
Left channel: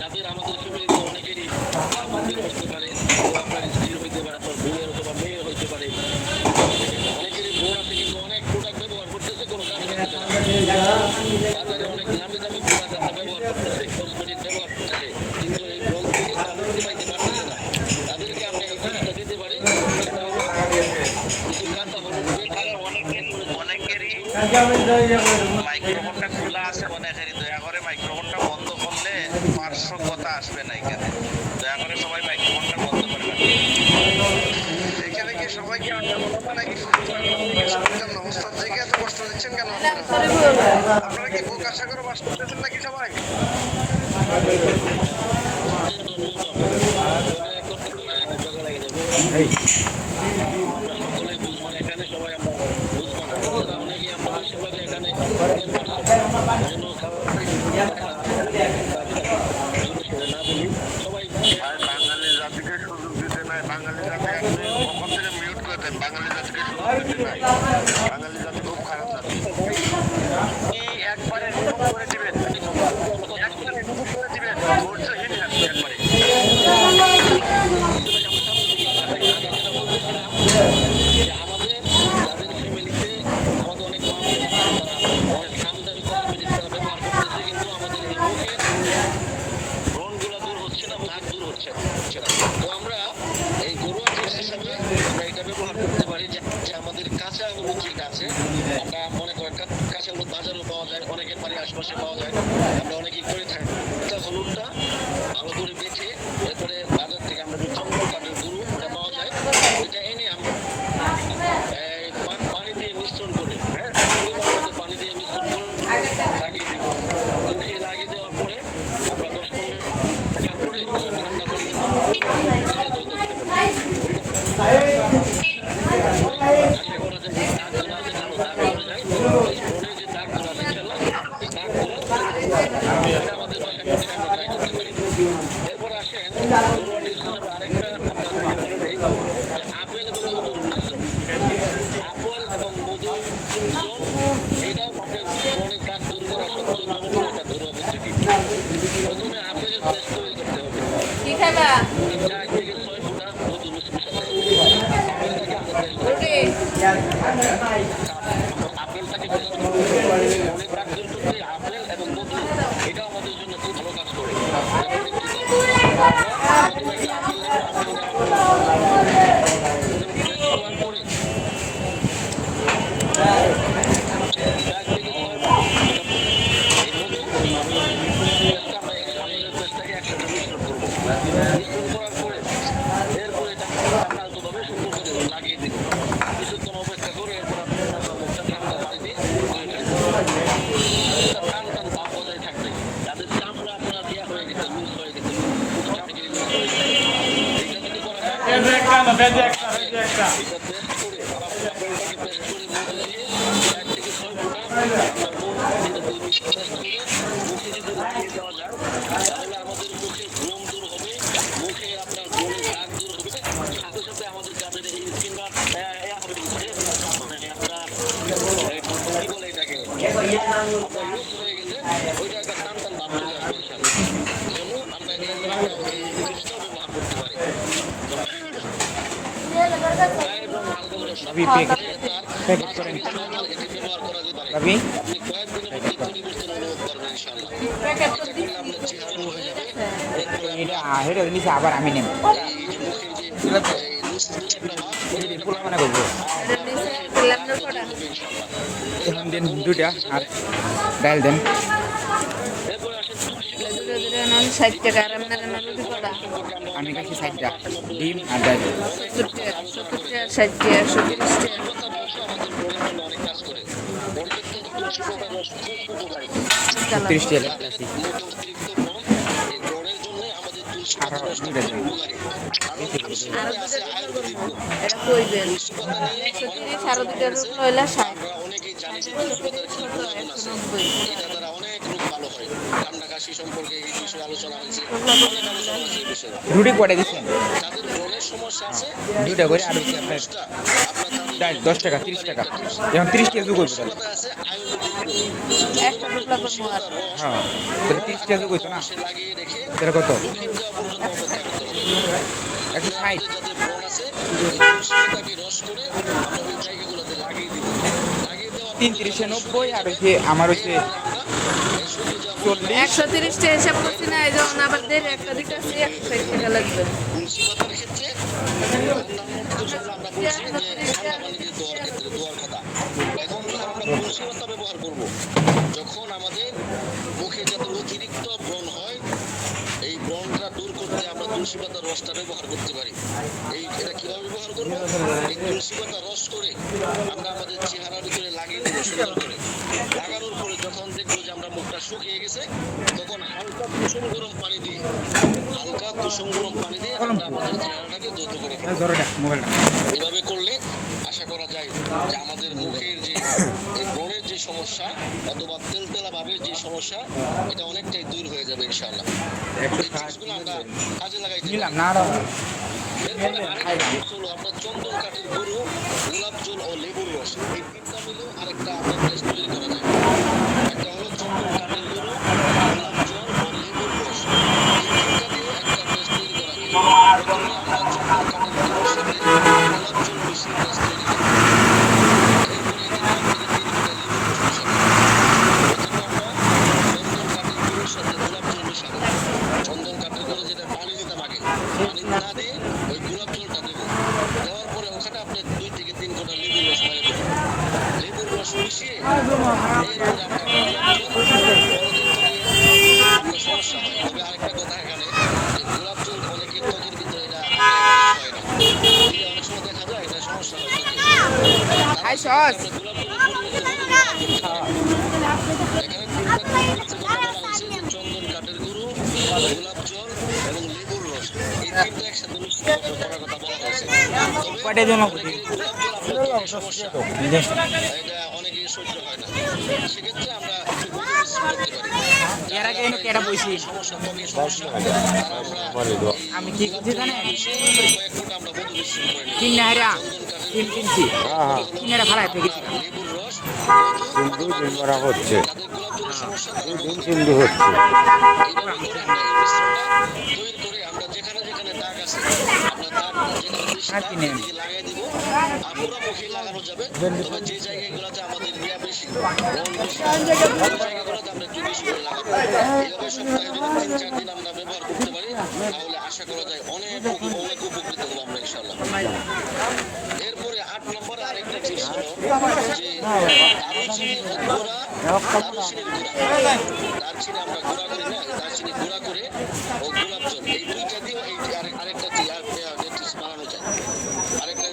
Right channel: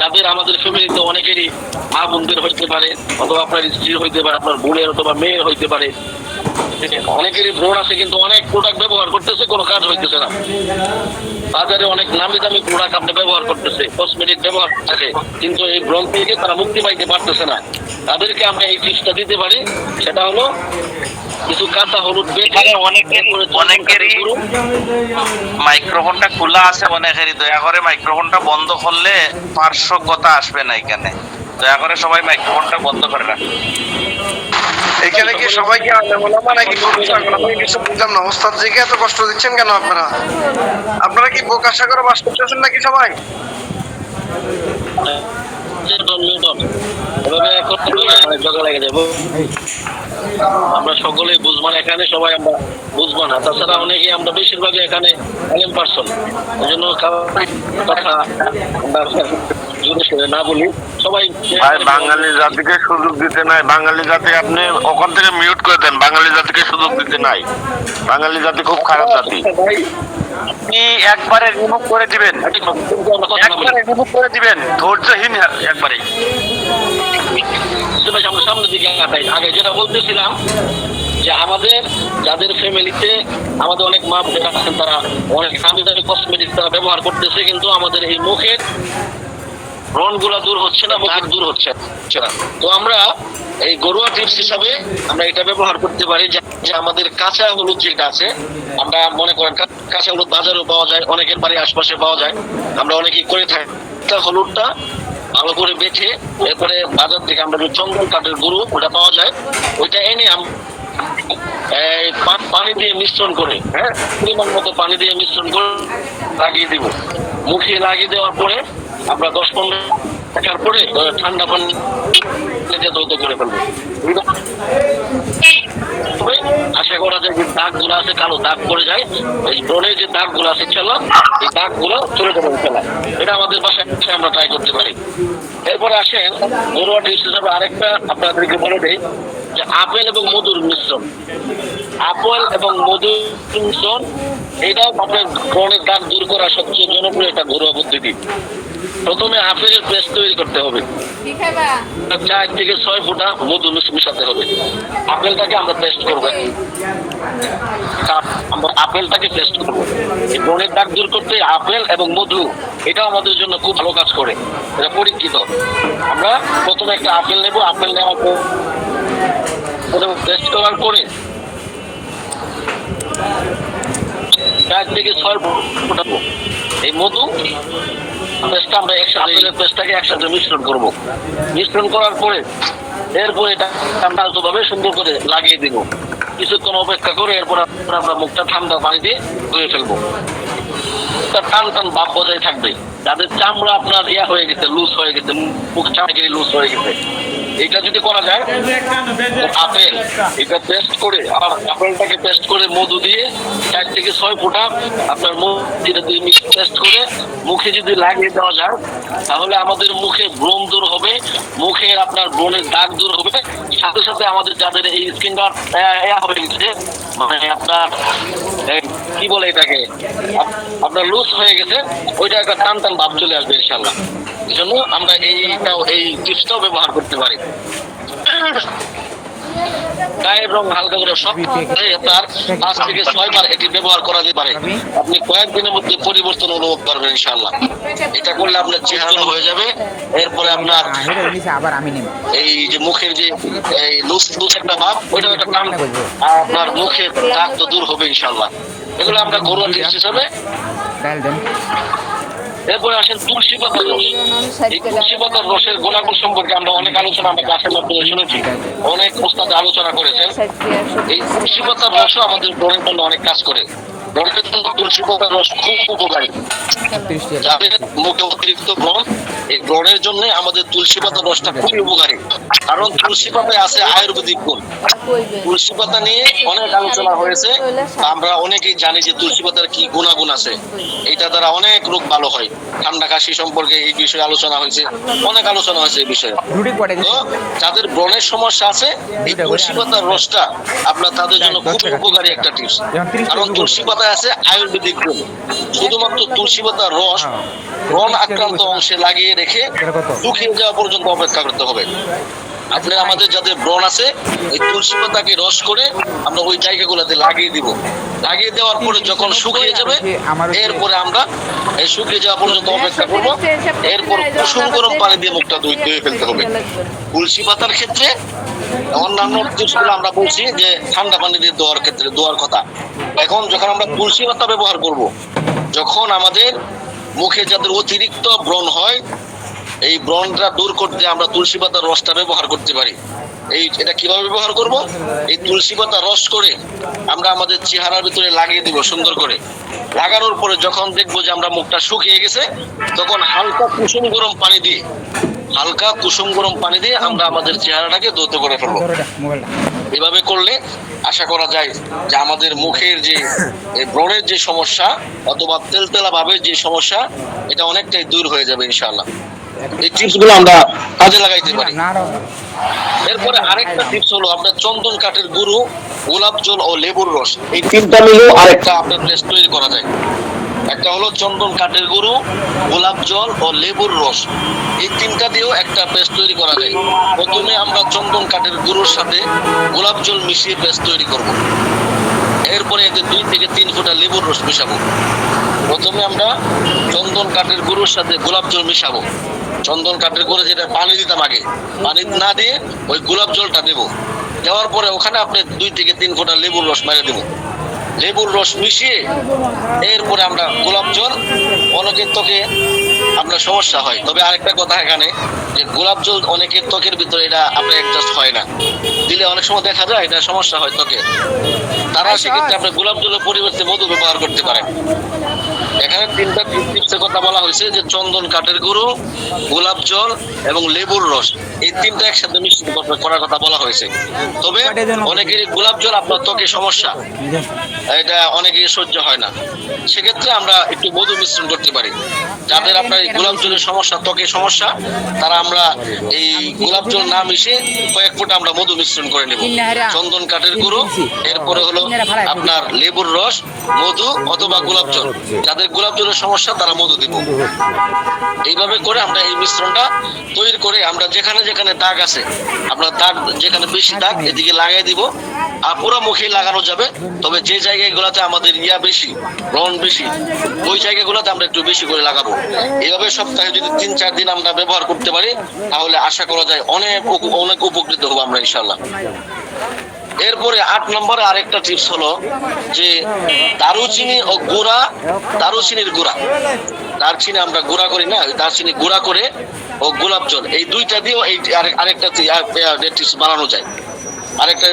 যাদের আমাদের ফ্যামিলিতে অনেকেরই মা বোনদের হইতে পারে, অথবা আপনার স্ত্রীর হইতে পারে, আপনার বোনের অথবা মেয়ের হইতে পারে, অনেকেরই ব্রণ আছে কিন্তু অনেক প্রোডাক্ট ব্যবহার করতেছে, কোনো কাজ হইতেছে না। বাজারে অনেক নামি দামি প্রোডাক্ট আপনি ব্যবহার করতেছে, কসমেটিক ব্যবহার করতেছে, কিন্তু এই ব্রণ থেকে তারা মুক্তি পাইতে পারতেছে না। তাদেরকে আমরা এই টিপসটা দিতে পারি, সেটা হলো কিছু কাঁচা হলুদ বেটে অনেকেরই মাইক্রোফোনটা খোলা আছে, অনেকেরই দয়া করে মাইক্রোফোনটা বন্ধ করলে পার্শ্ব কথা আসবে না। এখানে দয়া করে সবাই মাইক্রোফোনটা বন্ধ করে রাখুন। এখানে কি সবাইকে আলেমোলামা নাকি আমি কিছু বুঝলাম না, ওস্তাদ জিকে এত কষ্ট দিচ্ছেন কেন আপনারা? আপনারা কি প্রকাশা করে বাস করতেছেন নাকি সবাই? আমরা সকলেই বুঝবো না, এখানে সবাই আমরা বুঝবো না। তাছাড়া অনেকেই আমরা বেশিরভাগই এখানে এলেম পারসন, ওই জন্য কথা জোরে সোরে না বলি। সবাই ভাই বাঙালি জাতিকে সুযোগ দিতে নাই, বাঙালি জাতি আপনি ওখান থেকে মিউট করে দেন, বাঙালি জাতিকে সুযোগ দিতে নাই। বাঙালি জাতি খুব খারাপ জাতি। আপনি একবারে রিমুভ করে দিবেন, একবারে রিমুভ করে দিবেন, ধৈর্যহীন একবারে। আমরা সামনের দিকে আগে যেটা বলতেছিলাম যে আমাদের যাদের ফ্যামিলিতে আমাদের অনেক মা বোনেরা আছেন, তারা অনেক দামি দামি কসমেটিক তারা ব্যবহার করতেছে, কিন্তু আমাদের এই মুখের ব্রণ গুলা দূর হচ্ছে না, দাগ দূর হচ্ছে না। তো আমরা এই ঘরোয়া টিপস হিসাবে আমরা এটা ব্যবহার করতে পারি যে আমাদের কাঁচা হলুদ যেটা আছে, আমরা মনে করেন কাঁচা হলুদ বাজারেও পাওয়া যায়, অনেকের বাড়ির আশপাশে পাওয়া যায়, আমরা অনেকেই করে থাকি। হলুদটা ভালো করে বেটে এরপরে বাজার থেকে আমরা যে চন্দন কাঠের গুঁড়ো ওটা পাওয়া যায়, ওইটা এনে এই পানি দিয়ে মিশ্রণ করে, হ্যাঁ, পরিমাণ মতো পানি দিয়ে মিশ্রণ করে লাগিয়ে দিব। মুখে লাগিয়ে দেওয়ার পরে আমরা 10-15 টাকার পরে ঠান্ডা পানি দ্রুত করে ফেলবো। আশা করা যায় যে দাগ গুলো আছে, কালো দাগ পড়ে যায়, এই ব্রণের যে দাগ গুলো আছে খেলা, এই দাগ গুলো চলে যাবে খেলা। এটা আমাদের বাসায় আমরা ট্রাই করতে পারি। এরপরে আসেন ঘরোয়া টিপস হিসাবে আরেকটা আপনাদেরকে বলে দেই যে আপেল এবং মধুর মিশ্রণ। আপেল এবং মধুর মিশ্রণ এটাও আপনার ব্রণের দাগ দূর করার সবচেয়ে জনপ্রিয় একটা ঘরোয়া পদ্ধতি। প্রথমে আপেলের পেস্ট তৈরি করতে হবে, 4 থেকে 6 ফোঁটা মধু মিশাতে হবে। আপেলটাকে আমরা পেস্ট করবো, আপেলটাকে পেস্ট করবো। এই ব্রণের দাগ দূর করতে আপেল এবং মধু এটাও আমাদের জন্য খুব ভালো কাজ করে, এটা পরীক্ষিত। আমরা প্রথমে একটা আপেল নেবো, আপেল নেওয়ার পর পেস্ট করার পরে 4 থেকে 6 ফোঁটা এই মধু পেস্টটা আমরা আপেলের পেস্টটাকে একসাথে মিশ্রণ করবো। মিশ্রণ করার পরে এরপরে এটা আমরা আলতোভাবে সুন্দর করে লাগিয়ে দিব। কিছুক্ষণ অপেক্ষা করে এরপর আমরা মুখটা ঠান্ডা পানি দিয়ে ধুয়ে ফেলবো। টান টান ভাব বজায় থাকবে। যাদের চামড়া আপনার ইয়া হয়ে গেছে, লুজ হয়ে গেছে, মুখ চামড়া লুজ হয়ে গেছে, এটা যদি করা যায় আপেল এটা পেস্ট করে, আপেলটাকে পেস্ট করে মধু দিয়ে 4 থেকে 6 ফোঁটা আপনার মুখ যেটা দিয়ে পেস্ট করে মুখে যদি লাগিয়ে দেওয়া যায়, তাহলে আমাদের মুখে ব্রণ দূর হবে, মুখের আপনার ব্রণের দাগ দূর হবে। সাথে সাথে আমাদের যাদের এই স্কিনটা হয়ে গেছে, মানে আপনার কি বলে এটাকে, আপনার লুজ হয়ে গেছে, ওইটা একটা টান টান ভাব চলে আসবে ইনশাল্লাহ। এই জন্য আমরা এই টিপসটাও ব্যবহার করতে পারি। গায়ের রং হালকা করে সব তার 5 থেকে 6 বার এটি ব্যবহার করা যেতে পারে। আপনি কয়েকদিনের মধ্যে পরিবর্তন অনুভব করবেন ইনশাআল্লাহ। এটা করলে আপনার চেহারা হয়ে যাবে। এরপরে আপনার আবার আমি নেব এই যে মুখের যে এই লুজ একটা ভাব, ওইটা একটা কাম আপনার মুখের দাগ তো দূর হবে ইনশাআল্লাহ। এগুলো আমরা ঘরোয়া টিপস হিসাবে ডাল দেন। এরপরে আসেন তুলসী পাতার রস। এই তুলসী পাতার রসের গুণাগুণ সম্পর্কে আমরা অনেক আলোচনা আমরা ক্লাসের মধ্যে শুনেছি, অনেক প্রস্তাব আলোচনা করেছেন। এই তুলসী পাতার রসও আমাদের ব্রণের জন্য অনেক কাজ করে। ব্রণের জন্য তুলসী পাতার রস খুব উপকারী। যাদের মুখে অতিরিক্ত ব্রণ, এই ব্রণের জন্য আমাদের তুলসী পাতার রসটা খুবই উপকারী, কারণ তুলসী পাতায় আছে আয়ুর্বেদিক গুণ। তুলসী পাতা নিয়ে অনেক আলোচনা হয়েছে। আমরা অনেকেই জানি যে তুলসী পাতার কি গুণাগুণ আছে, এটা দ্বারা অনেক রোগ ভালো হয়। ঠান্ডা কাশি সম্পর্কে এই বিষয়ে আলোচনা হয়েছে, অনেক আলোচনা হয়েছে এই বিষয়ে। তো যাদের ব্রণের সমস্যা আছে, এই তুলসী পাতার রসটা আপনার তাদের জন্য খুব উপকারী একটা টিপস। কারণ তুলসী পাতায় আছে আয়ুর্বেদিক গুণ। শুধুমাত্র তুলসী পাতার রস ব্রণ আক্রান্ত অংশে লাগিয়ে রেখে শুকিয়ে যাওয়া পর্যন্ত অপেক্ষা করতে হবে। আপনি আমাদের যাদের ব্রণ আছে, এই তুলসী পাতাকে রস করে আমরা ওই জায়গাগুলোতে লাগিয়ে দিব। লাগিয়ে দেওয়ার পরে যখন শুকিয়ে যাবে, এরপরে আমরা এই শুকিয়ে যাওয়া পর্যন্ত অপেক্ষা করবো। এরপর কুসুম গরম পানি দিয়ে মুখটা ধুয়ে ফেলতে হবে। তুলসী পাতার ক্ষেত্রে অন্যান্য টিপসগুলো আমরা বলছি যে ঠান্ডা পানি দিয়ে ধোয়ার ক্ষেত্রে ধোয়ার কথা। এখন যখন আমরা তুলসী পাতা ব্যবহার করব, যখন আমাদের মুখে যাদের অতিরিক্ত ব্রণ হয়, এই ব্রণটা দূর করতে আমরা তুলসী পাতার রসটা ব্যবহার করতে পারি। এটা কিভাবে ব্যবহার করব? এই তুলসী পাতা রস করে আমরা আমাদের চেহারার ভিতরে লাগিয়ে দিব সুন্দর করে। লাগানোর পরে যখন দেখবো যে আমরা মুখটা শুকিয়ে গেছে, তখন হালকা কুসুম গরম পানি দিয়ে আমরা আমাদের চেহারাটাকে ধৌত করে ফেলবো। এভাবে করলে আশা করা যায় যে আমাদের মুখের যে ব্রণের যে সমস্যা অথবা তেলতেলা ভাবের যে সমস্যা, এটা অনেকটাই দূর হয়ে যাবে ইনশাআল্লাহ। এই টিপস গুলো আমরা কাজে লাগাইতে পারি। এরপরে আরেকটা টিপস হলো আপনার চন্দন কাঠের গুঁড়ো, গোলাপ জল ও লেবুর রস, এই তিনটা মিলেও আরেকটা আপনার পেস্ট তৈরি করা যায়। একটা হলো চন্দন কাঠের গুঁড়ো, গোলাপ জল ও লেবুর রস, এই তিনটা দিয়েও একটা পেস্ট তৈরি করা যায়। প্রথমে আমরা চন্দন কাঠের গুঁড়োর সাথে গোলাপ জল মিশিয়ে পেস্ট তৈরি করব। এরপরে এতে 2 থেকে 3 ফোঁটা লেবুর রস মেশাবো। প্রথমে আমরা চন্দন কাঠের গুঁড়োর সাথে গোলাপ জল মিশাবো। চন্দন কাঠের গুঁড়ো যেটা পানি দিতাম আগে, পানি না দিয়ে ওই গোলাপ জলটা দেবো। দেওয়ার পরে ওখানে আপনি 2 থেকে 3 ফোঁটা লেবুর রস মেরে দেবো। লেবুর রস মিশিয়ে এরপরে আমরা গোলাপ জল, অনেকের ত্বকে আপনার সমস্যা হয়, তবে আরেকটা কথা এখানে যে গোলাপ জল অনেকের ত্বকের ভিতরে এটা আপনার অ্যাডজাস্ট হয় না, দিলে অনেক সময় দেখা যায় এটা সমস্যা হয় ত্বকে। তারা সেক্ষেত্রে আপনার গোলাপ জলের পরিবর্তে মধু ব্যবহার করতে পারেন। এখানে 3টা টিপসের কথা বলা হয়েছে যে চন্দন কাঠের গুঁড়ো, গোলাপ জল এবং লেবুর রস, এই 3টা একসাথে মিশ্রণ করার কথা বলা হয়েছে। তবে অনেকেরই গোলাপ জল আপনার ত্বকে সমস্যা, এটা অনেকেই সহ্য হয় না, সেক্ষেত্রে আমরা একটু মধু মিশ্রণ করতে পারি। যাদের আপনার এই গোলাপ জলের সমস্যা, ত্বকের সমস্যা, তারা আমরা এই গোলাপ জল না মিশিয়ে কয়েক ফোঁটা আমরা মধু মিশ্রণ করে নেব। চন্দন কাঠের গুঁড়ো, এরপরে হলো আপনার লেবুর রস, মধু অথবা গোলাপ জল। যাদের গোলাপ জলের সমস্যা তারা মধু দিব। এইভাবে করে আমরা এই মিশ্রণটা তৈরি করে আমরা যেখানে যেখানে দাগ আছে, আপনার দাগ যেখানে বেশি দাগ এদিকে লাগাই দিব। আর পুরো মুখে লাগানো যাবে, তবে যে জায়গাগুলোতে আমাদের বেশি ব্রণ বেশি, ওই জায়গাগুলোতে আমরা একটু বেশি করে লাগাবো। এইভাবে সপ্তাহে যদি 3-4 দিন আমরা ব্যবহার করতে পারি, তাহলে আশা করা যায় অনেক উপকৃত হবো আমরা ইনশাআল্লাহ। এরপরে 8 নম্বরে আরেকটা টিপস হলো যে দারুচিনি ও দারুচিনির গুঁড়া, দারচিনি আমরা গুঁড়া করি না, দারচিনি গুঁড়া করে ও গোলাপ জল, এই 2টা দিয়েও এই আরেকটা টিপস বানানো যায়। আরেকটা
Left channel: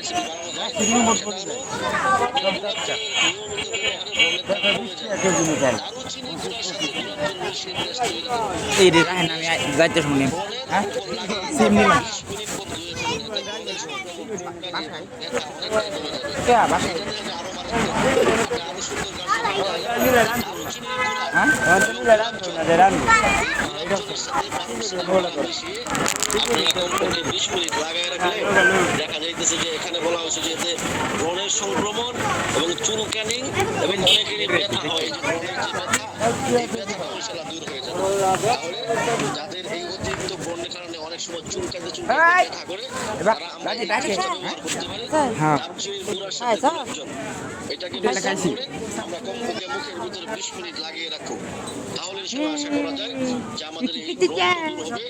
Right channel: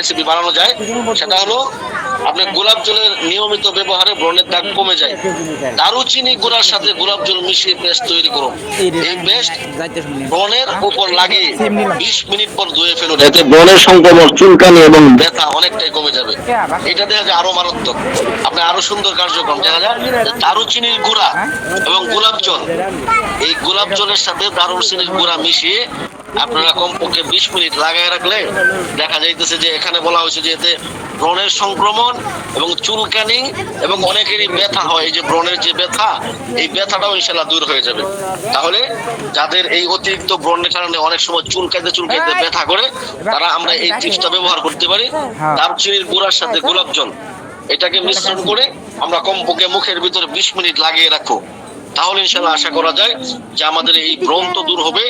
রেসিপি বানানো যায়, সেটা হলো আপনি গোলাপ জলের নিয়মিত ব্যবহারে ব্রণের দাগ কমে যায়। দারুচিনি গুঁড়ার সাথে গোলাপ জল মিশিয়ে পেস্ট তৈরি করুন। এই পেস্ট ব্রণের উপর লাগিয়ে 20 মিনিট পর ধুয়ে ফেলুন। এতে ব্রণের সংক্রমণ, চুলকানি এবং ব্যথা অনেকটাই কমে যাবে। এটা দেখা যায় আরো মারাত্মক, আপনি আরো সুন্দর কার্যক্রম দেখা যায়। দারুচিনির গুঁড়া এবং গোলাপ জল, এই গোলাপ জলের সাথে দারুচিনির গুঁড়া মিশিয়ে আপনারা কমপক্ষে 20 মিনিট লাগায় রাখলে দেখা যাইতেছে যে এখানে বলা হয়েছে যে এতে ব্রণের সংক্রমণ এবং চুলকানি এবং অনেকেরই ব্যথা হয়, এই যে ব্রণের যে ব্যথা, এই ব্যথাটাও ইনশাআল্লাহ দূর হয়ে যাবে। তাহলে যাদের এই অতিরিক্ত ব্রণের কারণে অনেক সময় চুলকাইতে ব্যথা করে, তারা আমরা এই টিপসটা ব্যবহার করতে পারি। দারুচিনির গুঁড়ার সাথে গোলাপ জল, এটাকে মিশ্রণ করে আমরা কমপক্ষে মুখের ভিতরে 20 মিনিট লাগিয়ে রাখবো। তাহলে ইনশাআল্লাহ আশা করা যায় যে আমাদের এই ব্রণ তো দূর হবে,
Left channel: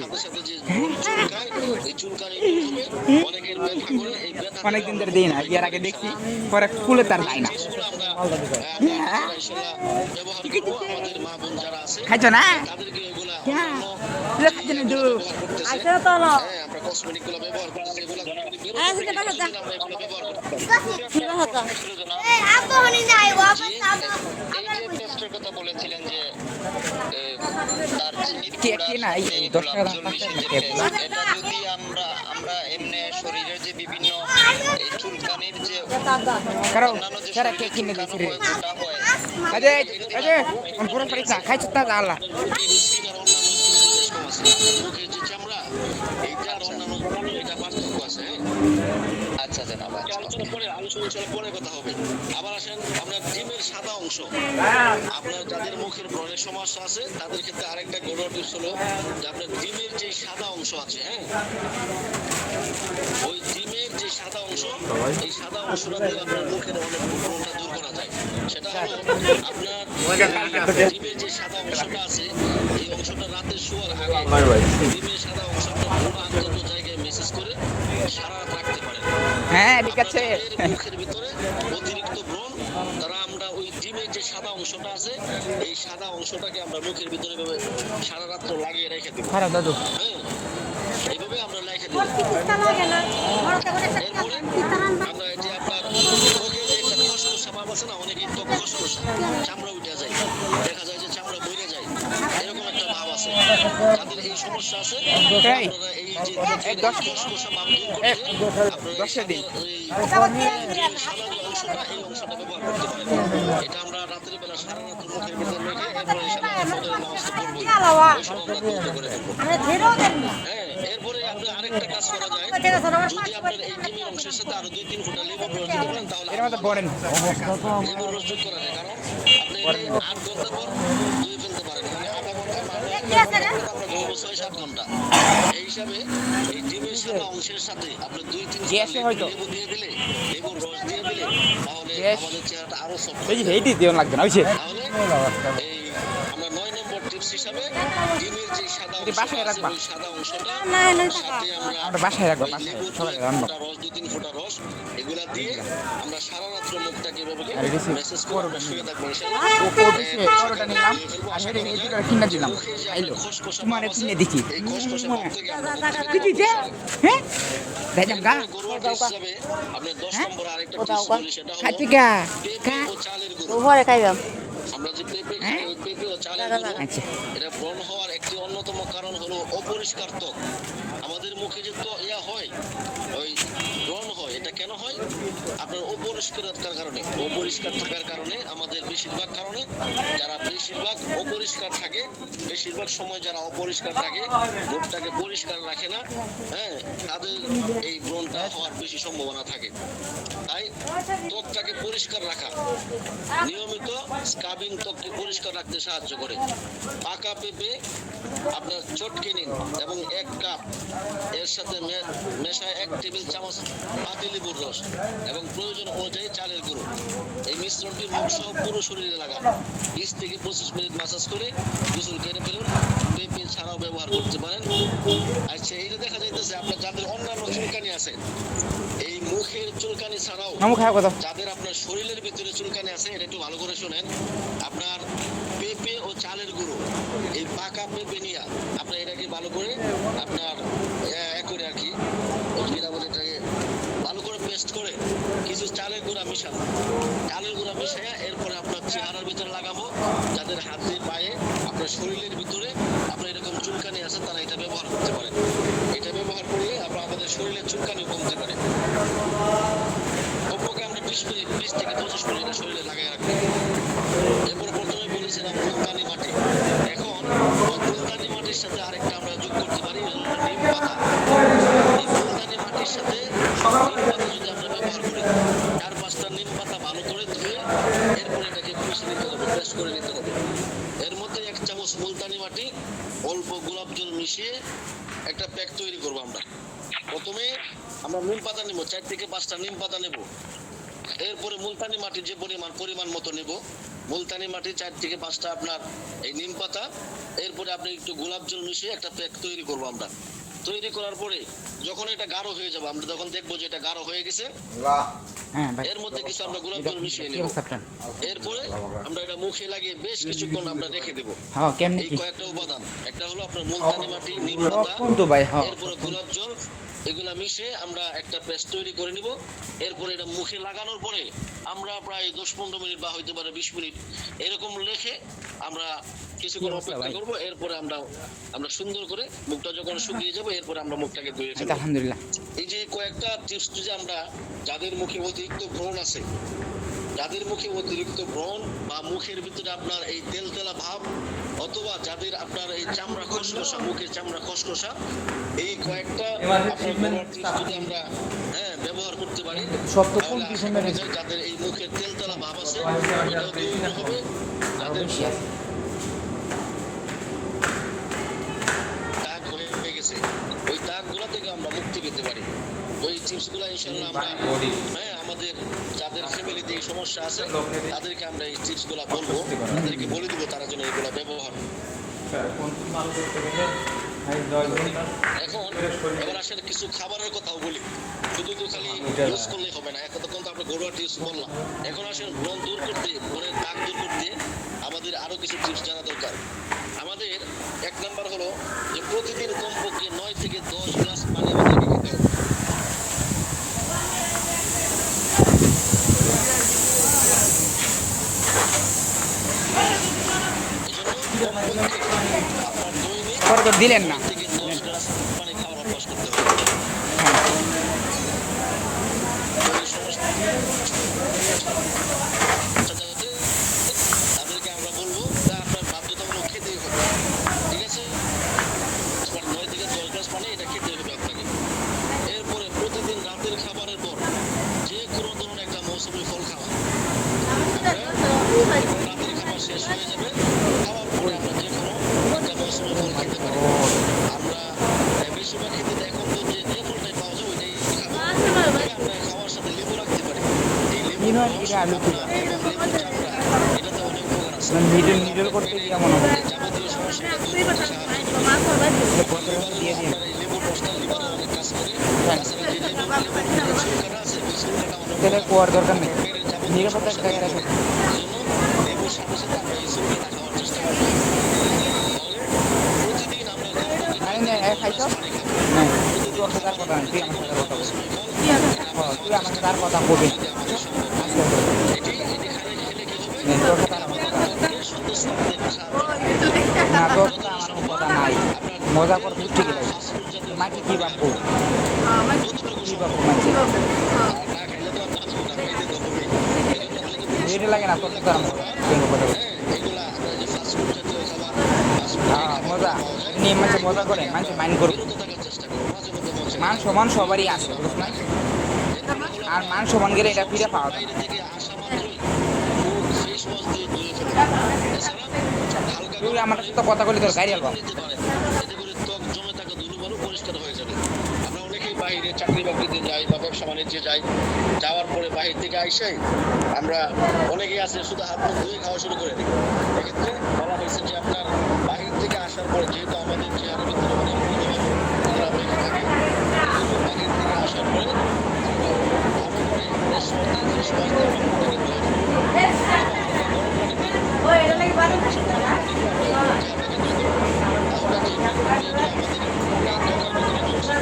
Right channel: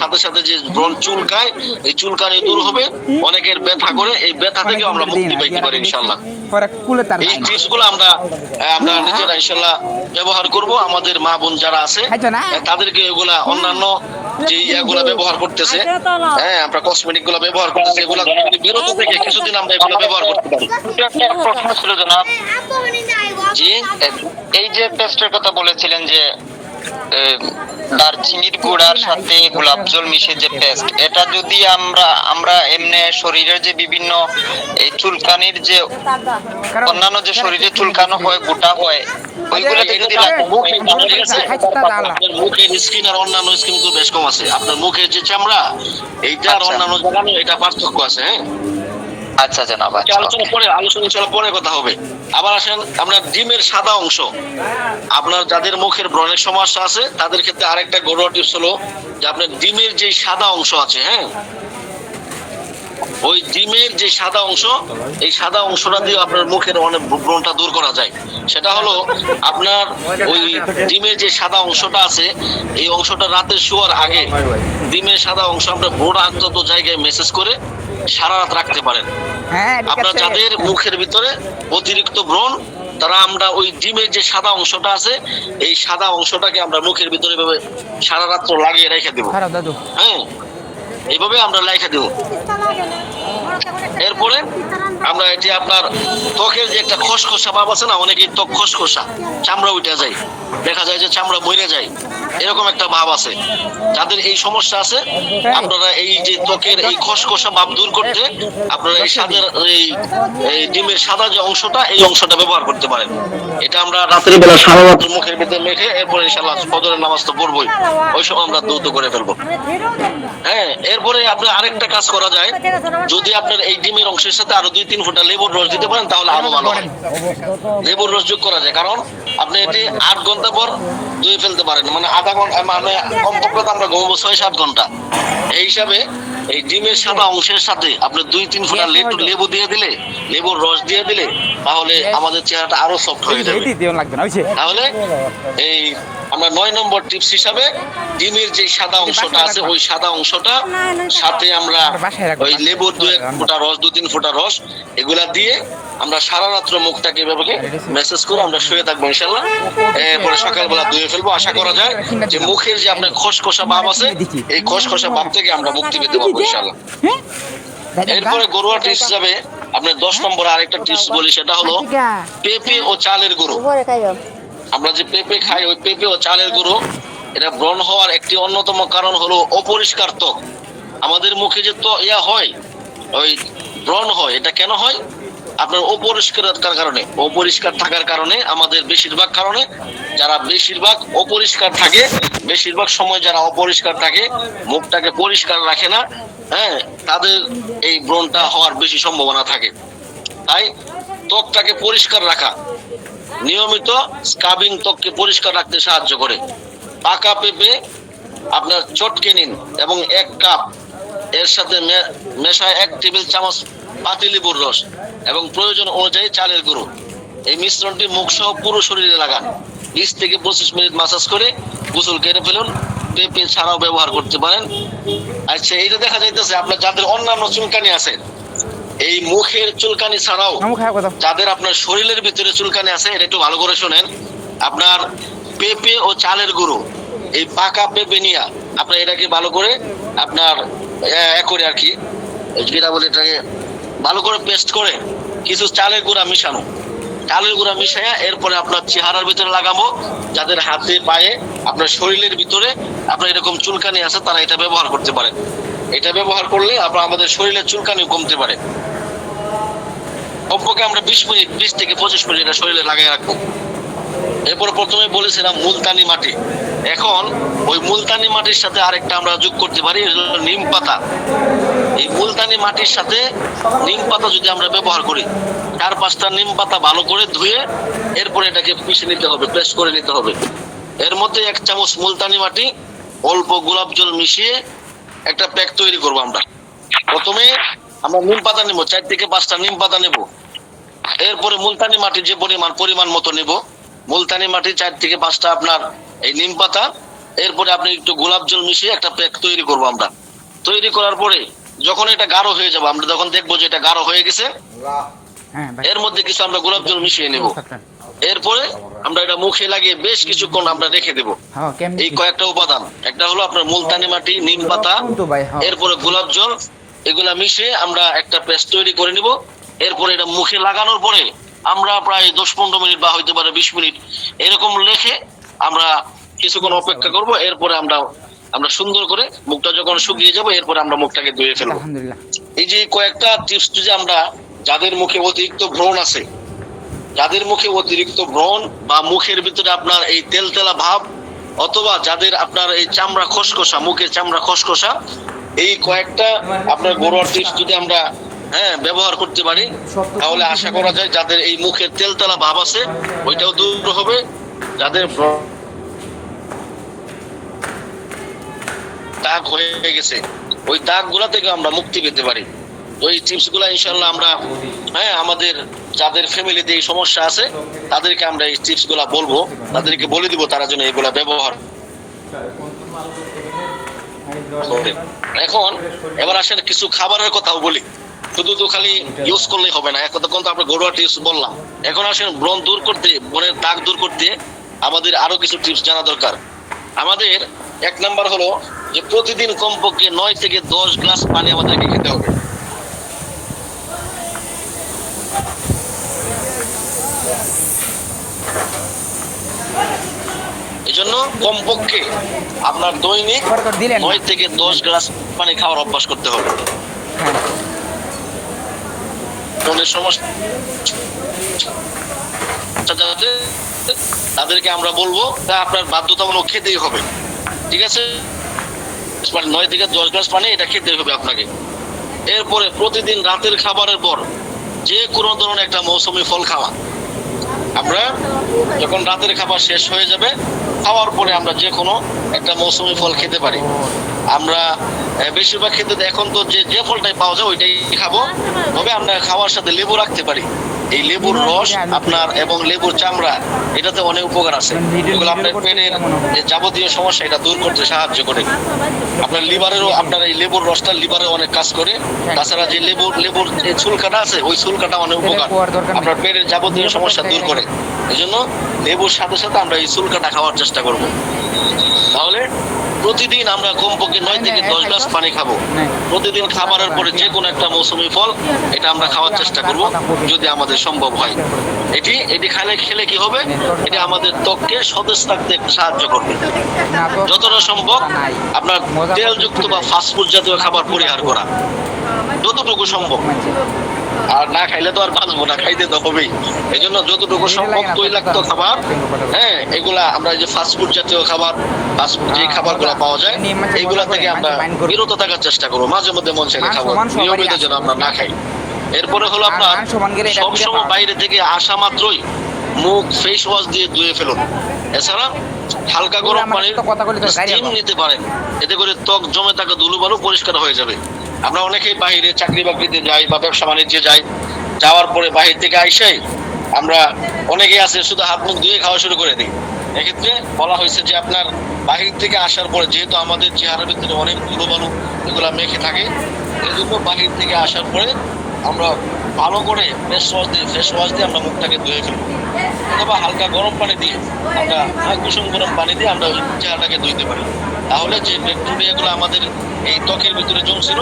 সাথে সাথে যে ব্রণ চুলকায়, এই চুলকানি দূর হবে। অনেকের ব্যথা করে, এই ব্যথা থেকে আমরা মুক্তি পাইতে পারি ইনশাআল্লাহ। এই টিপসগুলো আমরা নিজেরা ইনশাআল্লাহ ব্যবহার করব। আমাদের মা বোন যারা আছে তাদেরকে এগুলা অন্যান্য যে এগুলা ব্যবহার করতেছে, হ্যাঁ আমরা কসমেটিক গুলো ব্যবহার করতেছে, এগুলা বিরত থেকে কিছুদিন আমরা এগুলো ব্যবহার করতে পারি। প্রশ্ন ছিল জনাব, জি এই যে পেস্টের কথা বলেছিলেন যে দারচিনির গুঁড়ার সাথে গোলাপ জল মিশিয়ে যে পেস্ট, এটা যদি আমরা এমনি শরীরের যে বিভিন্ন এই চুলকানির যে অন্যান্য যে শরীরে চুলকানো হয়, গোটা হয়, ওইগুলোতে যদি মুখের স্কিন আর অন্যান্য স্কিন তো বেশ কম আছে। আপনার মুখের যে চামড়া এইটা আর অন্যান্য জায়গা এটা পার্থক্য আছে। হ্যাঁ, আচ্ছা জনাব, আলোচনা চলা পরে কথা হবে। আবার আসেন আপনার ডিমের সাদা অংশ, আপনার যাদের মুখের ব্রণের সমস্যা আছে তাদের ক্ষেত্রে আরেকটা ঘরোয়া টিপস হলো যে আপনার ডিমের যে সাদা অংশ আছে, হ্যাঁ, ওই ডিমের যে সাদা অংশ, এই সাদা অংশটা দিয়ে আপনার মুখের অনেক ব্রণটা দূর করা যায়। সেটা হলো আপনার ওই ডিমের যে সাদা অংশটা আছে, এই অংশটা রাতে শোয়ার আগে ডিমের সাদা অংশ আপনার ব্রণ আক্রান্ত জায়গায় মেসেজ করে সারা রাত রাখতে পারেন। হ্যাঁ ঠিক আপনার আছে। যাদের মুখের ভিতরে অতিরিক্ত ব্রণ, তারা আমরা ওই ডিমের যে সাদা অংশটা আছে, এই সাদা অংশটাকে আমরা মুখের ভিতরে এভাবে সারা রাত্র লাগিয়ে রেখে দেবো। খারাপ দাদু। হ্যাঁ, এইভাবে আমরা রেখে দেবো। এরপরে আমরা এটি আপনার ত্বকের যে একটা খসখসা ভাব আছে না, অনেকেই ত্বক খসখসা, চামড়া উঠে যায়, দেখা যায় যে চামড়া মরে যায়, এরকম একটা ভাব আছে। যাদের এই সমস্যা আছে, আপনারা এই যে ত্বকের এই খসখসা ভাব দূর করতে আপনারা এই সাদা এই ডিমের সাদা যে অংশটা, এই অংশটা ব্যবহার করতে পারেন। এটা আমরা রাতের বেলা সারা রাত মুখের ভিতরে মেখে এরপরে ইনশাআল্লাহ ফজরের নামাজ তো পড়বই, ওই সময় আমরা দ্রুত করে ফেলবো। হ্যাঁ, এরপরে আপনার আরেকটা কাজ করা যায়, যদি আপনার এই ডিমের অংশের সাথে আরো 2-3 ফোঁটা লেবুর রস দিতে পারেন তাহলে আরো ভালো হয়। লেবুর রস যোগ করা যায়, কারণ আপনি এটি 8 ঘন্টা পর ধুয়ে ফেলতে পারেন, মানে আধা ঘন্টা, মানে কমপক্ষে আমরা ঘুমাবো 6-7 ঘন্টা। এই হিসাবে এই ডিমের সাদা অংশের সাথে আপনি 2-3 ফোঁটা লেবু দিয়ে দিলে, লেবুর রস দিয়ে দিলে, তাহলে আমাদের চেহারাটা আরো সফট হয়ে যাবে। তাহলে এই আমরা 9 নম্বর টিপস হিসাবে ডিমের যে সাদা অংশটা আছে, ওই সাদা অংশটা সাথে আমরা ওই লেবুর 2-1 ফোঁটা রস, 2-3 ফোঁটা রস, এগুলা দিয়ে আমরা সারা রাত্র মুখটাকে এভাবে মেসেজ করে আমরা শুয়ে থাকবো ইনশাআল্লাহ। পরে সকালবেলা ধুয়ে ফেলবো। আশা করা যায় যে মুখের যে আপনার খসখসা ভাব আছে, এই খসখসা ভাব থেকে আমরা মুক্তি পেতে পারবো ইনশাআল্লাহ। এরপরে ঘরোয়া টিপস হিসাবে আপনার 10 নম্বর আরেকটা টিপস বলি, সেটা হলো পেঁপে ও চালের গুঁড়ো। আমরা যে পেঁপে খাই, ওই পেঁপে ও চালের গুঁড়ো, এটা ব্রণ হওয়ার একটি অন্যতম কারণ হলো অপরিষ্কার ত্বক। আমাদের মুখে যে হয়, ওই ব্রণ হয়, এটা কেন হয়? আপনার অপরিষ্কার থাকার কারণে আমাদের বেশিরভাগ কারণে যারা বেশিরভাগ অপরিষ্কার থাকে, বেশিরভাগ সময় যারা অপরিষ্কার থাকে, মুখটাকে পরিষ্কার রাখে না, হ্যাঁ, তাদের এই ব্রণটা হওয়ার বেশি সম্ভাবনা থাকে। তাই ত্বকটাকে পরিষ্কার রাখা, নিয়মিত স্ক্রাবিং ত্বককে পরিষ্কার রাখতে সাহায্য করে। পাকা পেঁপে আপনার চটকে নিন এবং 1 কাপ, এর সাথে মেশায় 1 টেবিল চামচ পাতিলেবুর রস এবং প্রয়োজন অনুযায়ী চালের গুঁড়ো। এই মিশ্রণটি মুখ সহ পুরো শরীরে লাগান। 20 থেকে 25 মিনিট মাসাজ করে গোসল করে ফেলুন। পেঁপে ছাড়াও ব্যবহার করতে পারেন। আচ্ছা, এইটা দেখা যাইতেছে আপনার যাদের অন্যান্য চুলকানি আছে, এই মুখের চুলকানি ছাড়াও যাদের আপনার শরীরের ভিতরে চুলকানি আছে, এটা একটু ভালো করে শোনেন। আপনার পেঁপে ও চালের গুঁড়ো, এই পাকা পেঁপে নিয়ে আপনার এটাকে ভালো করে আপনার করে আর কি যেটা বলে, এটাকে ভালো করে পেস্ট করে কিছু চালের গুঁড়া মিশানো, চালের গুঁড়া মিশাইয়া এরপরে আপনার চেহারার ভিতরে লাগাবো। যাদের হাতে পায়ে আপনার শরীরের ভিতরে আপনার এরকম চুলকানি আছে, তারা এটা ব্যবহার করতে পারে। এটা ব্যবহার করলে আমাদের শরীরের চুলকানি কমতে পারে। কমপক্ষে আমরা 20 থেকে 25 মিনিট এটা শরীরে লাগাই রাখবো। এরপর প্রথমে বলেছিলাম মুলতানি মাটি। এখন ওই মুলতানি মাটির সাথে আরেকটা আমরা যোগ করতে পারি, নিম পাতা। এই মুলতানি মাটির সাথে নিম পাতা যদি আমরা ব্যবহার করি, 4-5টা নিম পাতা ভালো করে ধুয়ে এরপরে এটাকে পিষে নিতে হবে, পেস্ট করে নিতে হবে। এর মধ্যে 1 চামচ মুলতানি মাটি, অল্প গোলাপ জল মিশিয়ে একটা প্যাক তৈরি করবো। আমরা প্রথমে আমরা নিম পাতা নেবো, 4 থেকে 5টা নিম পাতা নেব। এরপরে মুলতানি মাটি যে পরিমাণ মতো নেব, মুলতানি মাটি 4 থেকে 5টা আপনার এই নিম পাতা, এরপরে আপনি একটু গোলাপ জল মিশিয়ে একটা প্যাক তৈরি করবো। আমরা তৈরি করার পরে যখন এটা গাঢ় হয়ে যাবে, আমরা যখন দেখবো যে এটা গাঢ় হয়ে গেছে, এর মধ্যে কিছু আমরা গোলাপ জল মিশিয়ে নেব। এরপরে আমরা এটা মুখে লাগিয়ে বেশ কিছুক্ষণ আমরা রেখে দেবো। এই কয়েকটা উপাদান, একটা হলো আপনার মুলতানি মাটি, নিম পাতা, এরপরে গোলাপ জল, এগুলা মিশিয়ে আমরা একটা পেস্ট তৈরি করে নিব। এরপরে এটা মুখে লাগানোর পরে আমরা প্রায় 10-15 মিনিট বা হইতে পারে 20 মিনিট এরকম রেখে আমরা কিছুক্ষণ অপেক্ষা করব, এরপরে আমরা সুন্দর করে মুখটা যখন শুকিয়ে যাবো এরপরে আমরা মুখটাকে ধুয়ে ফেলবো। আলহামদুলিল্লাহ। এই যে কয়েকটা টিপস যদি আমরা, যাদের মুখে অতিরিক্ত ব্রণ আছে, যাদের মুখে অতিরিক্ত ব্রণ বা মুখের ভিতরে আপনার এই তেলতেলা ভাব, অথবা যাদের আপনার এই চামড়া খসখসা, মুখের চামড়া খসখসা, এই কয়েকটা আপনার ঘরোয়া টিপস যদি আমরা ব্যবহার করতে পারি, তাহলে আশা করা যায় যাদের এই মুখের তেলতেলা ভাব আছে ওইটাও দূর হবে। যাদের দাগ হয়ে গেছে ওই দাগ গুলা থেকে আমরা মুক্তি পেতে পারি। তো এই টিপস গুলা ইনশাল্লাহ আমরা আমাদের যাদের ফ্যামিলিতে এই সমস্যা আছে তাদেরকে আমরা এই টিপস গুলা বলবো, তাদেরকে বলে দিব তারা যেন এগুলা ব্যবহার। এখন এবার আসেন কিছু খাবারের কথাও বলি, শুধু তো খালি ইউজ করলেই হবে না। এতক্ষণ তো আমরা ঘরোয়া টিপস বললাম, এখন আসেন ব্রণ দূর করতে, ব্রণের দাগ দূর করতে আমাদের আরো কিছু টিপস জানা দরকার। আমাদের 1 নাম্বার হলো যে প্রতিদিন কমপক্ষে 9 থেকে 10 গ্লাস পানি আমাদেরকে খেতে হবে। এজন্য কমপক্ষে আপনার দৈনিক 9 থেকে 10 গ্লাস পানি খাওয়ার অভ্যাস করতে হবে। হ্যাঁ, ব্রণের সমস্যা যাতে তাদেরকে আমরা বলবো তা আপনার বাধ্যতামূলক খেতেই হবে, ঠিক আছে? 9 থেকে 10 গ্লাস পানি এটা খেতে হবে আপনাকে। এরপরে প্রতিদিন রাতের খাবারের পর যে কোনো ধরনের একটা মৌসুমী ফল খাওয়া। আমরা যখন রাতের খাবার শেষ হয়ে যাবে, খাওয়ার পরে আমরা যে কোনো একটা মৌসুমী ফল খেতে পারি। আমরা বেশিরভাগ ক্ষেত্রে এখন তো যে ফলটাই পাওয়া যায় ওইটাই খাবো, তবে আমরা খাওয়ার সাথে লেবু রাখতে পারি। এই লেবুর রস আপনার এবং লেবুর চামড়া এটাতে অনেক উপকার আছে, এগুলো আপনার পেটের যাবতীয় সমস্যা এটা দূর করতে সাহায্য করে। আপনার লিভারেরও আপনার এই লেবুর রসটা লিভারে অনেক কাজ করে। তাছাড়া যে লেবুর যে চুলকাটা আছে ওই চুলকাটা অনেক উপকার, আপনার পেটের যাবতীয় সমস্যা দূর করে। এই জন্য লেবুর সাথে সাথে আমরা এই চুলকাটা খাওয়ার চেষ্টা করব। তাহলে প্রতিদিন আমরা কমপক্ষে 9 থেকে 10 গ্লাস পানি খাবো। প্রতিদিন খাবারের পরে যে কোনো একটা মৌসুমী ফল এটা আমরা খাওয়ার চেষ্টা করব যদি আমাদের সম্ভব হয়। এটি খেলে কি হবে, এটা আমাদের ত্বককে সতেজ থাকতে সাহায্য করবে। যতটা সম্ভব আপনার তেলযুক্ত বা ফাস্টফুড জাতীয় খাবার পরিহার করা যতটুকু সম্ভব। আর না খাইলে তো আর বাঁচবো না, খাইতে তো হবেই। এই জন্য যতটুকু সম্ভব তৈলাক্ত খাবার, এগুলা আমরা যে ফাস্টফুড জাতীয় খাবার, যে খাবারগুলো পাওয়া যায় এগুলা থেকে আমরা বিরত থাকার চেষ্টা করবো। মাঝে মধ্যে মন চাইলে খাবো, নিয়মিত যেন আমরা না খাই। এরপরে হলো আপনার সবসময় বাইরে থেকে আসা মাত্রই মুখ ফেস ওয়াশ দিয়ে ধুয়ে ফেলুন। এছাড়া হালকা গরম পানির স্টিম নিতে পারেন, এতে করে ত্বক জমে থাকা ধুলোবালু পরিষ্কার হয়ে যাবে। আমরা অনেকেই বাইরে চাকরি বাকরিতে যাই বা ব্যবসা বাণিজ্যে যাই, যাওয়ার পরে বাহির থেকে আইসাই আমরা অনেকেই আছে শুধু হাত মুখ ধুয়ে খাওয়া শুরু করে দিই। এক্ষেত্রে বলা হয়েছে যে আপনার বাহির থেকে আসার পরে যেহেতু আমাদের চেহারার ভিতরে অনেক ধুলোবালু এগুলা মেখে থাকে, এজন্য বাহির থেকে আসার পরে আমরা ভালো করে ফেস ওয়াশ দিয়ে আমরা মুখটাকে ধুয়ে ফেলবো, অথবা হালকা গরম পানি দিয়ে আমরা কুসুম গরম পানি দিয়ে আমরা চেহারাটাকে ধুইতে পারি। তাহলে যে ব্যাকটেরিয়াগুলো আমাদের এই ত্বকের ভিতরে জমছিল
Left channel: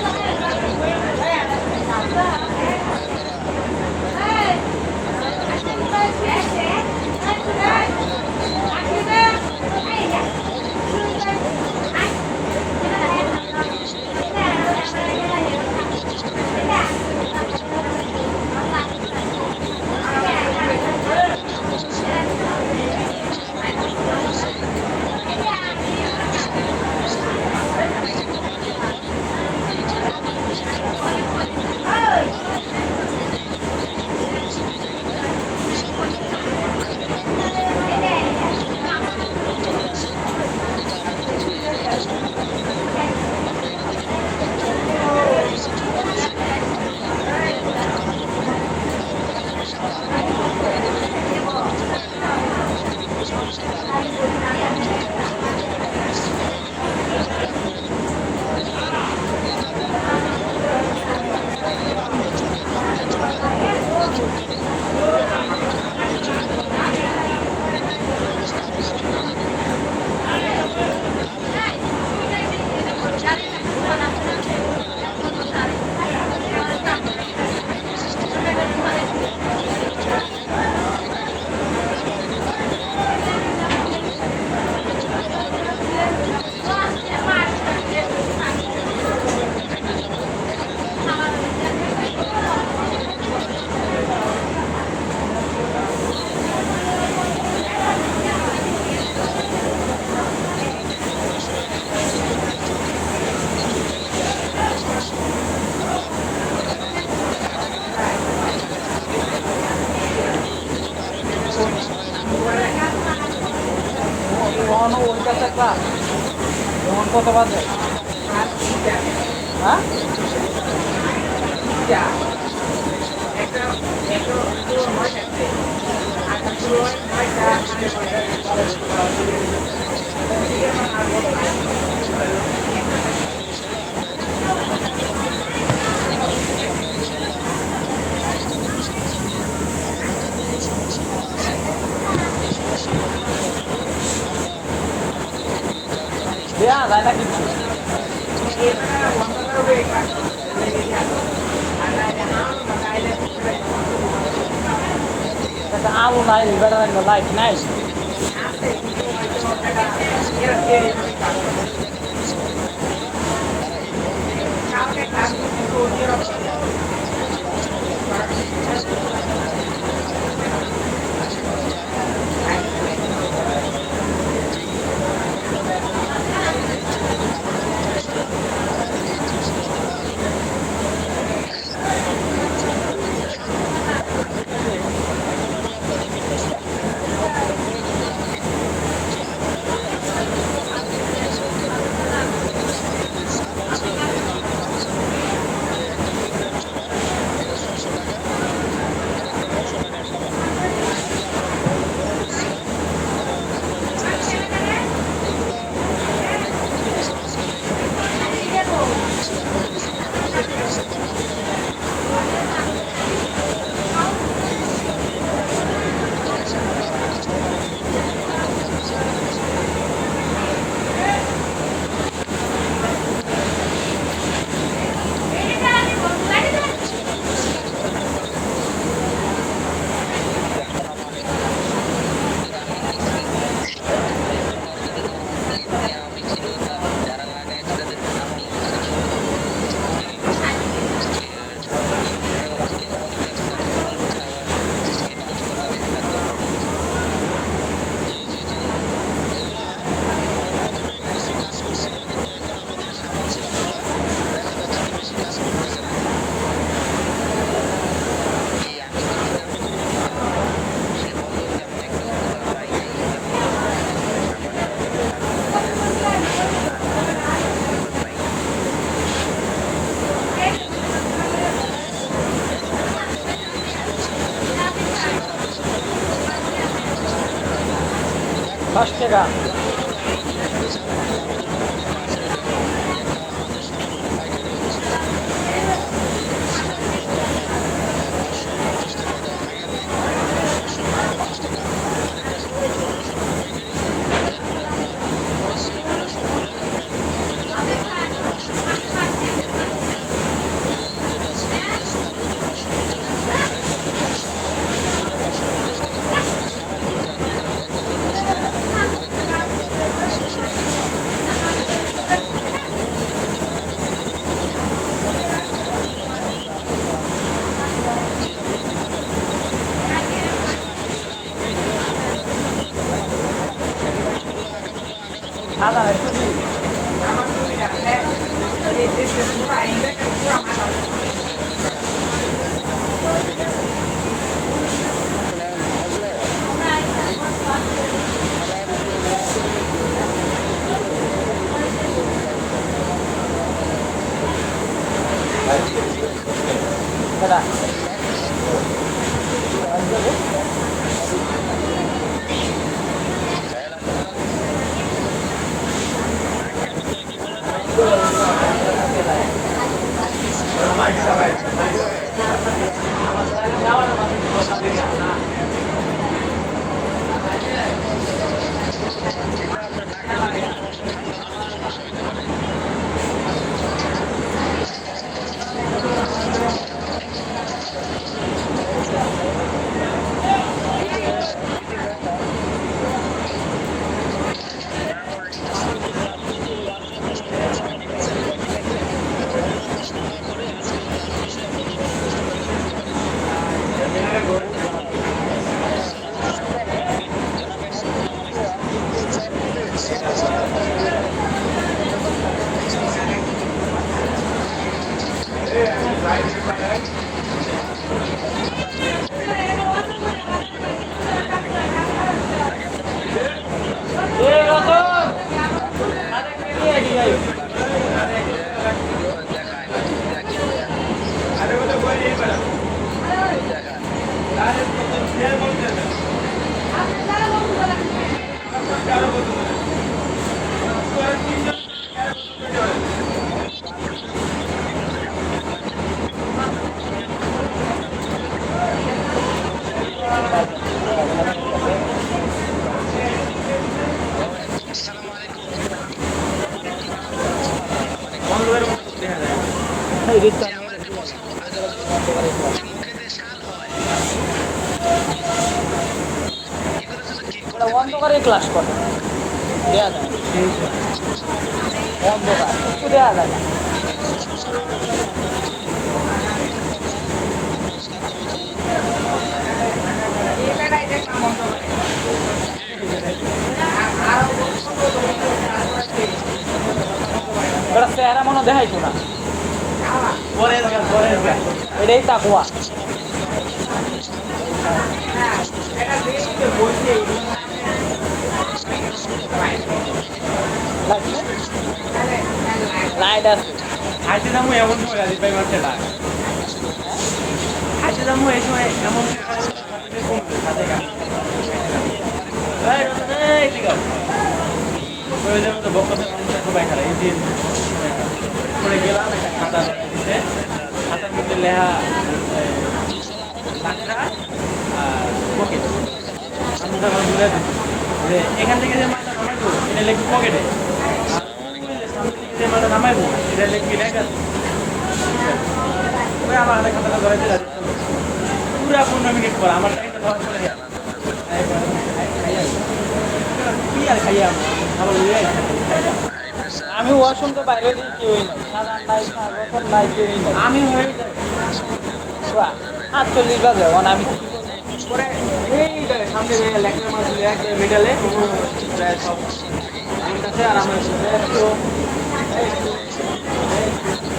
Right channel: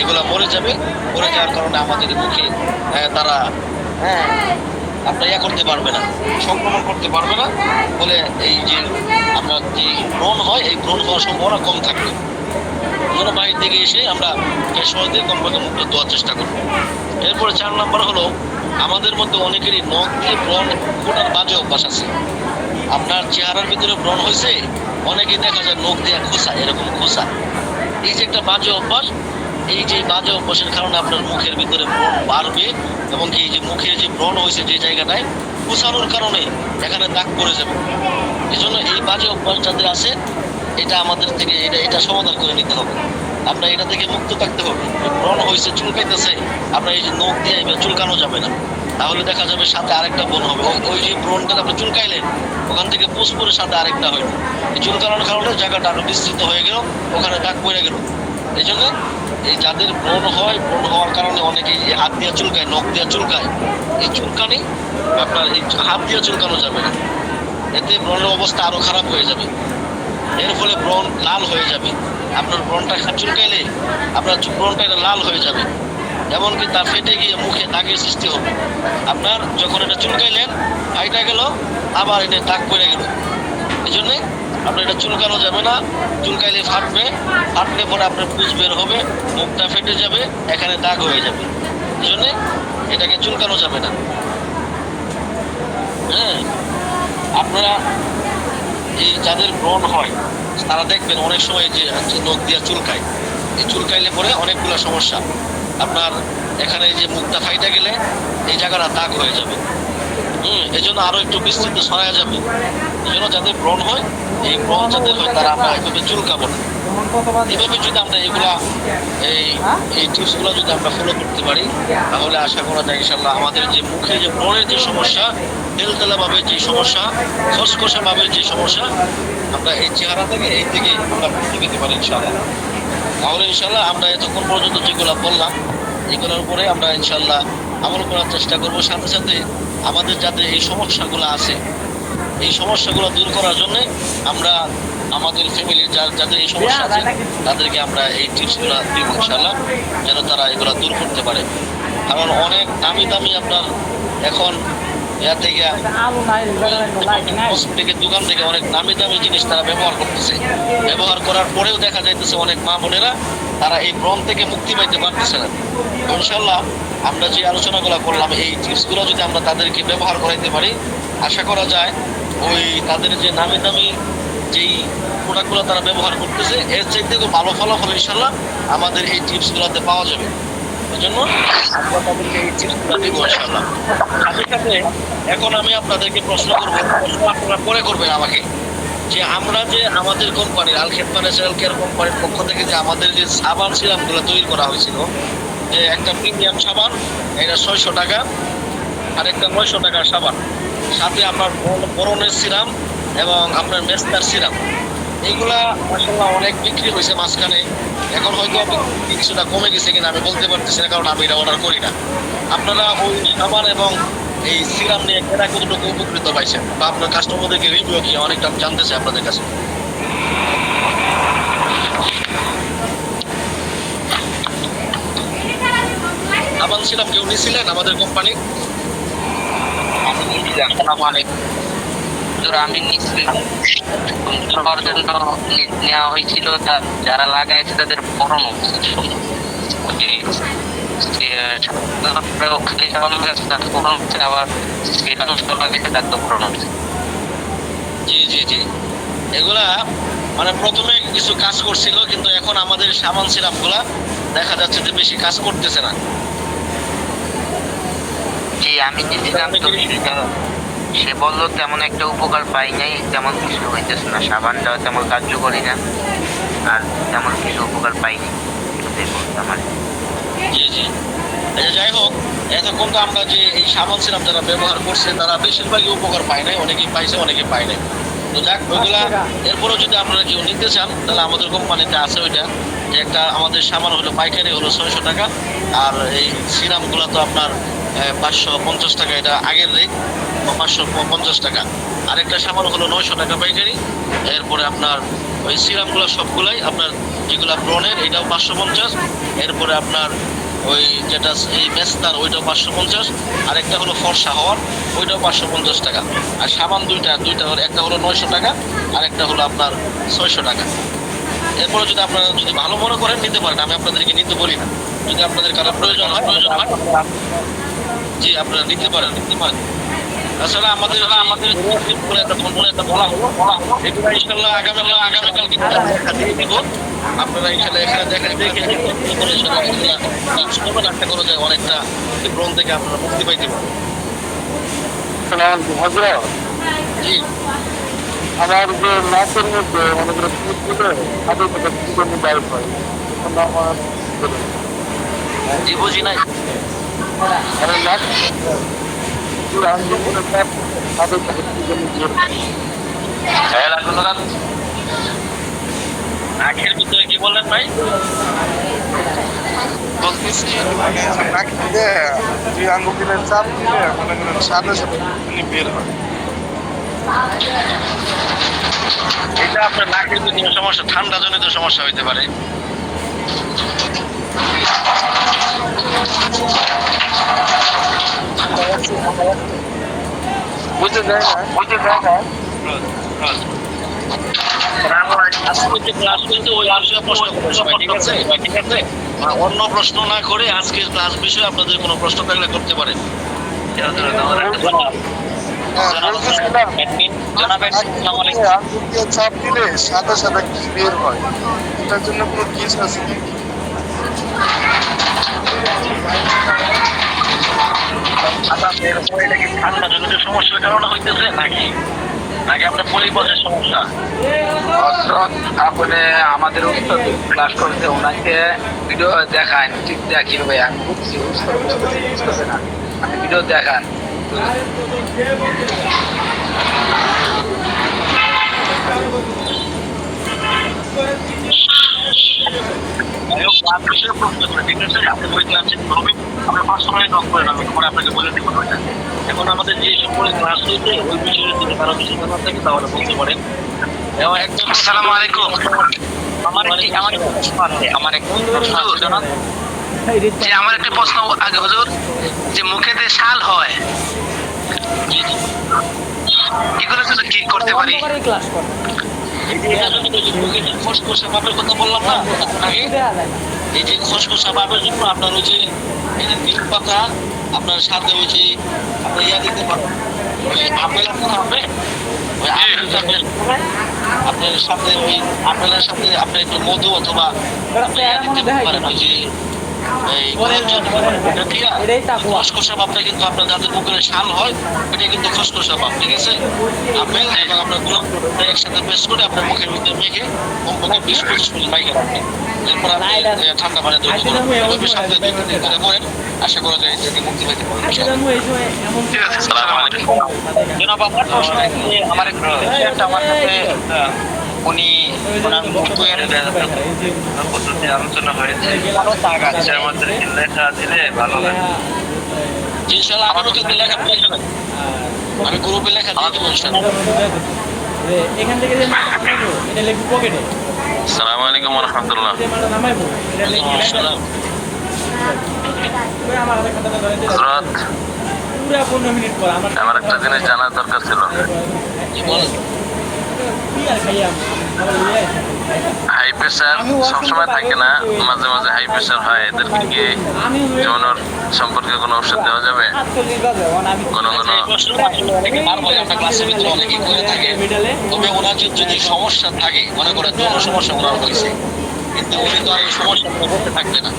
এগুলো মরে যাবে। মরে যাওয়ার কারণে আমাদের মুখে তারা আপনার করতে পারবে না, সংক্রমণ করতে পারবে না, বলে এই যে আপনার যে ব্রণ হয় এই ব্রণ হওয়ার সম্ভাবনা কম থাকবে। বাইরে থেকে এসে আমরা ফেস ওয়াশ দিয়ে কমপক্ষে মুখটা ধোয়ার চেষ্টা করবো। এরপরে 4 নাম্বার হলো আমাদের মধ্যে অনেকেরই নখ দিয়ে ব্রণ ওঠার বাজে অভ্যাস আছে। আপনার চেহারার ভিতরে ব্রণ হয়েছে, অনেকেই দেখা যায় নখ দিয়ে খোসা, এরকম খোসা। এই যে একটা বাজে অভ্যাস, এই যে বাজে অভ্যাসের কারণে আপনার মুখের ভিতরে বাড়বে এবং এই যে মুখের যে ব্রণ হয়েছে যে জায়গাটায় খোসানোর কারণে এখানে দাগ পড়ে যাবে। এই জন্য এই বাজে অভ্যাস যাদের আছে এটা আমাদের থেকে এটা সমাধান করে নিতে হবে। আমরা এটা থেকে মুক্ত থাকতে হবে। ব্রণ হয়েছে, চুলকাইতেছে, আমরা এই যে নখ দিয়ে এবার চুলকানো যাবে না, তাহলে দেখা যাবে সাথে আরেকটা ব্রণ হবে। ওই যে ব্রণটা আপনি চুলকাইলেন ওখান থেকে পুষ করে সাথে আরেকটা হয়, এই চুলকানোর কারণে জায়গাটা আরো বিস্তৃত হয়ে গেল, ওখানে দাগ পড়ে গেল। এই জন্য এই যাদের ব্রণ হয়, ব্রণ হওয়ার কারণে অনেকেই হাত দিয়ে চুলকায়, নখ দিয়ে চুলকায়, এই চুলকানি আপনার হাত দিয়ে চুলকানো যাবে না, এতে ব্রণের অবস্থা আরো খারাপ হয়ে যাবে। এর ফলে ব্রণ লাল হয়ে যাবে। আপনার ব্রণটা চুলকাইলে আপনার ব্রণটা লাল হয়ে যাবে, এমনকি তা ফেটে গিয়ে মুখে দাগের সৃষ্টি হবে। আপনার যখন এটা চুলকাইলেন ফাইটা গেল, আবার এটা দাগ পড়ে গেল, এই জন্যে আপনার এটা চুলকানো যাবে না। চুলকাইলে ফাটবে, ফাটলে পরে আপনার পুজ বের হবে, মুখটা ফেটে যাবে, এখানে দাগ হয়ে যাবে। এই জন্যে এটাকে চুলকানো যাবে না। হ্যাঁ, আপনারা এই যাদের ব্রণ হয় তারা দেখবেন অনেক সময় যে নখ দিয়ে চুলকায়, এই চুলকাইলে পরে অনেকগুলো সমস্যা। আপনার এখানে যে মুখটা ফাইটা গেলে এই জায়গাটা দাগ হয়ে যাবে। এই জন্য আরো একটু বিস্তৃত ছড়ায় যাবে। এই জন্য যাদের ব্রণ হয়, এই ব্রণ যাদের হয় তারা আমরা এভাবে চুলকাবো না। এভাবে যদি আমরা এগুলা এই টিপসগুলো যদি আমরা ফলো করতে পারি, তাহলে আশা করা যায় ইনশাল্লাহ আমাদের যে মুখে যে ব্রণের যে সমস্যা, তেলতেলা ভাবে যে সমস্যা, খসখসা ভাবে যে সমস্যা, আমরা এই চেহারা থেকে এই থেকে আমরা মুক্তি পেতে পারি ইনশাল্লাহ। তাহলে ইনশাল্লাহ আমরা এতক্ষণ পর্যন্ত যেগুলো বললাম এগুলোর উপরে আমরা ইনশাল্লাহ আমল করার চেষ্টা করবো। সাথে সাথে আমাদের যাতে এই সমস্যাগুলো আছে, এই সমস্যাগুলো দূর করার জন্য আমরা আমাদের ফ্যামিলির যাদের এই সমস্যা আছে তাদেরকে আমরা এই টিপসগুলো দিব ইনশাল্লাহ, যেন তারা এগুলো দূর করতে পারে। কারণ অনেক দামি দামি আপনার এখন দোকান থেকে অনেক দামি দামি জিনিস তারা ব্যবহার করতেছে। ব্যবহার করার পরেও দেখা যাইতেছে অনেক মা বোনেরা তারা এই ব্রণ থেকে মুক্তি পাইতে পারতেছে না। ইনশাল্লাহ আমরা যে আলোচনাগুলো করলাম, এই টিপসগুলো যদি আমরা তাদেরকে ব্যবহার করাইতে পারি, আশা করা যায় ওই তাদের যে দামি দামি যেই প্রোডাক্টগুলো তারা ব্যবহার করতেছে এর চাইতেও ভালো ফলাফল ইনশাল্লাহ আমাদের এই টিপসগুলোতে পাওয়া যাবে। এই জন্য আমরা তাদেরকে এই টিপসগুলো দেবো ইনশাল্লাহ। সাথে সাথে এখন আমি আপনাদেরকে প্রশ্ন করবো, আপনারা পরে করবেন আমাকে, যে আমরা যে আমাদের কোম্পানির আল খেদমত ন্যাচারাল কেয়ার কোম্পানির পক্ষ থেকে যে আমাদের যে সাবান সিরাপগুলো তৈরি করা হয়েছিল, যে একটা প্রিমিয়াম সাবান এটা 600 টাকা, আর একটা 900 টাকার সাবান, সাথে আপনার বরণের সিরাম এবং আপনার মেস্তার সিরাম, এইগুলা আসলে অনেক বিক্রি হয়েছে মাঝখানে। এখন হয়তো কিছুটা কমে গেছে কিনা আমি বলতে পারতেছি না, কারণ আমি এটা অর্ডার করি না। আপনারা ওই সাবান এবং এই সিরাম নিয়ে কেনা কতটুকু উপকৃত পাইছেন, বা আপনার কাস্টমারদেরকে রিভিউ কি অনেকটা জানতেছে আপনাদের কাছে। সাবান সিরাম কেউ নিয়েছিলেন আমাদের কোম্পানি? আমি নিচ্ছিলাম নেওয়া হয়েছিল, যারা লাগাইছে তাদের পড়ানো আবার জি জি জি, এগুলা মানে প্রথমে কিছু কাজ করছিল, কিন্তু এখন আমাদের সাবান সিরাপগুলা দেখা যাচ্ছে যে বেশি কাজ করতেছে না। জি আমি নিচ্ছিলাম, সে বললো তেমন একটা উপকার পাই নাই, তেমন কিছু হইতেছে না, সাবানটাও তেমন কার্যকরী না, আর তেমন কিছু উপকার পাইনি আমার। জি জি, যাই হোক, এতক্ষণ তো আমরা যে এই সাবান সিরাপ যারা ব্যবহার করছে তারা বেশিরভাগই উপকার পায় নাই, অনেকেই পাইছে অনেকে পায় নাই। তো যাক, ওইগুলা এরপরও যদি আপনারা কেউ নিতে চান তাহলে আমাদের কোম্পানিতে আছে ওইটা, যে একটা আমাদের সাবান হলো পাইকারি হলো 600 টাকা, আর এই সিরামগুলো তো আপনার 550 টাকা, এটা আগের রেট 550 টাকা। আরেকটা সাবান হলো 900 টাকা পাইকারি। এরপরে আপনার ওই সিরামগুলো সবগুলাই আপনার যেগুলো ব্রণের এটাও 550, এরপরে আপনার ওই যেটা এই মেস্তার ওইটাও 550, আরেকটা হলো ফর্সা হওয়ার ওইটাও 550 টাকা। আর সাবান দুইটা হলো, একটা হলো 900 টাকা, আরেকটা হলো আপনার 600 টাকা। এরপরে যদি আপনারা যদি ভালো মনে করেন নিতে পারেন, আমি আপনাদেরকে নিতে বলি না। যদি আপনাদের কারো প্রয়োজন হয় জি আপনারা নিতে পারেন। তাছাড়া আমাদের একটা বলা হলো ইনশাল্লাহ আগামীকাল কিন্তু আপনারা এখানে দেখে আশা করা যায় অনেকটা ব্রণ থেকে আপনারা মুক্তি পাইতে পারেন। জি, আমার যে নাচের মধ্যে জি বুঝি নাই। আখের ভিতরে কি বললেন ভাই? বলতেছি আঙ্গুলের চাপ দিলে সাদা বের হয়। এটা আপনার নাকের ভিতরে সমস্যা, ঠান্ডা জনিত সমস্যা হইতে পারে। বুঝতে যায় না পরবর্তী ক্লাসগুলিতে ওই বিষয়ে প্রশ্ন করতে হবে, ঠিক আছে? অন্য প্রশ্ন না করে আজকের ক্লাস বিষয়ে আপনাদের কোনো প্রশ্ন থাকলে করতে পারেন। চাপ দিলে সাথে সাথে কিছু বের হয়, এটার জন্য কোনো কেস আছে কি? ঠান্ডা জনিত সমস্যার কারণে হইতেছে নাকি নাকি আপনার পরিবেশের সমস্যা? আপনি আমাদের ক্লাস করতে ওনাকে ভিডিও দেখান, ঠিক দেখি ভাইয়া ভিডিও দেখান। এখন আমাদের যে সকল ক্লাস হয়েছে আসসালামু আলাইকুম। আমার একটা প্রশ্ন আগে হুজুর, যে মুখেতে শাল হয় এগুলো যদি কি করতে পারি? ক্লাস করে খসখসে ভাবের কথা বললাম না আগে, এই যে খসখসা ভাবের জন্য আপনার ওই যে তিল পাতা, আপনার সাথে ওই যে ইয়া দিতে পারবেন, আপেল হবে, আপনার সাথে ওই আপেলের সাথে আপনি একটু মধু অথবা এটাই তাকুয়া। খসখসা ভাবটা কিন্তু আপনার যাদের মুখের শাল হয় এটা কিন্তু খসখসা ভাব, ঠিক আছে? আপেল এবং আপনার গোলাপ একসাথে পেস্ট করে আপনার মুখের ভিতরে মেখে কমপক্ষে 20-25 মিনিট বাইরে রাখবেন। এরপর আপনি ঠান্ডা পানি দিয়ে সাথে করেন, আশা করা যায় যে মুক্তি পেতে পারেন। ঠিক আছে, আসসালামু আলাইকুম। জনাব আপনার আমার একটা আমার কাছে উনি ওনার বইয়ের পদ্ধতি আলোচনা হয়েছে, আমাদের লেখা দিলে ভালো লাগে। ইনশাআল্লাহ আমারও কিন্তু লেখা প্রয়োজন, আমি গ্রুপে লেখা দিয়ে দেবো ইনশাআল্লাহ। এখান থেকে যে এটা লেখি পকেটে আসসালামু আলাইকুম ওয়া রাহমাতুল্লাহ। নামাইবো এটা লেখি আমার একটা কথা ধরে দিলাম হযরত, পুরো 15 মিনিট পর আমার একটা জিনিস জানার দরকার ছিল। কি আর খাইয়া হাই প্রেশার সবসময় থাকে না, মাঝে মাঝে হাই প্রেশার হয়, এদেরকে কি যৌনর সম্পর্কে কোনো ওষুধ দেওয়া যাবে? 48 বাজে আমি কোনো তবে ওনার যদি সমস্যা থাকে, মনে করেন যৌন সমস্যা করা হয়েছে, কিন্তু উনি তো আর এই সমস্যা থাকবে না।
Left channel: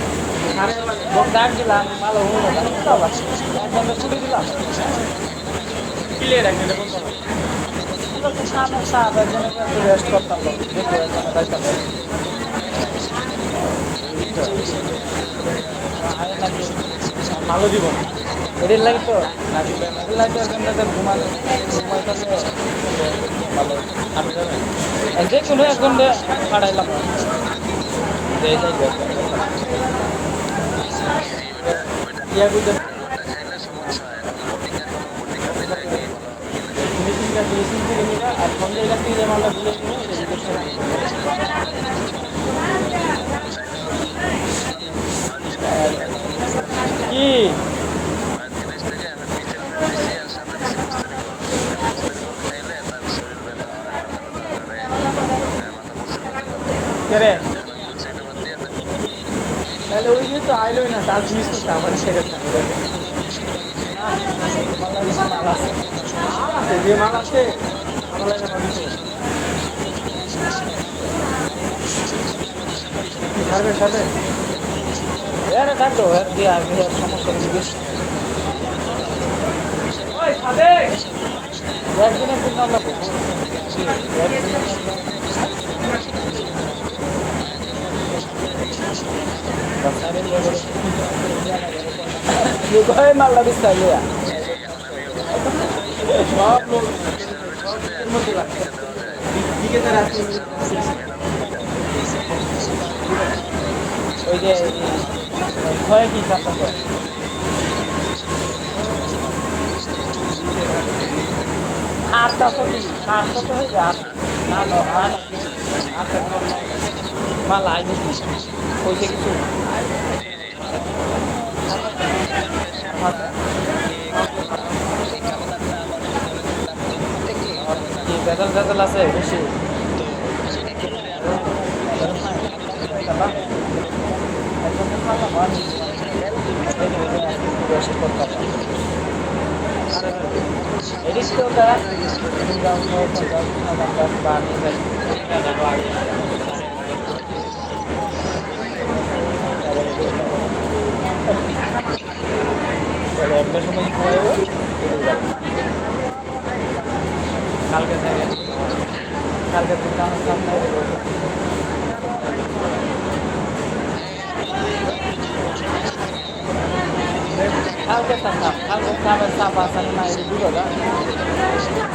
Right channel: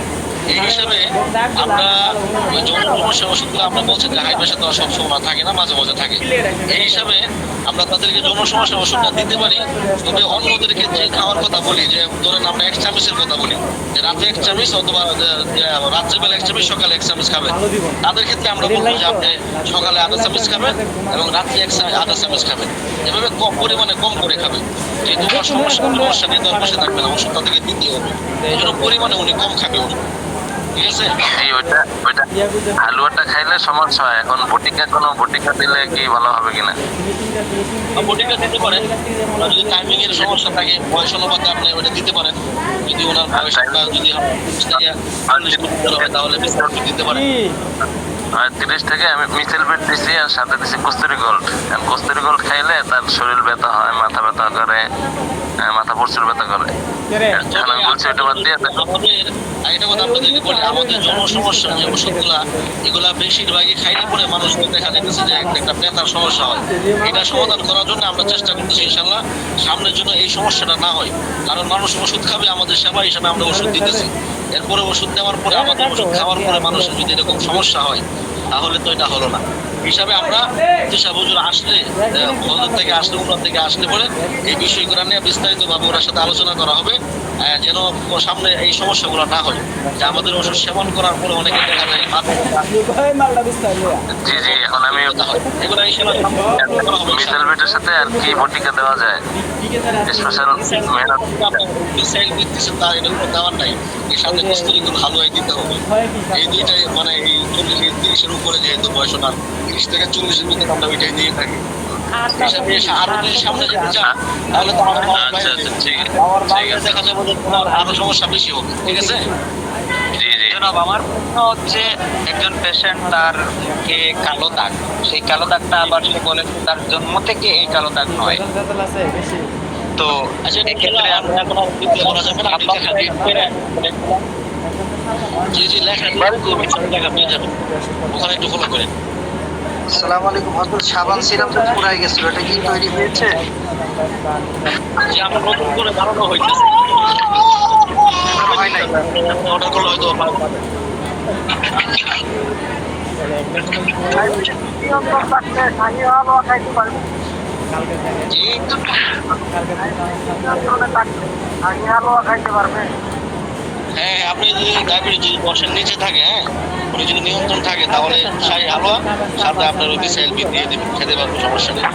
এই হিসাবে আমরা যৌন সমস্যা ওষুধগুলো আমরা বলছি যে হাই প্রেশার তো সবসময় থাকে না, মাঝে মাঝে থাকে। এই হিসাবে আমরা তাদেরকে যৌন সমস্যা ওষুধটা দিতে পারি। তবে অন্যদেরকে যে খাওয়ার কথা বলি, যে ধরেন আমরা 1 চামচের কথা বলি, যে রাতে 1 চামচ অথবা রাত্রেবেলা 1 চামচ, সকালে 1 চামচ খাবেন, তাদের ক্ষেত্রে আমরা বলবো যে আপনি সকালে আধা চামচ খাবেন এবং রাত্রে আধা চামচ খাবেন, এভাবে কম পরিমাণে কম করে খাবেন। যেহেতু সমস্যা নিয়ে তো বসে থাকবে না, ওষুধ তাদেরকে দিতে হবে, এই জন্য পরিমাণে উনি কম খাবে উনি, ঠিক আছে? জি, ওইটা হালুয়াটা খাইলে সমস্যা হয়। এখন বটিকা দিলে কি ভালো হবে কিনা? বটিটা দিতে পারেন, যদি টাইমিং এর সমস্যা থাকে, বয়স অনুপাতে আপনি ওটা দিতে পারেন। যদি ওনার বয়সটা যদি তাহলে বিস্তারিত দিতে পারেন। 30 থেকে আমি মিথেল বেড দিছি আর সাথে দিছি কস্তুরি গোল্ড। কস্তুরি গোল্ড খাইলে তার শরীর ব্যথা হয়, মাথা ব্যথা করে, মাথা প্রচুর ব্যথা করে। এখন আমি বলছি ওটা বাদ দিয়ে এটা কথা আপনাদেরকে বলি, আমাদের জনসমস্যা যে ওষুধগুলা এগুলা বেশিরভাগই খাইলে পরে মানুষ দেখা যাচ্ছে যে একটা ব্যথার সমস্যা হয়। এটা সমাধান করার জন্য আমরা চেষ্টা করতেছি ইনশাআল্লাহ সামনের জন্য এই সমস্যাটা না হয়। কারণ মানুষ ওষুধ খাবে, আমাদের সেবা হিসাবে আমরা ওষুধ দিতেছি, এরপরে ওষুধ দেওয়ার পরে আমাদের ওষুধ খাওয়ার পরে মানুষের যদি এরকম সমস্যা হয় তাহলে তো এটা হলো না। হিসাবে আমরা দিশা হুজুর আসলে ওনার থেকে আসলে পরে এই বিষয়গুলো নিয়ে বিস্তারিতভাবে ওনার সাথে আলোচনা করা হবে, যেন সামনে এই সমস্যাগুলো না হয়। যে আমাদের ওষুধ সেবন করার পরে অনেকে দেখা যায় জি, এখন আমি এগুলো হিসেবে মিথেল বেডের সাথে আর কি বটিকা দেওয়া যায়? স্পেশাল মিসাইল দিতেছেন তার এটা কোনো দেওয়ার নাই, এর সাথে কস্তুরি গুণ হালুয়াই দিতে হবে। এই দুইটাই মানে এই 40-30-এর উপরে যেহেতু বয়স ওনার 30 থেকে 40-এর মধ্যে আমরা ওইটাই দিয়ে থাকি। হিসাবে আরো যদি সামনে যেতে চান তাহলে তো আমাদের আচ্ছা, ঠিক আছে। দেখা যাবে যে আরো সমস্যা বেশি হবে, ঠিক আছে? জনাব আমার প্রশ্ন হচ্ছে, একজন পেশেন্ট তার যে কালো দাগ, সেই কালো দাগটা আবার সে বলে তার জন্ম থেকে এই কালো দাগ নয়, আছে বেশি তো আচ্ছা এক্ষেত্রে এখন আর কিছু বলা যাবে না, আপনি লেখা দিন। জি জি লেখা দিন, লেখা পেয়ে যাবেন, ওখানে একটু ফলো করেন। আসসালামু আলাইকুম হযরত শাবান সিরাপ তো পুরাই গেছিল, এটা কি তৈরি হয়েছে? যে আমরা নতুন করে ধারণা হইতেছে হয় নাই। ওটা করলে হয়তো পাবো। এই তো হ্যাঁ, আপনি যদি ডায়াবেটিস যদি বর্ষের নিচে থাকে, হ্যাঁ ওটা যদি নিয়ন্ত্রণ থাকে, তাহলে শাহী হালুয়া সাথে আপনার ওই মিসাইল দিয়ে দেবেন, খেতে পারবেন, সমস্যা নেই।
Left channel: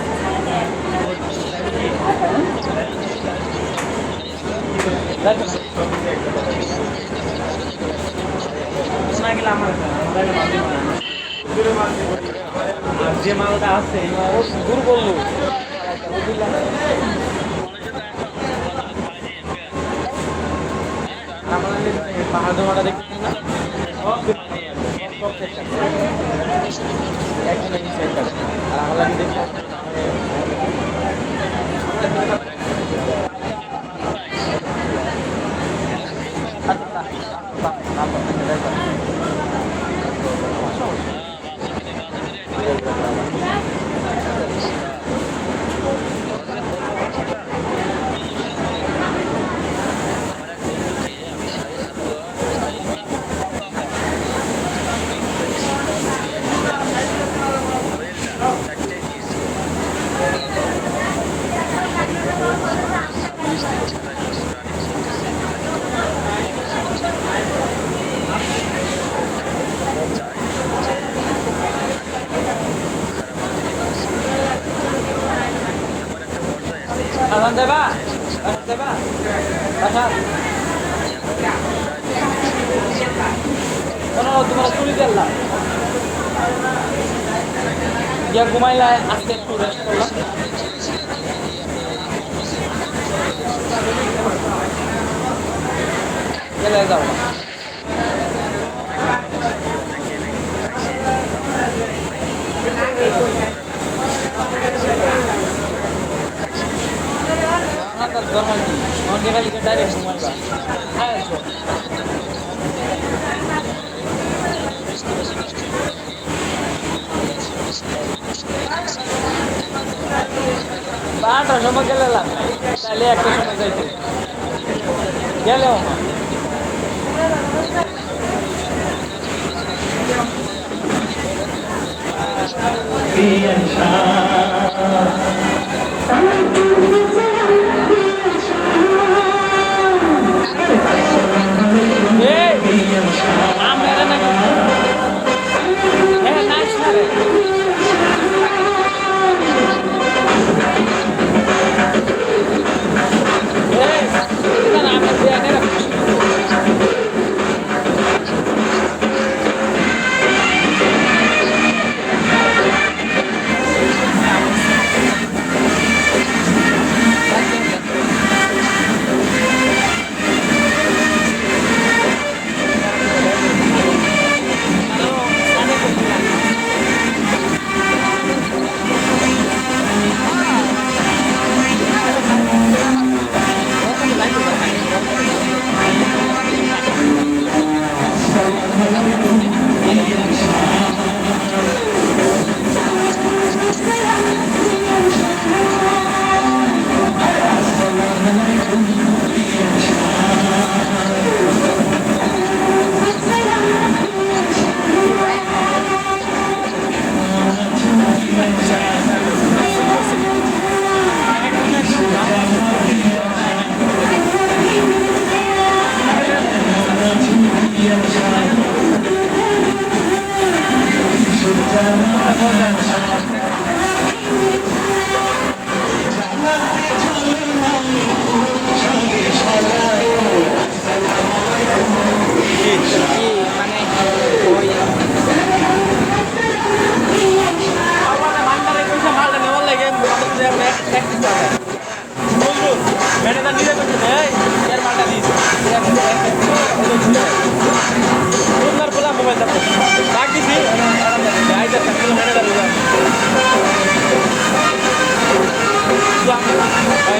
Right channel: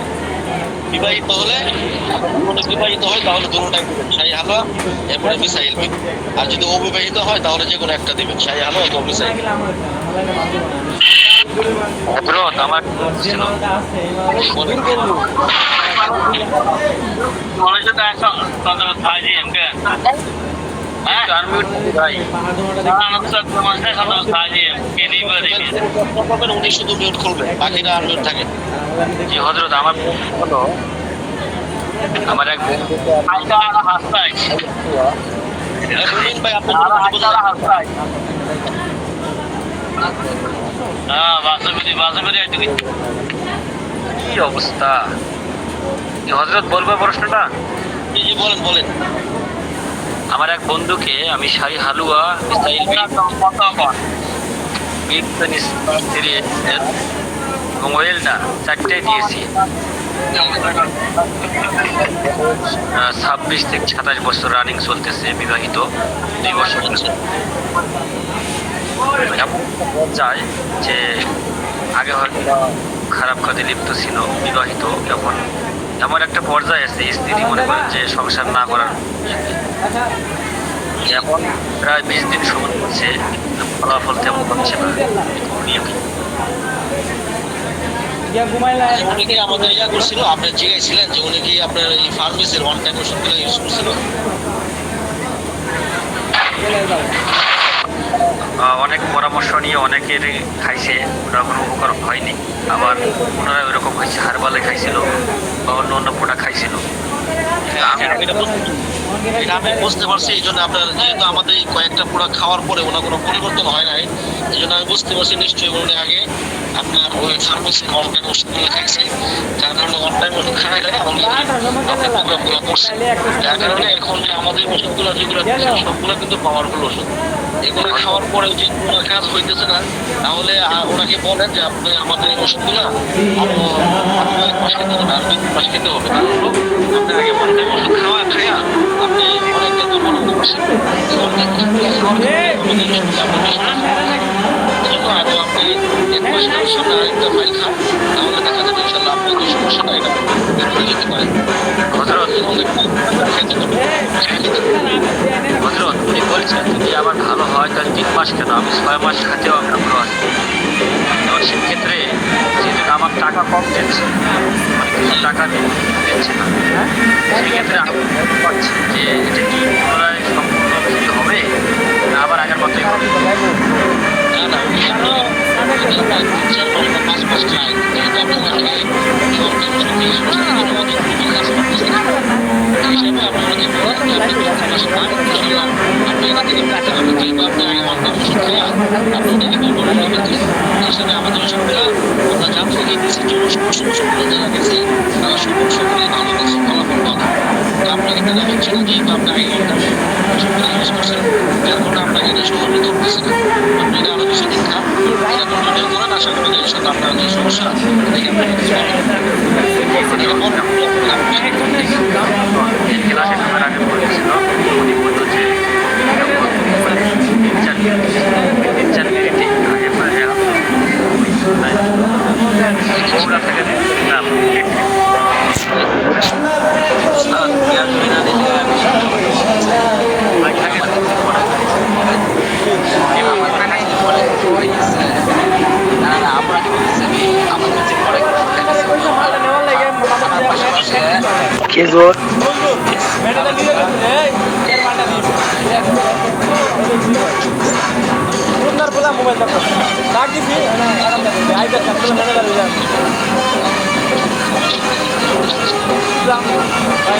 বিবাহিত হলে, কোনো বিবাহিত হয় তাহলে দুটোটা শাহী হালুয়া এবং মিসাইল দিন। আর যদি অবিবাহিত হয় তাহলে যে কোনো একটা দেবেন, শাহী হালুয়া এবং মিসাইল। হযরত আমার উনি শুধু মিউট করবেন, বাকিরা আর মিউট থাকে। জি হযরত আমার এক ভাই আপনার কি অবস্থা হযরত, বলবো প্রশ্নটা? জি জি বলেন বলেন। আমার এক বন্ধুকে আমি শাহী হালুয়া মিসাইল এবং ওয়েলটা চারটাই দিয়েছি। 26 থেকে 27 বছর রানিং চলতেছে, বিবাহিত 2 বছর। চাই যে আগে হয়তো খারাপ কাজে লিপ্ত ছিল, বিবাহিত যখন এমন একটা পর্যায়ে আছে স্ত্রী মনে করেন যে সংসার না করার, এখন প্রায় 20 দিন সময় হচ্ছে, ফলাফল তেমন হচ্ছে না। উনি কি আমাদের ইয়া করছিল, আপনার জিজ্ঞাসিলেন যে উনি কি আপনার এই ফার্মেসির ওয়ান টাইম ওষুধগুলো ইউজ করছিল? অনেক পরামর্শ নিয়ে অনেকের খাইছে, ওরা কোনো উপকার হয়নি। আবার ওনারা ওইরকম হয়েছে, হারবালে খাইছিল বা অন্য অন্য প্রোডাক্ট খাইছিল। আমি বুঝতে পারছি, এই জন্য আপনার যেহেতু আমাদের এই কয়েকটা প্রোডাক্ট খাওয়ার পরে ওনার কোনো পরিবর্তন হয় নাই, এই জন্য আমি বুঝতে পারছি নিশ্চয়ই উনি আগে আপনার ওই ফার্মেসির ওয়ান টাইম ওষুধগুলো খাইছে, যার কারণে ওয়ান টাইম ওষুধ খাওয়াই লাগে প্রোগ্রামগুলো করছে। যার কারণে এখন যে আমাদের ওষুধগুলো যেগুলো সবগুলো কিন্তু পাওয়ারফুল ওষুধ, এগুলো খাওয়ার পরে যদি কোনো কাজ হইতেছে না, তাহলে ওনাকে বলেন যে আপনি আমাদের এই ওষুধগুলো মাস খেতে হবে। আপনি আগে ওয়ান টাইম ওষুধ খাওয়া খাইয়া আপনি অনেকটা দুর্বলতা করছেন। হযরত উনি বলছেন যদি আবার ভালো হয় তাহলে 3 মাস কেন, আমি 6 মাস খাতেও আমরা ভালো হয়। তো সেক্ষেত্রে যেহেতু আমার টাকা কম দিচ্ছে, টাকা দিচ্ছে না, সেক্ষেত্রে আমি বুঝতে পারছি যে এটা কি পুনরায় সম্পূর্ণ হবে না আবার আগের মতোই হবে।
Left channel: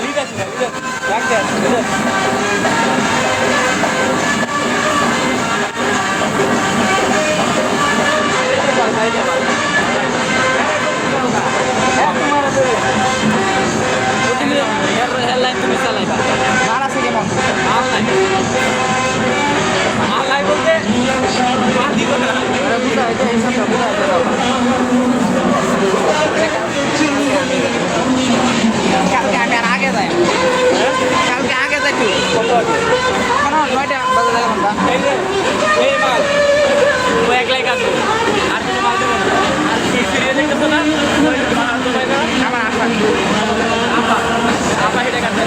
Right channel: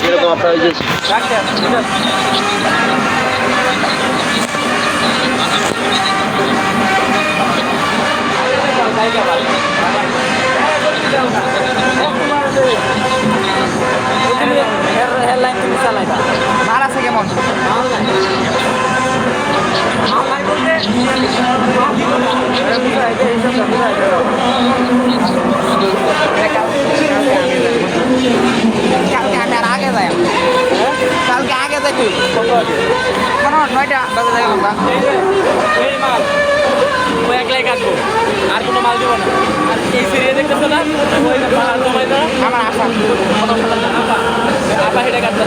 এরকম আপনার এই যে মার আছে কেমন কালকে আমি আর আগে যাই কালকে আগে যাই কত আগে? কেন 9টা বাজে যাই গেলাম এই মাল ও একলাই কাটবো, আর কোনো মাল দেবো না। এই সিরিয়াল দেখতেছো না, ওই যে মাল জমা করা আমার আশা আপা এটা কাটবে,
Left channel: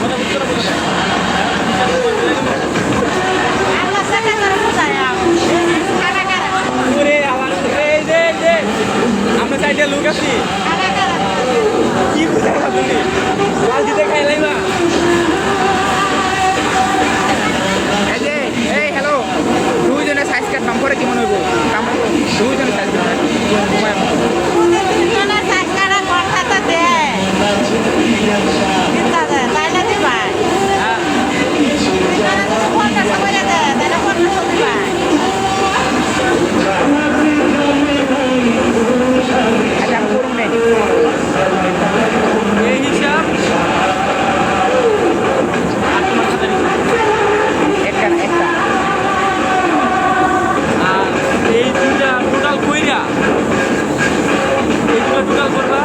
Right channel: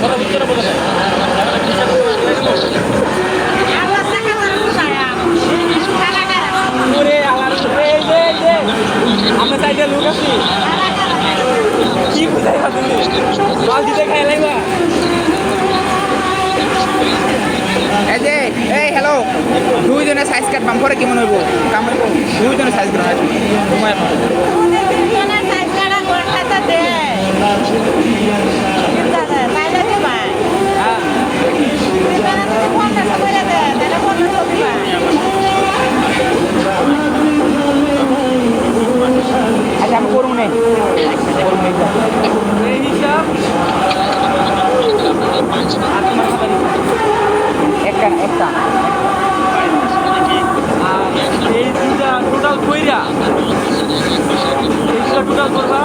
কথা বুঝতে না বোঝে না। ওরে আলার এই যে আমরা সাইডে লোক আছি, কি বুঝাই পাচ্ছি মাল দিতে খাই লাইবা। এই যে এই হ্যালো দুইজনে সাইজ কাটবাম পরে কেমন হইব দুইজনে সাইজ আচ্ছা আমি করুন নেই এই হিসাব আর তোমার খাতা একটা একটা আর এই দুটা টোটাল কইরা এইগুলো টোটাল করবা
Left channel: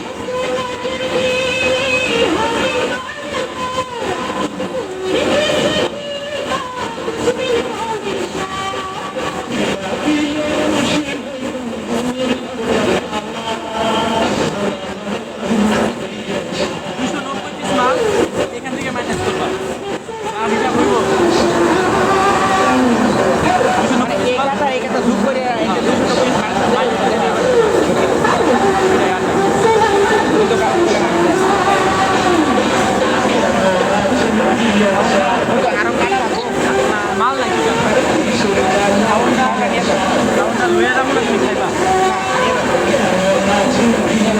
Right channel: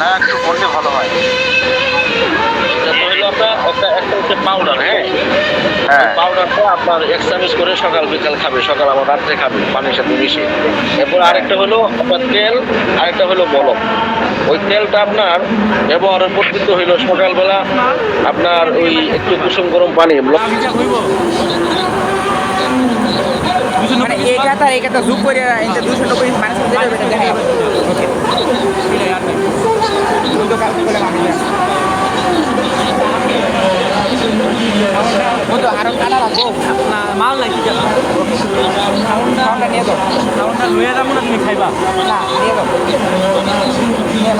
হ্যাঁ একটু করলে ভালো হয়। পাউডার, হ্যাঁ হ্যাঁ পাউডারটা আপনার এক চামচ করে সকাল বিকাল খাবে, সকাল আবার রাত্রে খাবে পানির সাথে মিশিয়ে। এরপর আরেকটা হলো আপনার তেল, আরেকটা হলো বরফ। ওই তেলটা আপনার ব্যবহারের পদ্ধতি হইলো সকালবেলা আপনার ওই একটু কুসুম গরম পানি মানে এটা জুম করে একটা 200 টাকা মাইনাস করে দেখেন ও তো আরো কাটা রাখো মাল লাগি লুয়ে যাবো না, তুমি খাইবা না নিয়ে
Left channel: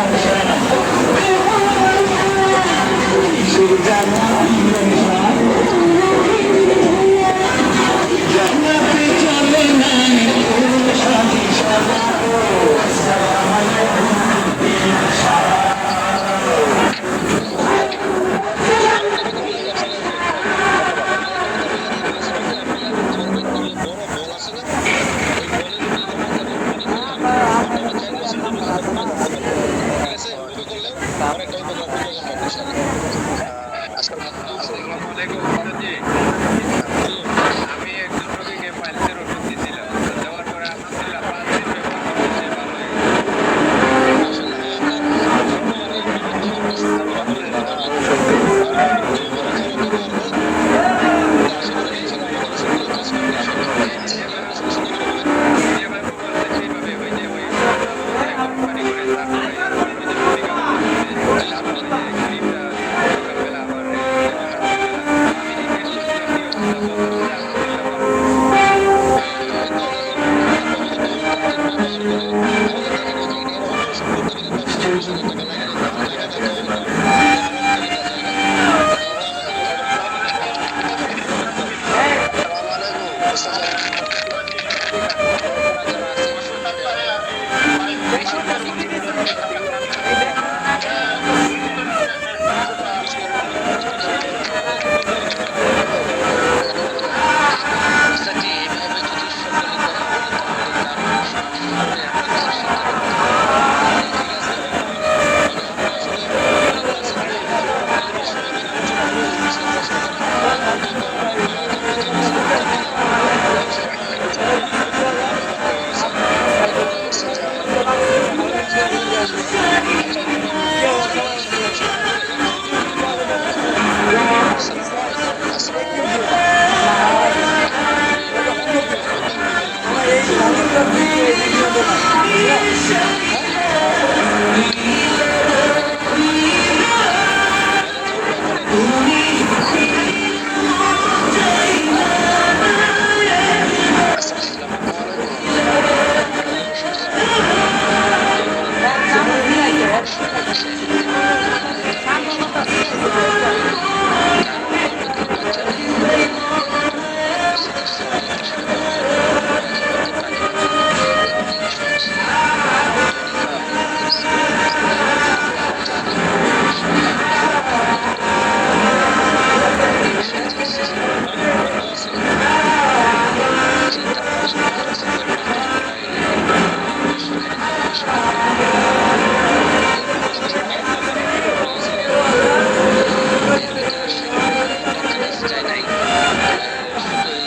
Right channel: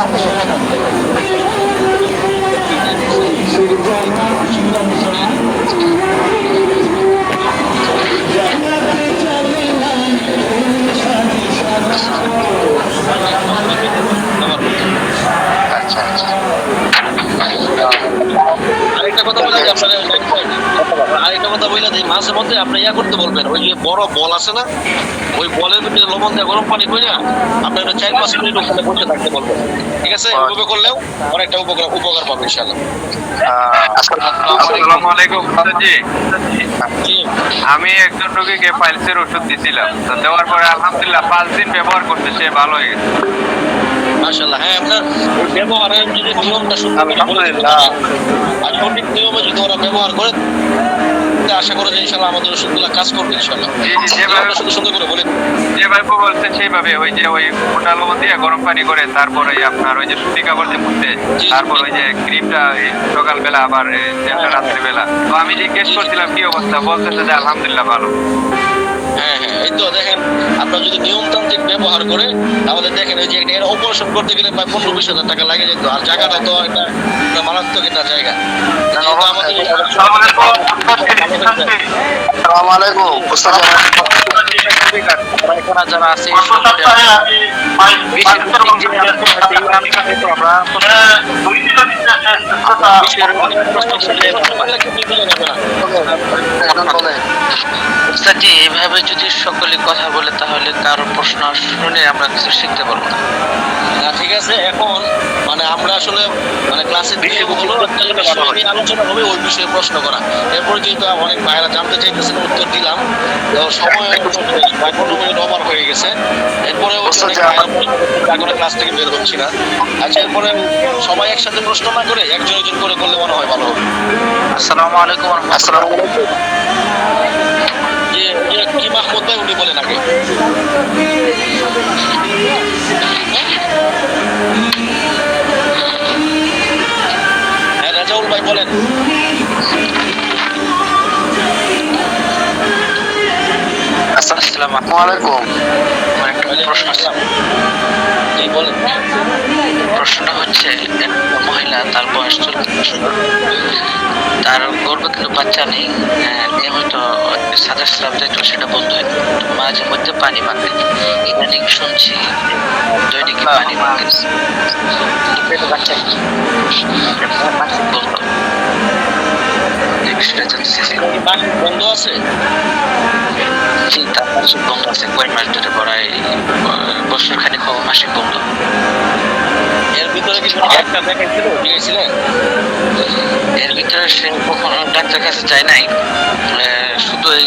আরেকটা কথা বলে যে আপনার আরেকটা কথা বলে যে মাঝে মধ্যে আপনি ইয়া করতে বলবেন, ওই যে বড় বল আছে না, ওই বলের ভিতরে লবণ দিয়ে গরম পানি করে আপনি একটা 4-5 মিনিট ওখানে বসে থাকতে বলবেন। ঠিক আছে, ওইভাবে করলেও অনেকটা উপকার পাবেন ইনশাআল্লাহ। আসসালামু আলাইকুম জি। জি, আমি একজন রোগীকে পাইলসের ওষুধ দিয়েছিলাম, তো দেওয়ার পরে আলহামদুলিল্লাহ 5 দিন ব্যবহার করতে সে ভালো হয়ে গেছে। মাশাআল্লাহ। হ্যাঁ, আপনার ব্যবহারের যদি নিয়মটা আলহামদুলিল্লাহ। আর সঠিক নিয়মে যদি ওরা ব্যবহার করে, আশা করি যে ইনশাআল্লাহ আমাদের ওষুধগুলো কাজ করবে ইনশাআল্লাহ। জি জি, যেভাবে সুন্দর করে বলে যেভাবে বলছে সেইভাবে, ওই যে ওই মোটা লবণ দিয়ে গরম পানি করে, তারপরে আপনার ওই যে সুতি কাগজ দিয়ে মুছতে, তারপর ওই যে ক্রিমটা সকালবেলা আবার তেলটা রাত্রিবেলা। তো আমি জিজ্ঞেস করছিলাম কি অবস্থা, বলতেছে যে আলহামদুলিল্লাহ ভালো। হ্যাঁ হ্যাঁ, এই তো দেখেন, আপনার যদি নিয়মতান্ত্রিক ব্যবহার করে আমাদের দেখেন এই যে এর অপারেশন করতে গেলে প্রায় 15-20 হাজার টাকা লাগে যেত, আর জায়গাটা তো একটা মারাত্মক একটা জায়গা। আসসালামু আলাইকুম ওস্তাদ। যারা আছে জি, এভাবে যদি সকলে কথা বলে তাহলে কারো প্রশ্ন শুনে আমরা কিছু শিখতে পারবো না। ঠিক আছে, এখন মানে আমরা আসলে মানে ক্লাসে বিষয় হলো একটা বিষয় নিয়ে আলোচনা হবে, ওই বিষয়ে প্রশ্ন করা। এরপরে যেহেতু অনেক ভাইরা জানতে চাইতেছেন, উত্তর দিলাম। তো সময় 15 মিনিট ওভার হয়ে গেছে। এরপরে ক্লাস থেকে বের হচ্ছি না। আচ্ছা, এরপরে সবাই একসাথে প্রশ্ন না করে একজন একজন করে করলে মনে হয় ভালো হবে। আসসালামু আলাইকুম। আসসালামু আলাইকুম। কি মাহমুদ ভাই উনি বলেন আগে। হ্যাঁ, রাজাউল ভাই বলেন। আসসালামু আলাইকুম। আমার একটা প্রশ্ন আছে। জি, বলেন। প্রশ্নটা হচ্ছে, মহিলা, তার বয়স 40 বছর, তার গর্ভে কিন্তু বাচ্চা নেই, নিয়মিত সাদা স্রাব দেখলো, সেটা বন্ধ হয়, মাঝে মধ্যে পানি মাখে। ইদানিং শুনছি দৈনিক পানি মাখে, বাচ্চা বলতো সেটা জানতেছি। বন্ধ আছে? চিন্তা বন্ধ আছে, কয়েক মাস ধরে করায়, বছর খানিক মাসিক বন্ধ। এর ভিতরে কি একটা দেখেছিলেন? এর ভিতরে সে কখনো ডাক্তার কাছে যায় নাই, শুধু এই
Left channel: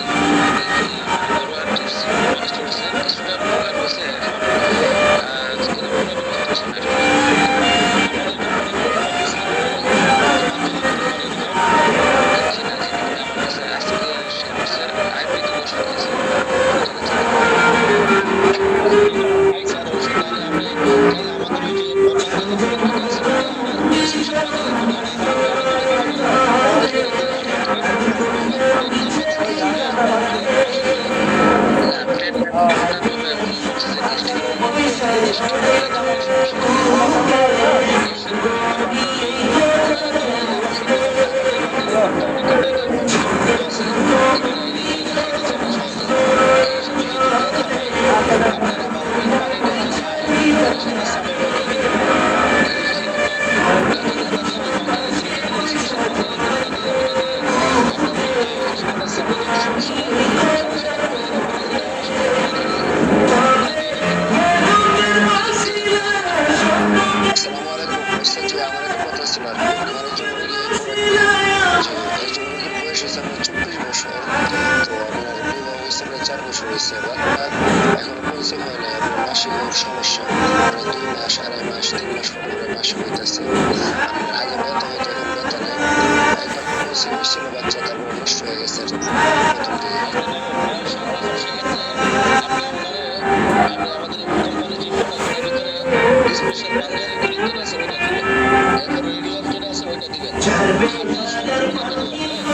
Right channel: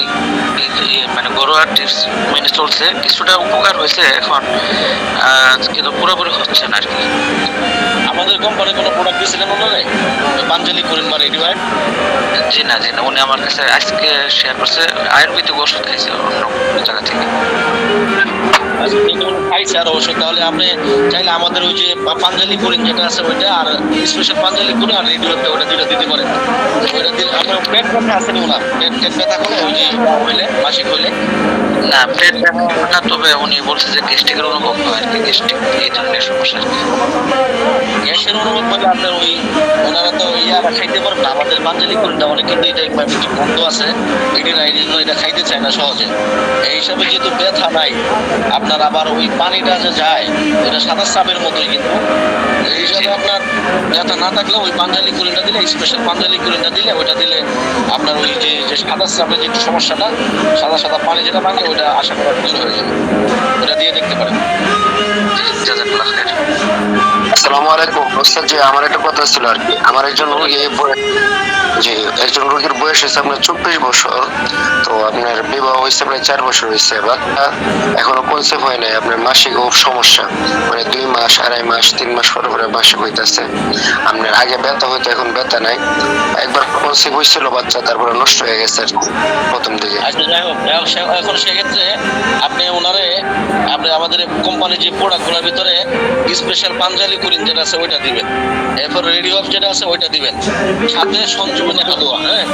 মানে ঘরোয়া টিপস মেনে চলছে, কিছুটা উপকার হয়েছে এখন, কিন্তু পুরোপুরি হচ্ছে না আর কি। আমাদের কোম্পানি কোনো প্রোডাক্ট দিয়েছিলেন ওনারে? পাঞ্জালি করেন বা রেডিওয়ার্ড? জি না, উনি আমার কাছে আজকে শেয়ার করছে আয়ুর্বেদিক ওষুধ খাইছে অন্য জায়গা থেকে। খাইছে আর ওষুধ, তাহলে আপনি চাইলে আমাদের ওই যে পাঞ্জালি করেন যেটা আছে ওইটা, আর স্পেশাল পাঞ্জালি করে আর রেডিওতে ওটা দুটো দিতে পারেন। ওইটা দিলে আপনার পেট ব্যথা আছে না? পেট ব্যথা করলে ওই যে হইলে মাসিক হইলে না, পেট ব্যথা, তবে উনি বলছে যে গ্যাস্ট্রিকের অনুভব হয় আর কি, গ্যাস্ট্রিক এই ধরনের সমস্যা আর কি। গ্যাসের অনুভব করলে আপনার ওই ওনারা তো ইয়ারা খাইতে পারবে না। আমাদের পাঞ্জালি কোনটা অনেক কিন্তু এটা একবার কিছু বন্ধ আছে, এটিরা এই জন্য এটা খাইতে চায় না সহজে। এই হিসাবে যেহেতু ব্যথা নাই, আপনার আবার ওই পানিটা যে যায় এটা সাদা স্রাবের মতোই, কিন্তু এই হিসাবে আপনার ব্যথা না থাকলে ওই পাঞ্জালি কুলিটা দিলে, স্পেশাল পাঞ্জালি কুলিটা দিলে, ওইটা দিলে আপনার ওই যে সাদা স্রাবের যে সমস্যাটা, সাদা সাদা পানি যেটা ভাঙে, ওইটা আশা করা দূর হয়ে যাবে। ওটা দিয়ে দেখতে পারেন। আসসালামু আলাইকুম। ওস্তাদ জি, আমার একটা কথা ছিল আর কি। আমার একজন রোগীর বয়স হয়েছে আপনার 24 বছর। তো আপনার বিবাহ হয়েছে আপনার 4 বছর হয়েছে, বাচ্চা এখনো কনসেপ্ট হয় নাই। আপনার মাসিক খুব সমস্যা, মানে 2 মাস, 2.5 মাস, 3 মাস পরে পরে মাসিক হইতেছে। আপনার আগে ব্যথা হইতো, এখন ব্যথা নাই। একবার কনসেপ্ট হয়েছিল বাচ্চা, তারপরে নষ্ট হয়ে গেছে আর কি প্রথম দিকে। আচ্ছা, যাই হোক, এখন সেক্ষেত্রে আপনি ওনারে আপনি আমাদের কোম্পানির যে প্রোডাক্টগুলোর ভিতরে স্পেশাল পাঞ্জালি কুলিন যেটা আছে ওইটা দিবেন, এরপর রেডিও অফ যেটা আছে ওইটা দিবেন, সাথে সঞ্জীবনী হালুয়া। হ্যাঁ,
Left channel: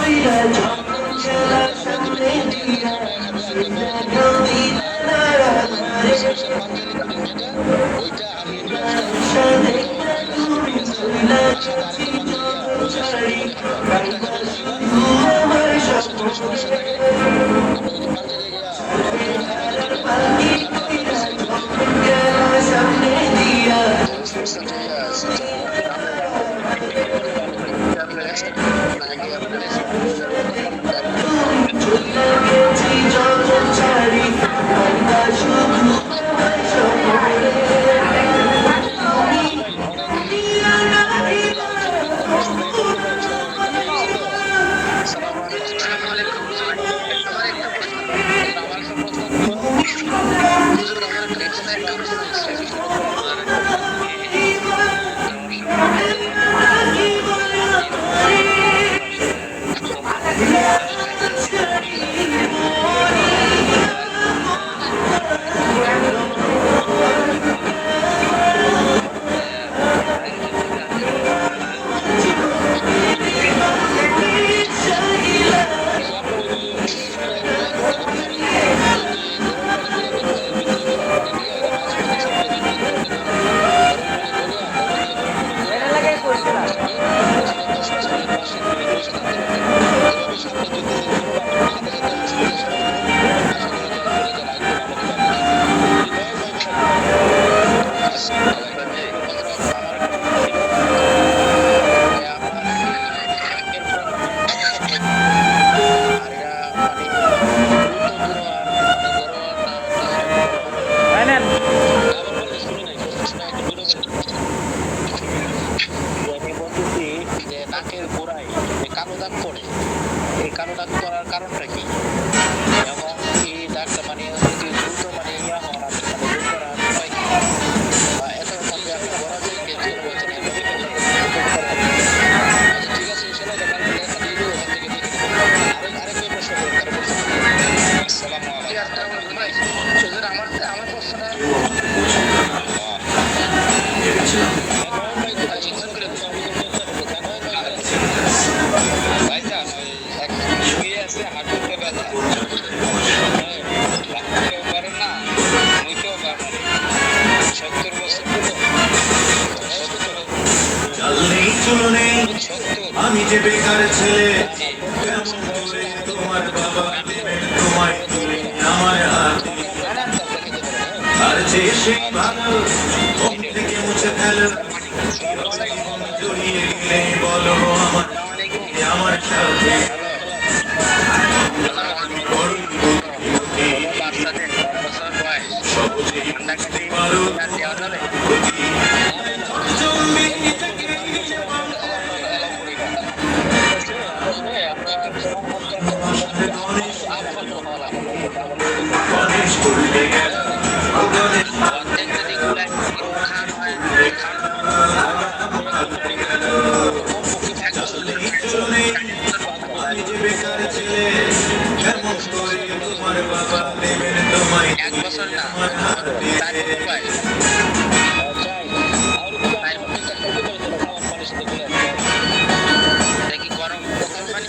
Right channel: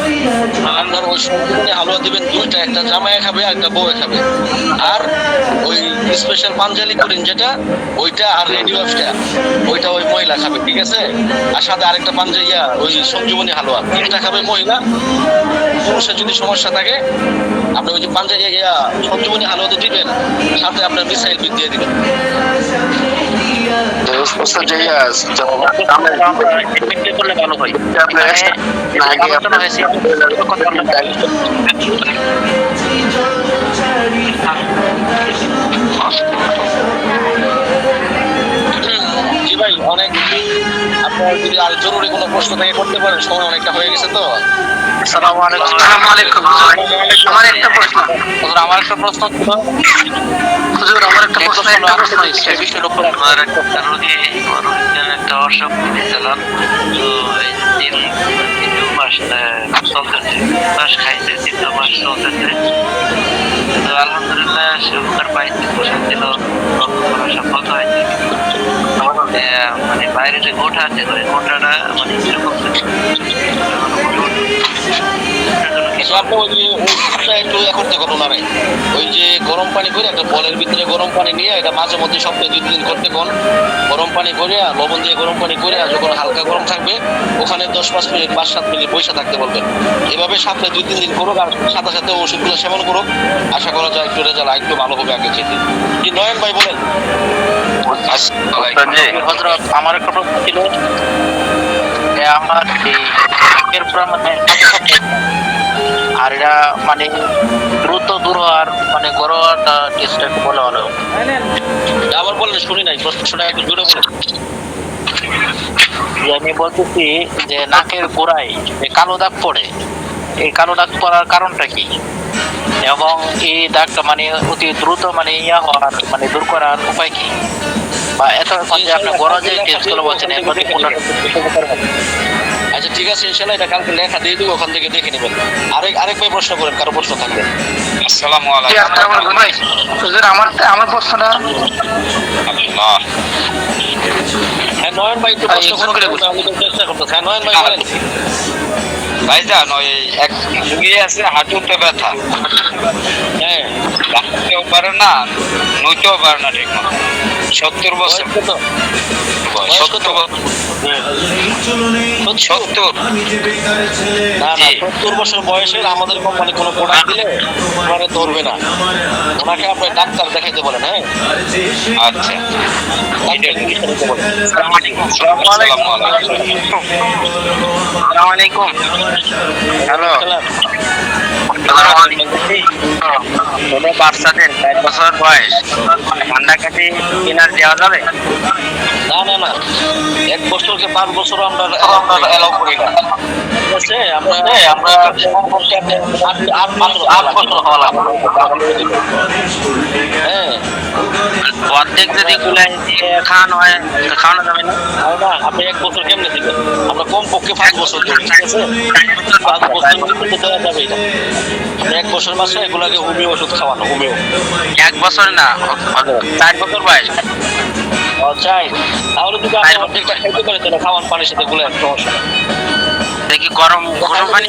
আপনার ওই সঞ্জীবনী হালুয়া দিবেন দুইটা, একটা জামাইয়ে খাবে আর একটা বউয়ে খাবে। আর ওই স্পেশাল পাঞ্জালি কুলিন যেটা ওইটা, আর রেডিও অফটা ওইটা ওই মহিলা খাবে, ঠিক আছে? আর সাথে আরেকটা ওই সঞ্জীবনী হালুয়া, তিনটা খাবে মহিলা। পুরুষের যদি সমস্যা থাকে আপনি ওই যে সঞ্জীবনী হালুয়া তো দিবেন, সাথে আপনার মিসাইল বিট দিয়ে দিবেন। করলে ভালো হয়। জি ভাই, অনেক আপনার যদি আর জরুরি কোনো প্রশ্ন থেকে করতে পারেন, সময় অনেকটা হয়ে গেছে তো। আসসালামু আলাইকুম। আমার একটা প্রশ্ন ছিল, আমার একটা প্রশ্ন হচ্ছে, আমার একটা রোগী একটা অসুখ দিলাম, তো এই 3 মাস চলতেছে, মাস খাইছে, 3 মাস চলতেছে, তো আলহামদুলিল্লাহ সে উপকার পাইছে, ওষুধ দিল, সব বন্ধ হয়েছে। মানে বাইরে যে গোটা আছে, ওই গোটাটা মানে যেরকম আপনি ওই একটু এখন দেখুন ওনারাই ওই যে গরম পানি করে একটা বলের ভিতরে গরম পানি নিয়ে এটা মাঝে মধ্যে সপ্তাহে 2 দিন করতে কোন গরম পানি করে আর লবণ দিয়ে গরম পানি করে, আর যখন হালকা গরম থাকবে ওখানে 10-5 মিনিট 5-7 মিনিট বসে থাকতে বলবেন। এভাবে সপ্তাহে 2-3 দিন করুক, আর সাথে সাথে ওষুধগুলো সেবন করুক, আশা করা যায় একটু রেজাল্ট একটু ভালো হবে আগে থেকে। কি নয়ন ভাই বলেন? আমার একটা প্রশ্ন ছিল, আমার এর মানে আর এরা মানে দ্রুত দূর আর মানে ঘরোয়াটা টেস্টটা বলে ভালো। আবার বললেন, শুনি নাই প্রশ্নটা একটু জোরে বলেন। আমি বলতেছি যে নাকের গোড়ায় যে কালো দাগ পড়ে, এই কালো দাগ পড়ার কারণটা কি, এবং এই দাগটা মানে অতি দ্রুত মানে ইয়া হওয়ার মানে দূর করার উপায় কি, বা এত যে আপনার বড় যে টেস্টগুলো বলছেন এর মধ্যে কোনটা? আচ্ছা ঠিক আছে, ইনশাআল্লাহ এটা কালকে লেখা দিয়ে দিব, ওখান থেকে দেখে নেবেন। আরেক ভাই প্রশ্ন করেন, কারো প্রশ্ন থাকবে? আসসালামু জি, আসসালামু আলাইকুম ভাই। হুজুর, আমার প্রশ্নটা আলাইকুম। হ্যাঁ নয়ন ভাই একটু প্রশ্ন করে আমি তো চেষ্টা করতেছি। হ্যাঁ নয়ন ভাই বলেন। ভাইজান ওই এক রুগী আছে হাঁটুতে ব্যথা, হ্যাঁ রাখতেও পারে না, নইতেও পারে না ঠিক মতো। 70 বছর, বয়স কত? বয়স কত? 70 বছর, 70। না না, 70 বছর বয়সের আমাদের কোম্পানি কোনো প্রোডাক্ট দিলে ওনারা ধরবে না, ওনাকে আপনার ডাক্তার দেখাইতে বলেন। হ্যাঁ আচ্ছা, আসসালামু আলাইকুম। হ্যালো, কোনো বাচ্চাদের 5 বছর বয়স ঠান্ডা কাশি কিনার দেওয়া যাবে? না না না, 1 বছরকে 5 বছর আমরা এলাও করি না। ঠিক আছে, আমরা কমপক্ষে 8 বছর হওয়া লাগবে। হ্যাঁ অর্ধেক যদি গুলাই খাওয়ানো হয় খাওয়ানো যাবে না? না, আপনি 1 বছর কেমনে দিবেন? আমরা কমপক্ষে 5 বছর দিই, ঠিক আছে? 5 বছর কিন্তু দেওয়া যাবে না। 1 বছর মাসে এগুলাকে হোমিও ওষুধ খাওয়ানো, হোমিও। 1 বছর না, 4 বছর বয়স। চাই তাহলে যদি আপনি অর্ধেকটা খাইতে পারেন তাহলে খাওয়ান পানির সাথে গুলে একটা সমস্যা নেই। দেখি গরম পানি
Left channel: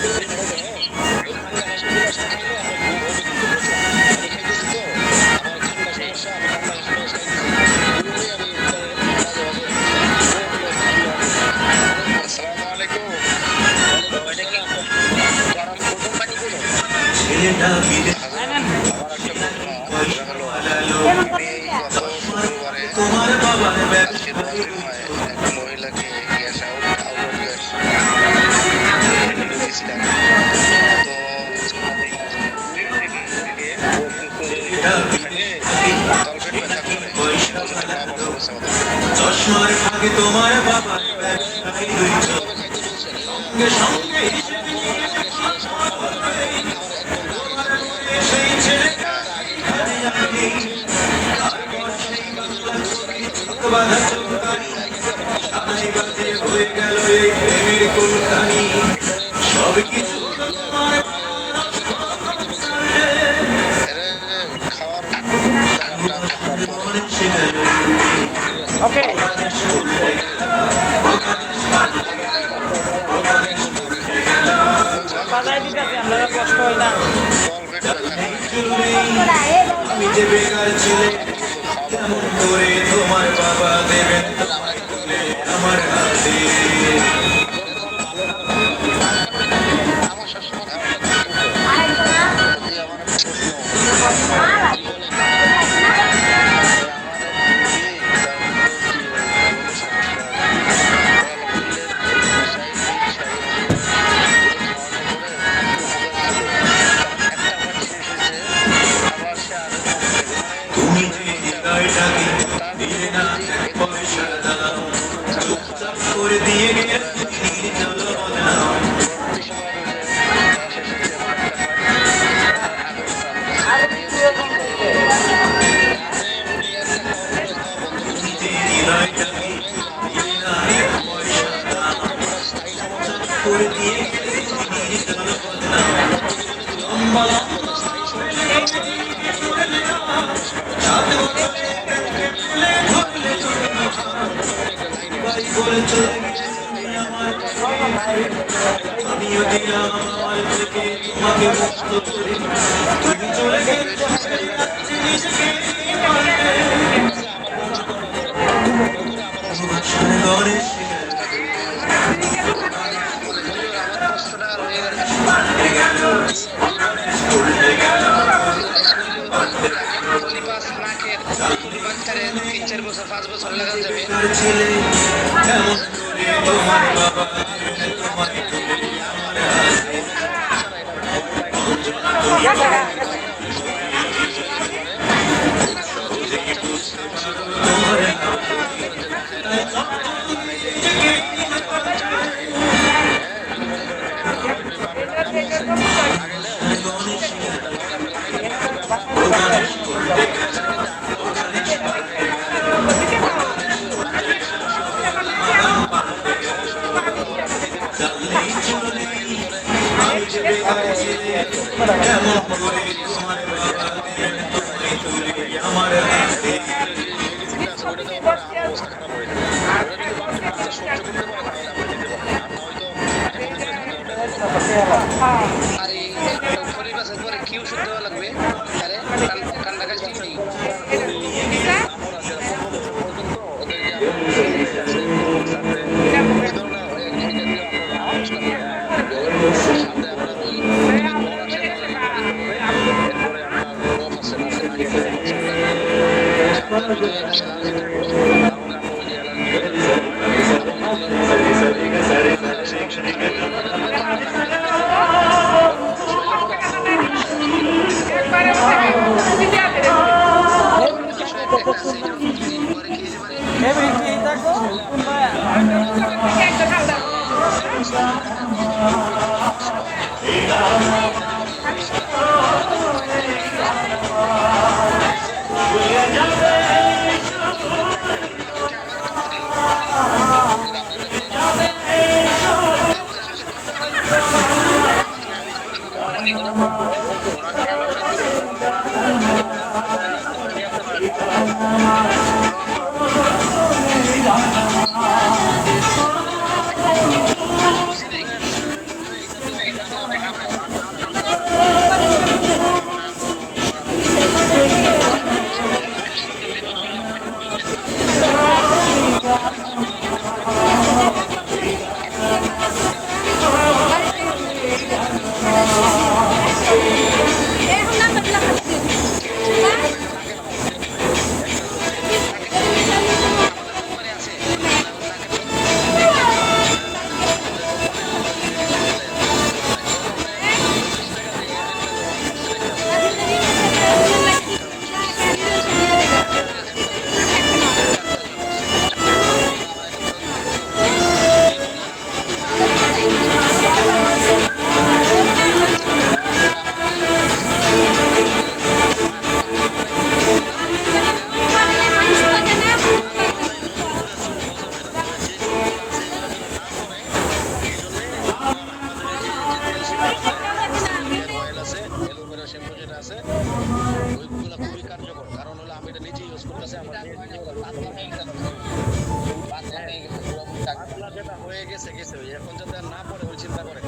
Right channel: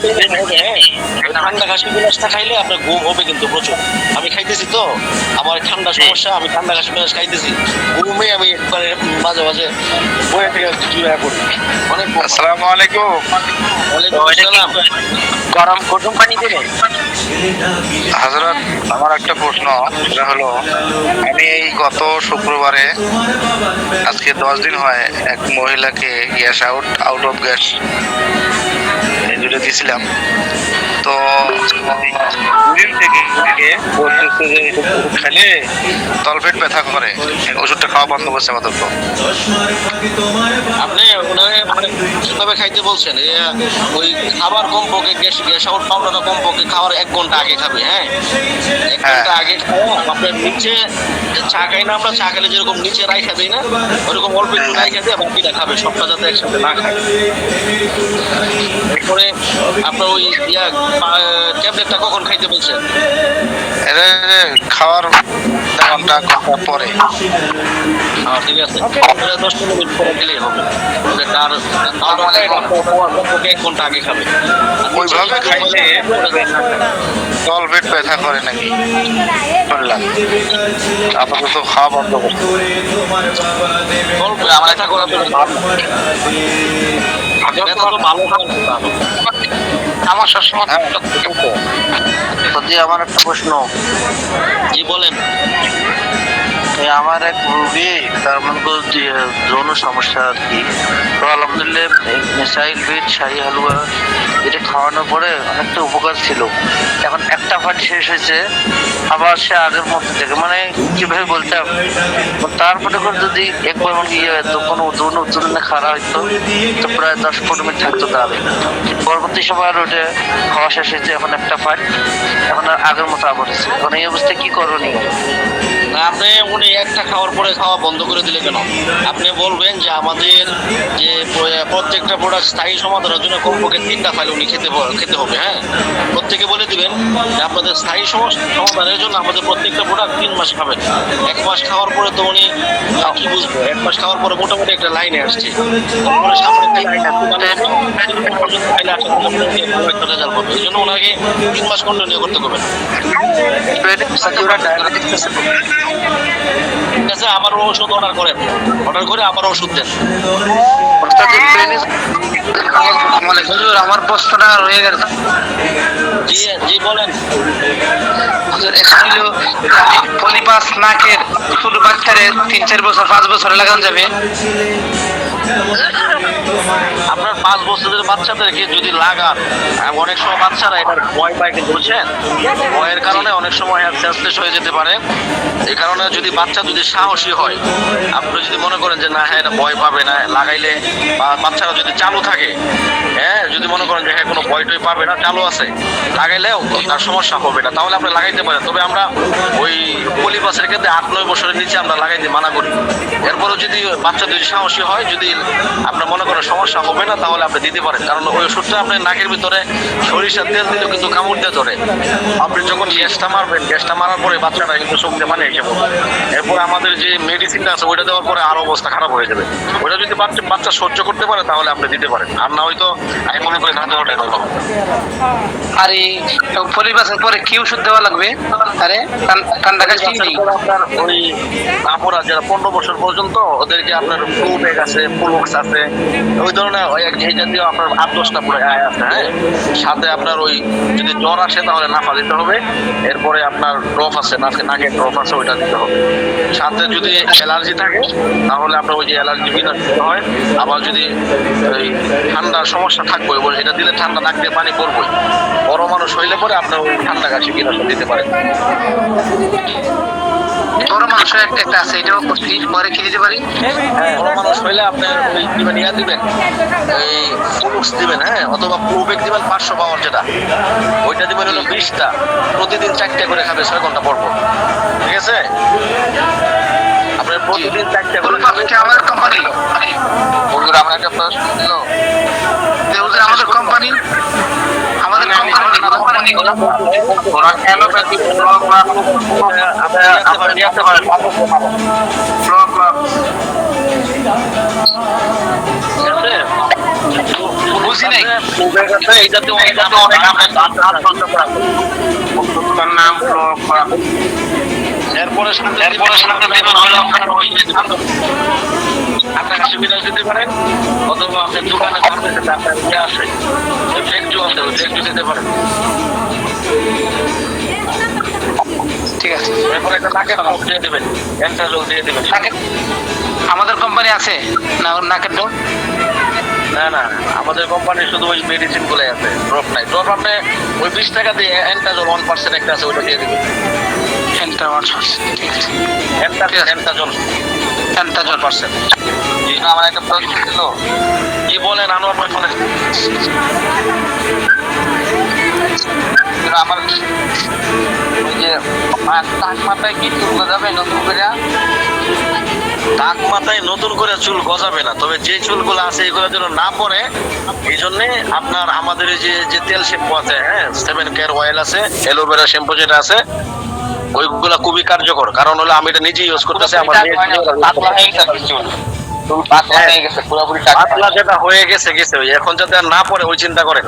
ঠান্ডা কাশি বিলাসটা খাইলে আপনার ঘুম হবে কিন্তু প্রচুর। আমি খাইতেছি তো, আমার ঠান্ডা সমস্যা, আমি ঠান্ডা কাশি বিলাস খাইতেছি, ঘুমে আমি একবারে মাঝে মাঝে বয়ে থেকে অনেক। আসসালামু আলাইকুম। গরম গরম পানি দেবে? হযরত, আমার একটা প্রশ্ন, সেটা হলো আমি এই গত শুক্রবারে আজকে 10 দিন হয় এক মহিলাকে গ্যাস আউট অফ গ্যাস এগুলো দিয়েছিলাম। তো দিন থেকে বলতেছে যে খালি তলপেট ব্যথা করে, ওষুধটা খাওয়া বন্ধ করছে আপাতত। আপনি মানে কিভাবে খাইতে বলছেন? ওই খাবার কমপক্ষে গ্যাস আউট পাউডারটা কমপক্ষে খাওয়ার 1 ঘন্টা আগে খাবে। হ্যাঁ 1 ঘন্টা আগে খাওয়া। আপনার নিচে চা খাই না আমরা, চা খেলে যেরকম নিচে রাইখা দিই না, ওরকম অল্প একটু রাইখা দিয়ে বাকিটা খাবে, সবটা যাতে একসাথে না খায়। এরপরে আপনার ওই ট্যাবলেটটা কখন খাইতে বলছেন? এটা খাওয়ার ঘন্টা পরে। ঠিক আছে, 10 মিনিট পরে খেলেই হবে। তার 1 ঘন্টা আগে খাবে। ওইভাবে খাইলে তলপেট ব্যথা করে নাকি শুনলাম, আপাতত খাওয়া বন্ধ করছে। আমার এটা করা তো ভালো আমার সবসময় আমার একটা প্রশ্ন। জি বলেন। আমার এক রোগী, তার মধ্যে যৌন সমস্যা আর কি, তো আলহামদুলিল্লাহ মিসাইল বিট শাহী হালুয়া এটা খাওয়ানোর পরে অনেকটা উপকার ছিল। এখন একটা পার্ট শেষ হয়েছে, আবার সে আগের মতো থেকে, মানে কিভাবে বলতে হবে, তারপরে করে যদি একবার ইয়ে হয়তো কোনো যৌন উত্তেজনা খাওয়া হইতো তো প্রায় 10-15 মিনিট থাকতো তাহলে। পরবর্তী সময় আর ওটা খাওয়া শেষ হয়েছে, এখন একটা পার্ট, এখন আর আগের মতো আবার হচ্ছে। এখন এই অবস্থায় কি করণীয়? আপনি উনি একটা খাওয়ার পরে খাওয়া বন্ধ করে দিলে কেন? আপনি বলবেন যে আমাদের যে প্রত্যেকটা প্রোডাক্ট স্থায়ী সমাধানের জন্য কমপক্ষে 3টা ফাইল উনি খেতে হবে। হ্যাঁ প্রত্যেকে বলে দিবেন যে আপনাদের স্থায়ী সমাধানের জন্য আমাদের প্রত্যেকটা প্রোডাক্ট 3 মাস খাবেন। 1 মাস খাওয়ার পরে তো উনি কি বুঝবে? 1 মাস খাওয়ার পরে মোটামুটি একটা লাইনে আসছে, তারপরে সামনে এই জন্য ওনাকে 3 মাস কন্টিনিউ করতে হবে। ঠিক আছে, আবার ওষুধ অর্ডার করে আবার ওষুধ দেন। আমার প্রশ্নটা রয়ে গেল। জি জি বলেন। পলিপাস নাকের ছোট বাচ্চারে 3-4 বছর 5 বছর লাগানো যাবে? আপনার 5 বছরের বাচ্চাদেরকে যদি লাগান, অনেক সময় বাচ্চারা এটা ভয় পায়, কিন্তু বুঝছেন, ভয়ের কারণে অনেক সময় অ্যাবসেস হয়ে যেতে পারে। এই কারণে যদি বাচ্চা যদি সাহসী হয়, আপনি যদি মনে করেন যে না হ্যাঁ এটা ভয় পাবে না লাগাইলে, বা বাচ্চারা যদি চালু থাকে, হ্যাঁ যদি মনে করেন যে হ্যাঁ কোনো ভয় টয় পাবে না, চালু আছে, লাগাইলেও তার সমস্যা হবে না, তাহলে আপনি লাগাইতে পারেন। তবে আমরা ওই পলিবাসের ক্ষেত্রে 8-9 বছরের নিচে আমরা লাগাইতে মানা করি। এরপরও যদি বাচ্চা যদি সাহসী হয়, যদি আপনার মনে করেন সমস্যা হবে না, তাহলে আপনি দিতে পারেন। কারণ ওই ওষুধটা আপনার নাকের ভিতরে সরিষার তেল দিলে কিন্তু কামড় দিয়ে ধরে। আপনি যখন গ্যাসটা মারবেন, গ্যাসটা মারার পরে বাচ্চাটা কিন্তু শুকতে পানি এসে পড়বে। এরপর আমাদের যে মেডিসিনটা আছে ওইটা দেওয়ার পরে আরো অবস্থা খারাপ হয়ে যাবে। ওইটা যদি বাচ্চা সহ্য করতে পারে তাহলে আপনি দিতে পারেন, আর না হয়তো আমি মনে করি না দেওয়াটাই ভালো। আর এই পরিবাসের পরে কি ওষুধ দেওয়া লাগবে? আরে ঠান্ডা কাশি নেই? আপনার ওই আপুরা যারা 15 বছর পর্যন্ত, ওদের যে আপনার ফ্লুবেক আছে, ফুলবক্স আছে, ওই ধরনের এই জাতীয় আপনার 8-10টা আছে। হ্যাঁ, সাথে আপনার ওই যদি জ্বর আসে তাহলে নাফা দিতে হবে। এরপরে আপনার ড্রপ আছে, নাকের ড্রপ আছে, ওইটা দিতে হবে। সাথে যদি অ্যালার্জি থাকে তাহলে আপনার ওই যে অ্যালার্জি বিধান দিতে হয়। আবার যদি ওই ঠান্ডার সমস্যা থাকবে, এটা দিলে ঠান্ডা নাক দিয়ে পানি পড়বে, বড় মানুষ হইলে পরে আপনার ওই ঠান্ডা কাশি কীটনাশক দিতে পারেন। বড় মানুষের একটা আছে, এটাও পরে কি দিতে পারি? বড় মানুষ হইলে আপনি দিবেন, ইয়া দিবেন, এই ফুলবক্স দিবেন, হ্যাঁ, অথবা ফ্লুবেক দিবেন 500 পাওয়ার, যেটা ওইটা দিবেন হলো 20টা, প্রতিদিন 4টে করে খাবে 6 ঘন্টা পর পর। ঠিক আছে, আপনার প্রতিদিন 4টে করে খাবে। আমার কোম্পানি, বন্ধুরা আমরা একটা প্রশ্ন ছিল, আমাদের কোম্পানি, আমাদের কোম্পানি ওরা কেন আপনি নিয়ে আসতে পারেন। বুঝি নাই। এইটাতে অনেক নাম এরপরে সাথে দেবেন হলো আপনার কাছে বিনাশ দিতে পারেন, অথবা আপনি দোকানে আপনার ইয়ে আছে, ফ্যাক্টরি আছে, ফ্যাক্টরি দিতে পারেন। ঠিক আছে, এরপরে একটা নাকের ড্রপ দিয়ে দেবেন, একটা জল দিয়ে দেবেন। আমাদের কোম্পানি আছে না নাকের ড্রপ? না না, আমাদের কোম্পানি শুধু ওই মেডিসিন গুলোই আছে, ড্রপ নাই। ড্রপ আপনি ওই 20 টাকা দিয়ে এন্টাজল 1% একটা আছে, ওইটা দিয়ে দেবেন। এন্টাজল 1%। আমার একটা প্রশ্ন ছিল, কি বলেন আনোয়ার ভাই ফোনে? আমার যে টাক মাথায় কি চুল গজাবে নতুন করে? টাক মাথায় নতুন করে চুল গজাবে না, তবে যে চুলগুলো আছে এগুলো যেন না পড়ে, এই জন্য আপনার আমাদের যে তেল শ্যাম্পু আছে, হ্যাঁ, 7 কেয়ার অয়েল আছে, অ্যালোভেরা শ্যাম্পু যেটা আছে, ওইগুলা খুবই কার্যকর। কারণ হলো আমি এটা নিজে ইউজ করতেছি। আমার পাতলা যেটা হয়ে গেছে এখন যাতে আর না পড়ে ওই চিন্তা করেন।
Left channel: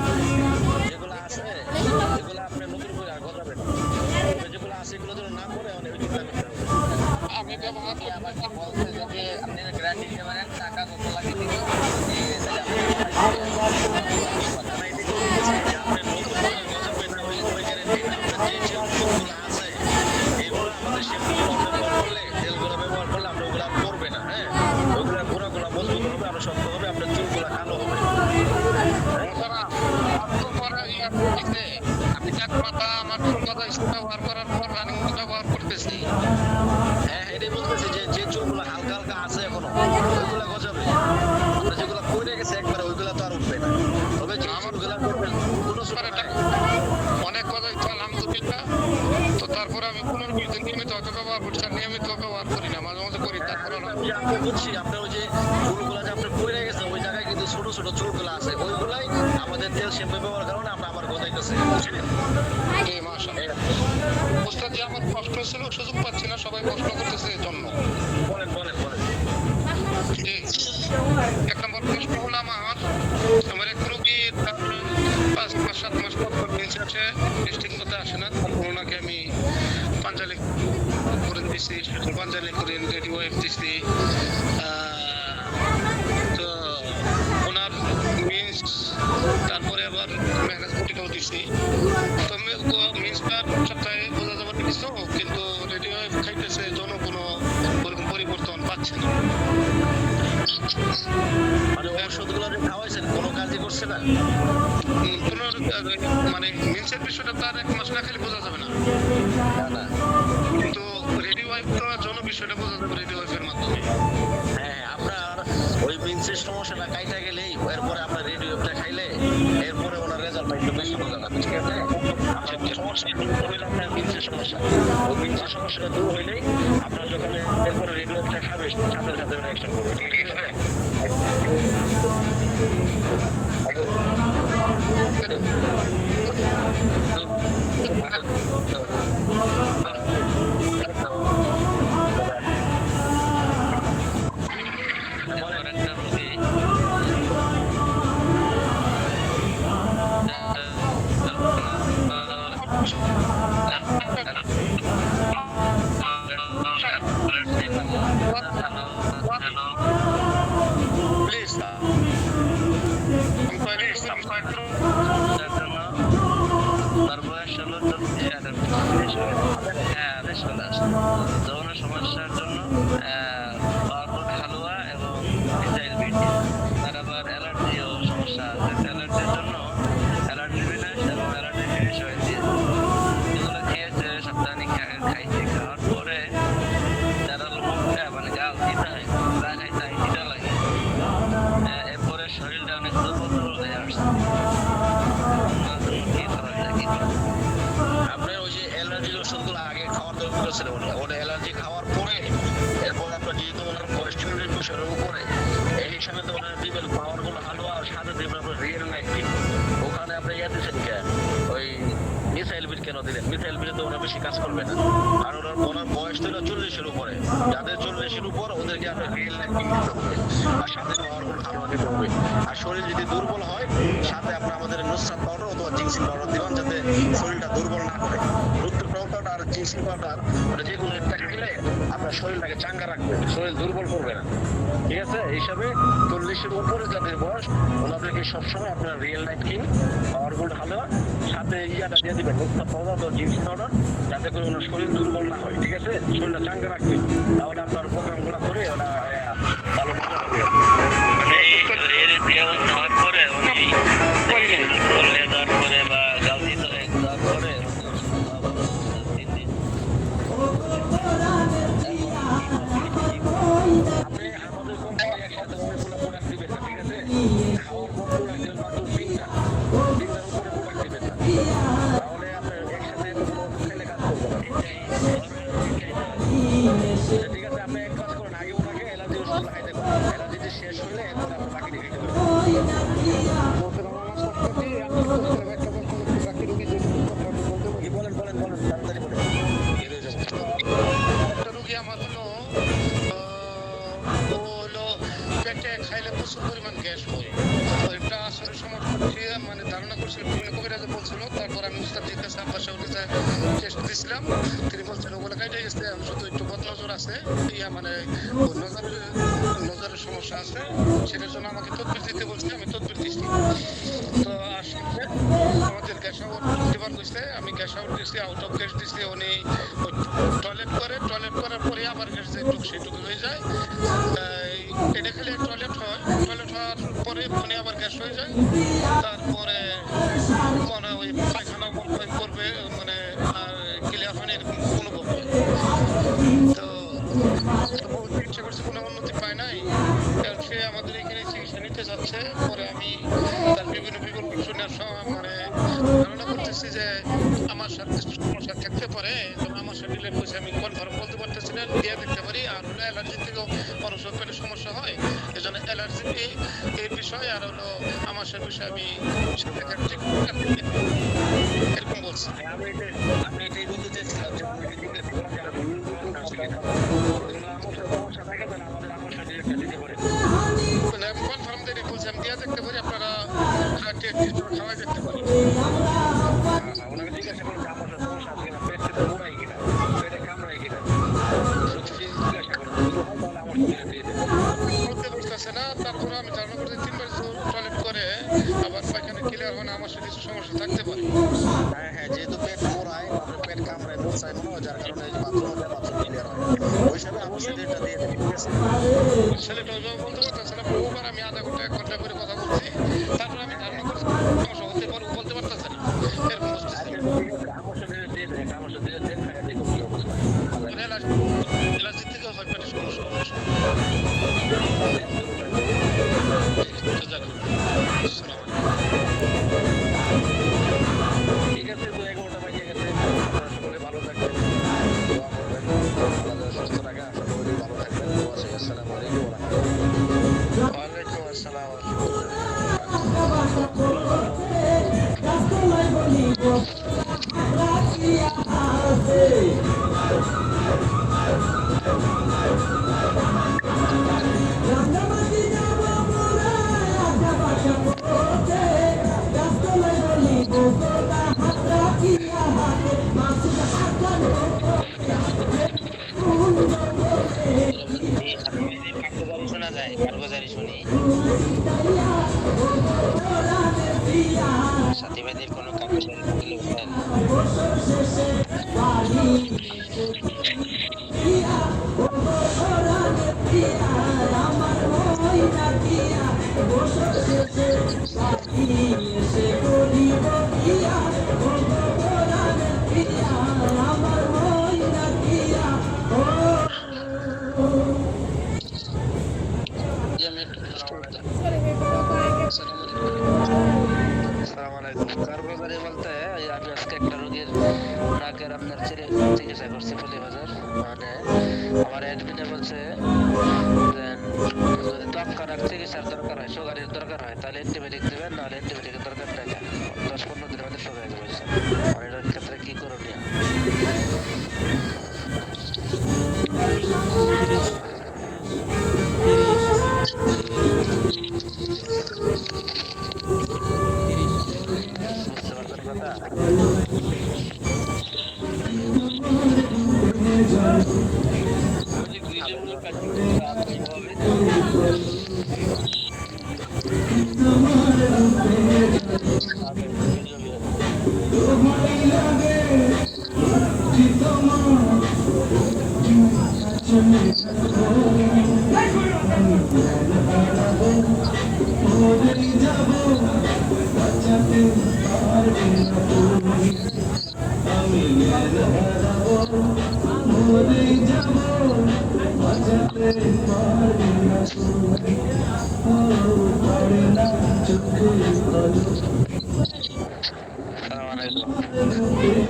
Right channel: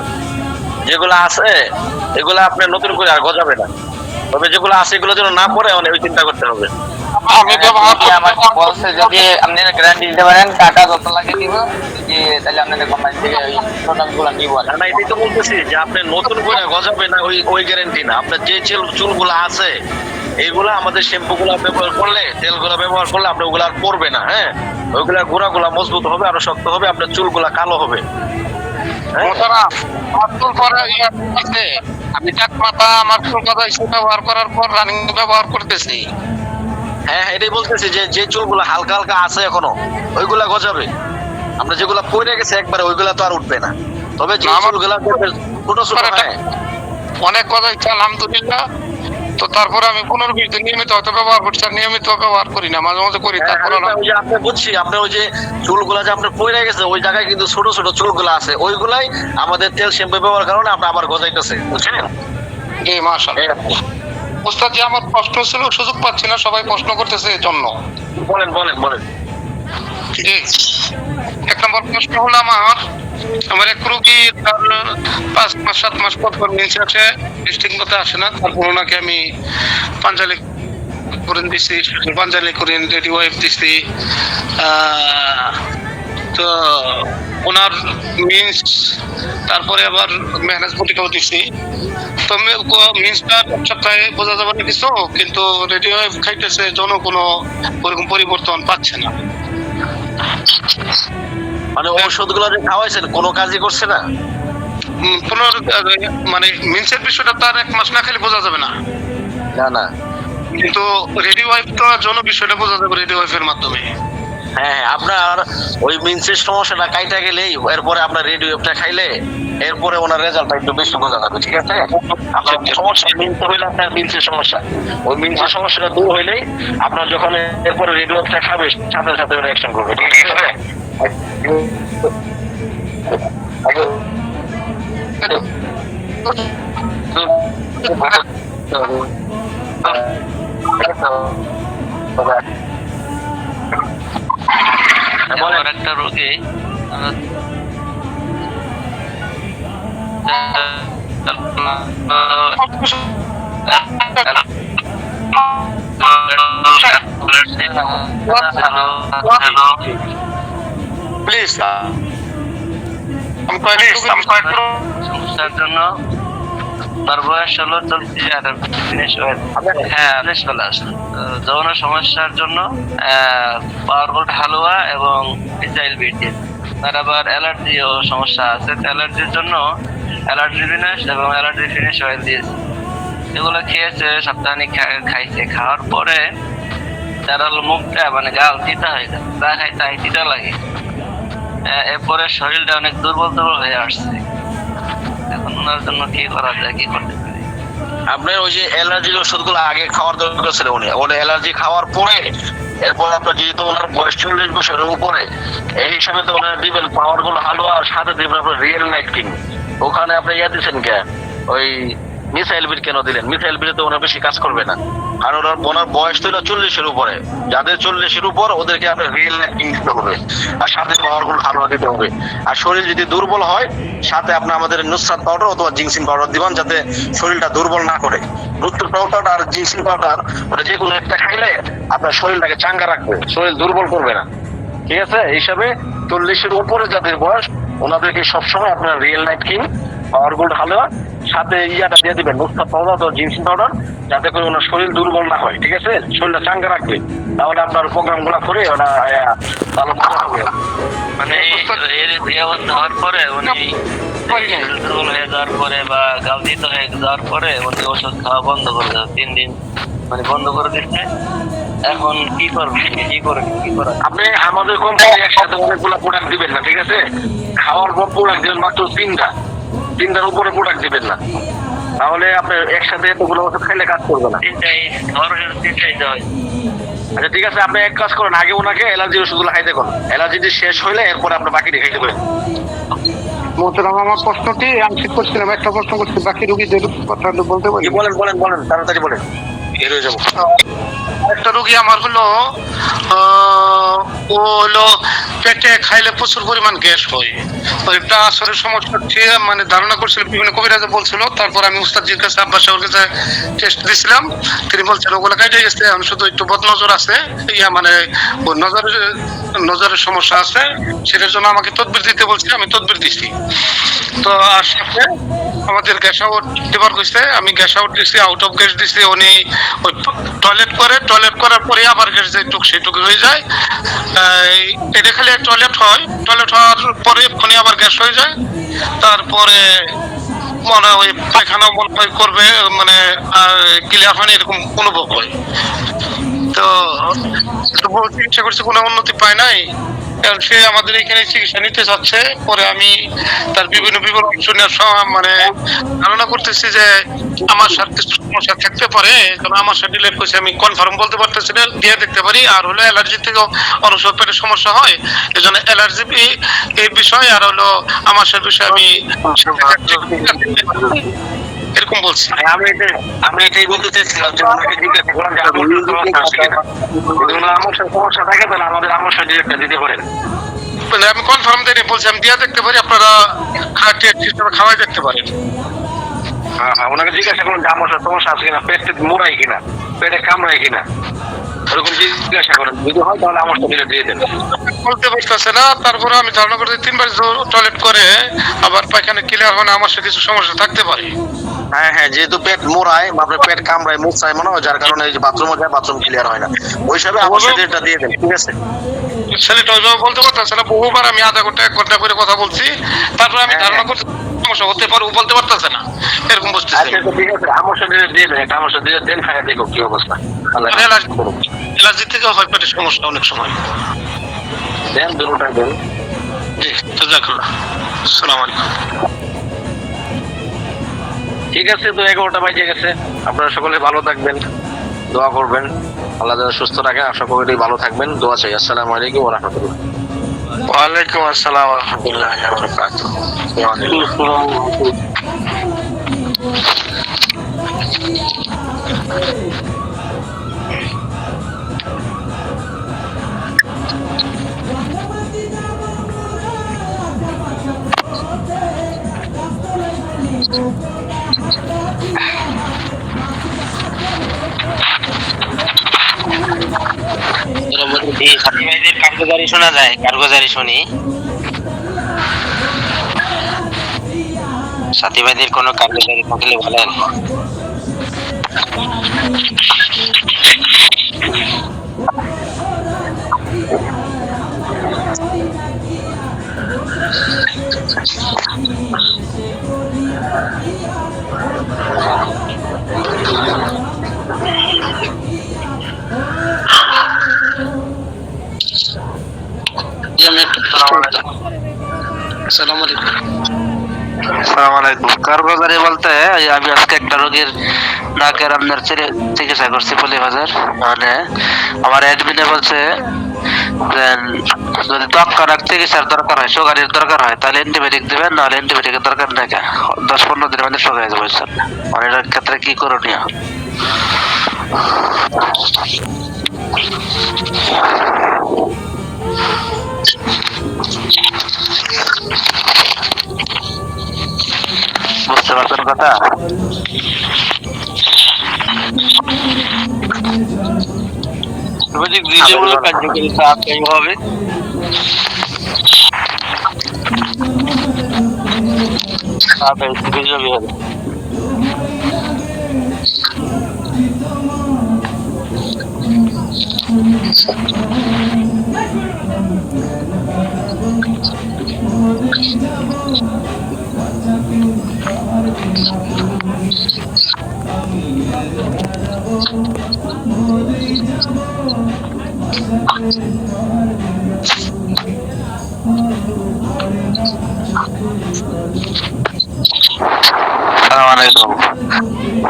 যেগুলো আছে এগুলো আপনার নতুন করে আর গজাবে না, তবে যেগুলো আছে এগুলো যেন না পড়ে ওই চিন্তা করতে হবে। আমি আমাকে বলছে যদি আপনি গ্যারান্টি দিতে পারেন টাকা যত লাগে দিব, যে তাহলে আপনাদের কোম্পানি থেকে ওই প্রোডাক্টগুলো নিব। না, এটাই তো বলতেছি যে আপনি নতুন করে গজাবে না ওই গ্যারান্টি না। আপনার যে চুলগুলো আছে এইগুলো আমাদের শ্যাম্পুগুলো ব্যবহার করলে, তেলগুলো ব্যবহার করলে আপনার ওগুলো আর পড়বে না। হ্যাঁ, ওইগুলা গোড়াগুলা মজবুত হবে, আরো শক্ত হবে, আপনার চুলগুলা কালো হবে। আমি চাক মাথা আমার চুল কথা ব্যবহার করার পর রানিং ব্যবহার করতেছি। হ্যাঁ, এটাই বলতেছি যে চুলগুলো হালকা হালকা আছে এখনো ওইগুলা গজাবে। আপনার যেগুলা পড়ে গেছে একবারে ওইগুলা তো আর উঠবে না, তবে যে চুলগুলা ছোট ছোট, হ্যাঁ, অনেক কথা ইচ্ছা আলহামদুলিল্লাহ। তো তারপরে আমি 15-20 দিন নিয়মিত হয়তো ব্যবহার করছি, আর নিয়মিত ব্যবহার করি না, মাঝে মাঝে করি। তারপরে আপনি বুঝছি আপনার ওই যে চুলগুলা যে আপনার পড়ে গেছে ওই জায়গায় কিন্তু ছোট ছোট চুলগুলা আছে, ওইগুলাই আমাদের তেল শ্যাম্পু ব্যবহার কারণে আমরা আবার গজাইতেছে, বুঝছেন? এই মাশাআল্লাহ ওস্তাদ, যে আমার প্রশ্ন ছিল সুযোগ পাচ্ছি না, সবাই প্রশ্ন করতেছে এই জন্য। বলেন বলেন বলেন। এক নম্বর প্রশ্ন হলো আমার এক রোগী 5 মাস 7 মাস পর মিন্স আছে, ঠিক মতো আসে না, তারপর ওনাকে আমি পাঞ্জালি করে দিচ্ছি, পাঞ্জালি করে রেডি ওয়াইফ দিচ্ছি, তো ওনার মিন্স, তারপরে আবার ম্যানেজ বটিটাও দিচ্ছি। তো মিন্সটা সপ্তাহে বোঝা যাবে না কিছু, কিন্তু রেডি ওয়াইফ খাইতেছে জন্য কোনো ওরকম পরিবর্তন পাচ্ছে না। মানে ওষুধগুলো যে খাওয়াইছেন কোনো কাজই করছে না? মানে মিন্সের বিষয়টা তার 1 মাস না খেলে বোঝা যাবে না, না না। কিন্তু রেডি ওয়াইফ তো জন্য বিষয়টা বোঝা যাবে রেডি ওয়াইফের মাধ্যমে। হ্যাঁ, আপনার ওই মিন্সের সমস্যাটা কাইটা গেলেই এরপরে আপনার রেডিওটা খাইলে এরপরে ওনার রেজাল্টটা একটু বেশি বোঝা যাবে, ঠিক আছে? আপনার সমস্যা মিন্স হইলে আপনার মিন্সের সমস্যা, ওই মিন্সের সমস্যাটা দূর হইলেই আপনার যখন এরপরে রেডিওটা খাবে সাথে সাথে ওরা অ্যাকশন করবে, ঠিক আছে? আমার একটা রোগী প্লিজ সমস্যার জন্য তার বয়স হলো 40 আর ফিনিশ হয়ে চলে আসে। যৌন সমস্যার জন্য পাওয়ারফুল হালুয়া এবং মিসাইল বিটি। তার আবার অ্যালার্জিও সমস্যা আছে, অ্যালার্জির জন্য অ্যালার্জি ফিনিশ এবং অ্যালার্জি ফিনিশ অয়েল দিয়েছে। এগুলো খেয়েছে, সপ্তাহানিক খাইছে। খাওয়ার পরে তার মুখটা মানে গাল তিতা হয়ে গেছে, যা খাই তাই তিতা লাগে। এরপরে শরীরটা অনেক দুর্বল হয়ে আসছে। এখন ওনার জন্য কি করা যায়, কি করতে পারি? আপনার ওই যে অ্যালার্জির ওষুধগুলো আগে খাওয়ার দরকার ছিল, উনি অ্যালার্জি খাওয়ার পরে এরপর আপনার যেহেতু ওনার বয়স 40 বছরের উপরে, এই হিসাবে তো ওনার দিবেন পাওয়ারফুল হালুয়া আর সাথে দিবেন আপনার রিয়েল নাইট কিং। ওখানে আপনি দিচ্ছেন কে ওই মিসাইল বিট কেন দিলেন? মিসাইল বিটে তো ওনার বেশি কাজ করবে না, কারণ ওনার বয়স তো 40-এর উপরে। যাদের 40-এর উপর ওদেরকে আপনার রিয়েল নাইট কিং দিতে হবে আর সাথে পাওয়ারফুল হালুয়া দিতে হবে। আর শরীর যদি দুর্বল হয় সাথে আপনি আমাদের নুসরাত পাউডার অথবা জিংসিন পাউডার দিবেন, যাতে শরীরটা দুর্বল না করে। নুসরাত পাউডার আর জিংসিন পাউডার ওটা যে কোনো একটা খাইলে আপনার শরীরটাকে চাঙ্গা রাখবে, শরীর দুর্বল করবে না, ঠিক আছে? এই হিসাবে 40-এর উপরে যাদের বয়স ওনাদেরকে সবসময় আপনার রিয়েল নাইট কিং পাওয়ারফুল হালুয়া সাথে ইয়াটা দিয়ে দিবেন নুসরাত পাউডার অথবা জিংসিন পাউডার, যাতে করে ওনার শরীর দুর্বল না হয়, ঠিক আছে? শরীরটা চাঙ্গা রাখবে, তাহলে আপনার প্রোগ্রামগুলো করে ওরা ভালো হবে। মানে এর অবস্থা হওয়ার পরে উনি দুর্বল হয়ে যাওয়ার পরে বা গালতিত হয়ে যাওয়ার পরে উনি ওষুধ খাওয়া বন্ধ করে দেয়, 3 দিন মানে বন্ধ করে দিচ্ছে। এখন কি করবেন, কি করেন? আপনি আমাদের কোম্পানি একসাথে অনেকগুলো প্রোডাক্ট দিবেন না, ঠিক আছে? খাওয়ার পর প্রোডাক্ট দিবেন মাত্র 3টার উপরে প্রোডাক্ট দিবেন না, তাহলে আপনার একসাথে এতগুলো ওষুধ খাইলে কাজ করবে না। আচ্ছা ঠিক আছে, আপনি এক কাজ করেন, আগে ওনাকে অ্যালার্জি ওষুধগুলো খাইতে করুন, অ্যালার্জিটি শেষ হইলে এরপরে আপনার বাকি খাইতে পারেন। মোহতারাম, আমার প্রশ্নটি আমি ঠিক করছিলাম, একটা প্রশ্ন করছি, বাকি রোগীদের কথা বলতে পারি? বলেন তাড়াতাড়ি বলেন, বের হয়ে যাবো। একটা রোগী আমার হলো ও হলো পেটে খাইলে প্রচুর পরিমাণ গ্যাস হয়, ওইটা আসলে সমস্যা মানে ধারণা করছিল, বিভিন্ন কবিরাজে বলছিল। তারপর আমি উস্তাদজির কাছে আব্বাস সাহেবের কাছে টেস্ট দিয়েছিলাম, তিনি বলছেন ওগুলো কাটে গেছে, এখন শুধু একটু বদনজর আছে, মানে নজরের সমস্যা আছে, সেটার জন্য আমাকে তদবির দিতে বলছে, আমি তদবির দিচ্ছি। তো আর সাথে আমাদের গ্যাস আউট দেবার কইছে, আমি গ্যাস আউট দিচ্ছি, আউট অফ গ্যাস দিচ্ছি। উনি ওই টয়লেট করার পরে আবার গ্যাস যেটুক সেটুকু হয়ে যায়, এটা খালি টয়লেট হওয়ার পরে উনি আবার গ্যাস হয়ে যায়। তারপরে মনে ওই পায়খানা মনে করবে, মানে ক্লিয়ার হয়নি এরকম অনুভব হয়। তো চিকিৎসা করছে, কোনো উন্নতি পায় নাই। সে আমাদের এখানে চিকিৎসা নিতে যাচ্ছে। পরে আমি তার বিভিন্ন বিবরণ শুনে মানে ধারণা করতেছি যে আমার সাথে কিছু সমস্যা থাকতে পারে, কারণ আমার সাথে ডিলেট করছে, আমি কনফার্ম বলতে পারতেছি না, দিয়ে দেখতে পারি। আর হলো অ্যালার্জি থেকেও অনেক সময় পেটের সমস্যা হয়, এই জন্য অ্যালার্জি এই বিষয় আর হলো আমার সাথে বিষয়ে আমি এরকম বলছি। আমি এটাই বলতে চাইছিলাম যে আমার সমস্যা থাকে তাহলে আমাদের আমার সাথে একটা দিতে পারেন। আমি কনফার্ম দিয়ে বলছি, আমি দিয়ে দেখতে পারি, আপনারা খাওয়াই দেখতে পারেন। হ্যাঁ, ওনাকে জিজ্ঞাসা করুন যে আমার সমস্যা আছে কিনা, পেটে মোড়াই কিনা, পেটে কামড়াই কিনা। এরকম জিজ্ঞাসা করেন, যদি হয় তাহলে আমার সাথে দিয়ে দেন। বলতে পারতেছে না, তারপরে আমি ধারণা করতে 3 বার টয়লেট করে আবার পায়খানা ক্লিয়ার হয় না, আমার সাথে কিছু সমস্যা থাকতে পারে। হ্যাঁ হ্যাঁ, যেহেতু পেট মোড়ায়, আপনার পেট কামড়ায়, মুখ চায় মনে হয়, যার কারণে এই যে বাথরুমে যায়, বাথরুম ক্লিয়ার হয় না। ওই হিসাবে আমার সাথে এটা দিয়ে দেন, ঠিক আছে? ছেলেটা ওইভাবে বলতে পারতেছে না, বহুবার আমি আধা ঘন্টা 1 ঘন্টা করে কথা বলছি, তারপরে আমি ধারণা করছি সমস্যা হতে পারে, ও বলতে পারতেছে না, এরকম বুঝতেছি। আচ্ছা ঠিক আছে, আমার সাথে দিয়ে দেন, একটা আমার সাথে দিয়ে দেন, খাইয়া দেখো কি অবস্থা। আল্লাহ অ্যালার্জি থেকে হয় পেটের সমস্যা অনেক সময়। দেন, দুটোটা দেন। জি, জাযাকাল্লাহ। আসসালামু আলাইকুম। ঠিক আছে, তো 11টা বাজে গেছে। আপনারা সকলে ভালো থাকবেন, দোয়া করবেন, আল্লাহ যেন সুস্থ রাখে। আশা করি ভালো থাকবেন, দোয়া চাই। আসসালামু আলাইকুম ওয়া রাহমাতুল্লাহ। ওয়ালাইকুম আসসালাম ওয়া রাহমাতুল্লাহি ওয়া বারাকাতুহু। কার্গোজারি শোনা যায়, কার্গোজারি শুনি। সাথী ভাইদের কোনো কার্গোজারি থাকলে বলেন। আসসালামু আলাইকুম। আসসালামু আলাইকুম। কার্গোজারি বলতে আমি আজকে একটা রোগীর নাকের আপনার চিকিৎসা করছি পল্লীবাজার। মানে আমার অ্যাডমিনে বলছে যে যদি ত্বক চিকিৎসার দরকার হয়, সুগারের দরকার হয়, তাহলে অ্যান্টিবায়োটিক দেবেন, নাহলে অ্যান্টিবায়োটিকের দরকার নেই। 10-15 দিনের মধ্যে শুকিয়ে যাবে। মানে এটার ক্ষেত্রে কি করণীয়? বুঝতে পারছেন কথা? কার্যকরী হবে।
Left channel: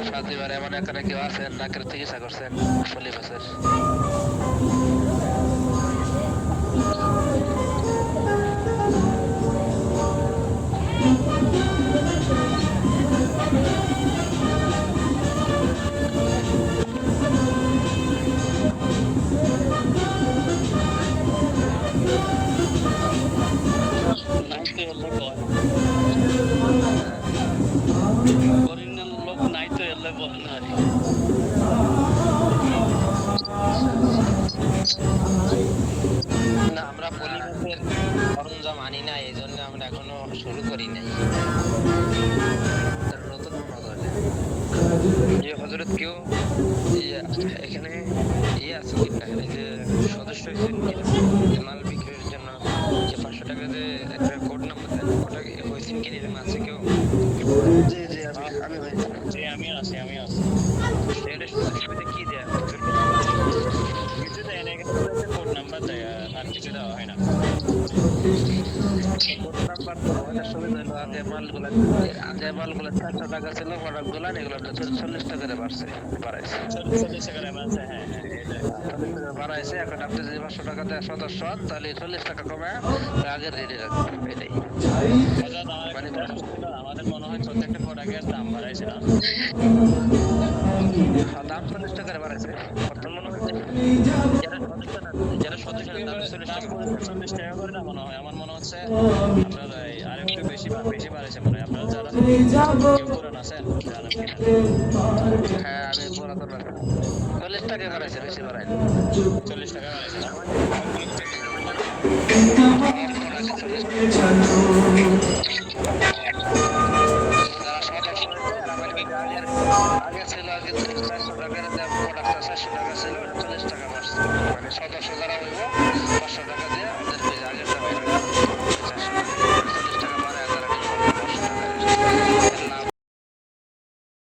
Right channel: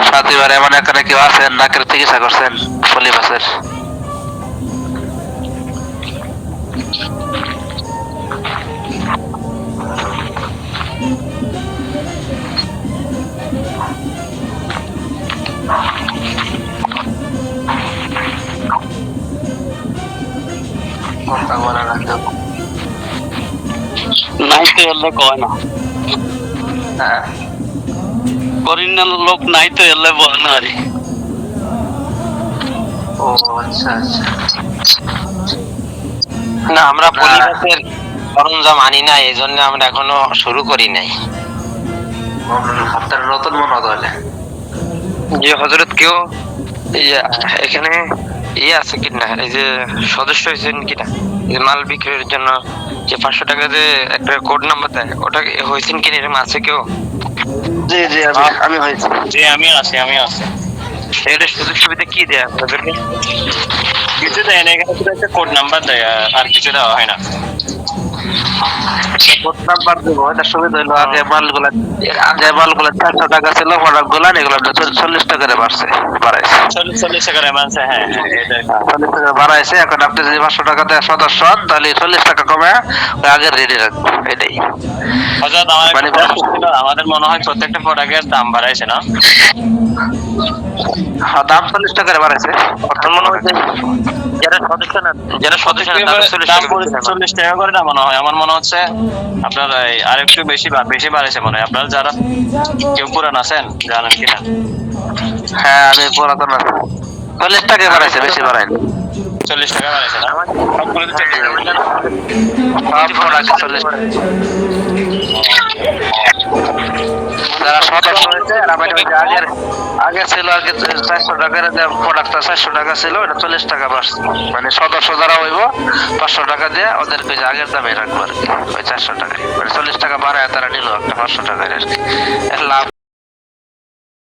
সাথীবার এমন এখানে কেউ আছেন নাকের চিকিৎসা করছেন পল্লীবাজার? নাই তো এলে কয় না, করিনার লোক নাই তো এলে বলে না। ও আচ্ছা আচ্ছা। না, আমরা পরিবেশের সরঞ্জাম আনি না, এই জন্য আমরা এখনো শুরু করি নাই। আপনার নতুন মনে হলে যে হজরত কেউ এখানে আছে কিনা, এই যে সদস্য হয়েছেন কিনা, যে মাল বিক্রির জন্য যে 500 টাকা যে একটা কোড নাম্বার দেয়, ওটা হয়েছেন কিনা, এরকম আছে কেউ? জি জি, আমি হয়েছি। জি আমি আছি। এটা সুযোগ সুবিধা কি দেয় আপনাদেরকে? কিছু দেয় না, এখানে শুধু একটা কোড নাম্বার দেয়, আর কিছু দেওয়া হয় না। কোড নাম্বার দেবো, এটার সুবিধা হলো আগে মালগুলা 400 টাকা ছিল, প্রোডাক্ট গুলা এগুলো 40 টাকা করে বাড়াইছে। 40 টাকা মানছে। হ্যাঁ, 40 টাকা বাড়াইছে। এখন আপনি যদি 500 টাকা দেয় সদস্য হন, তাহলে 40 টাকা কমে আগের রেডি রাখবো। এটাই হযরত আমাদের মনে হয় প্রত্যেকটা প্রোডাক্টের দাম বাড়াইছে না? দাম 40 টাকা করে বাড়াইছে। অর্থাৎ মনে হয় যারা সদস্য না, দাম 40 টাকা করে না মনে হয়। আমার মনে হচ্ছে আপনার আরেকটু বেশি বাড়াইছে মনে হয়। আপনারা যারা কেউ পুরান আছেন জানেন কিনা? হ্যাঁ, আমি পুরাতন আছি। 40 টাকা বাড়াইছে, বেশি বাড়ায়নি। 40 টাকা বাড়াইছে না সবগুলো তো 40 টাকা। সব প্রোডাক্ট 40 টাকা। যারা সদস্য হয়েছে আর আমাদের ওই যে আগে ছিল আর কি 400 টাকার যে প্রোডাক্টটা 400 টাকা ছিল ওটা 40 টাকা বাড়ছে। মানে সদস্য যারা হইব 500 টাকা দিয়ে ওদেরকে ওই যে আগের দামে রাখবো আর কি, ওই 400 টাকায়। মানে 40 টাকা বাড়ায় তারা নিল একটা 500 টাকার আর কি। এর লাভ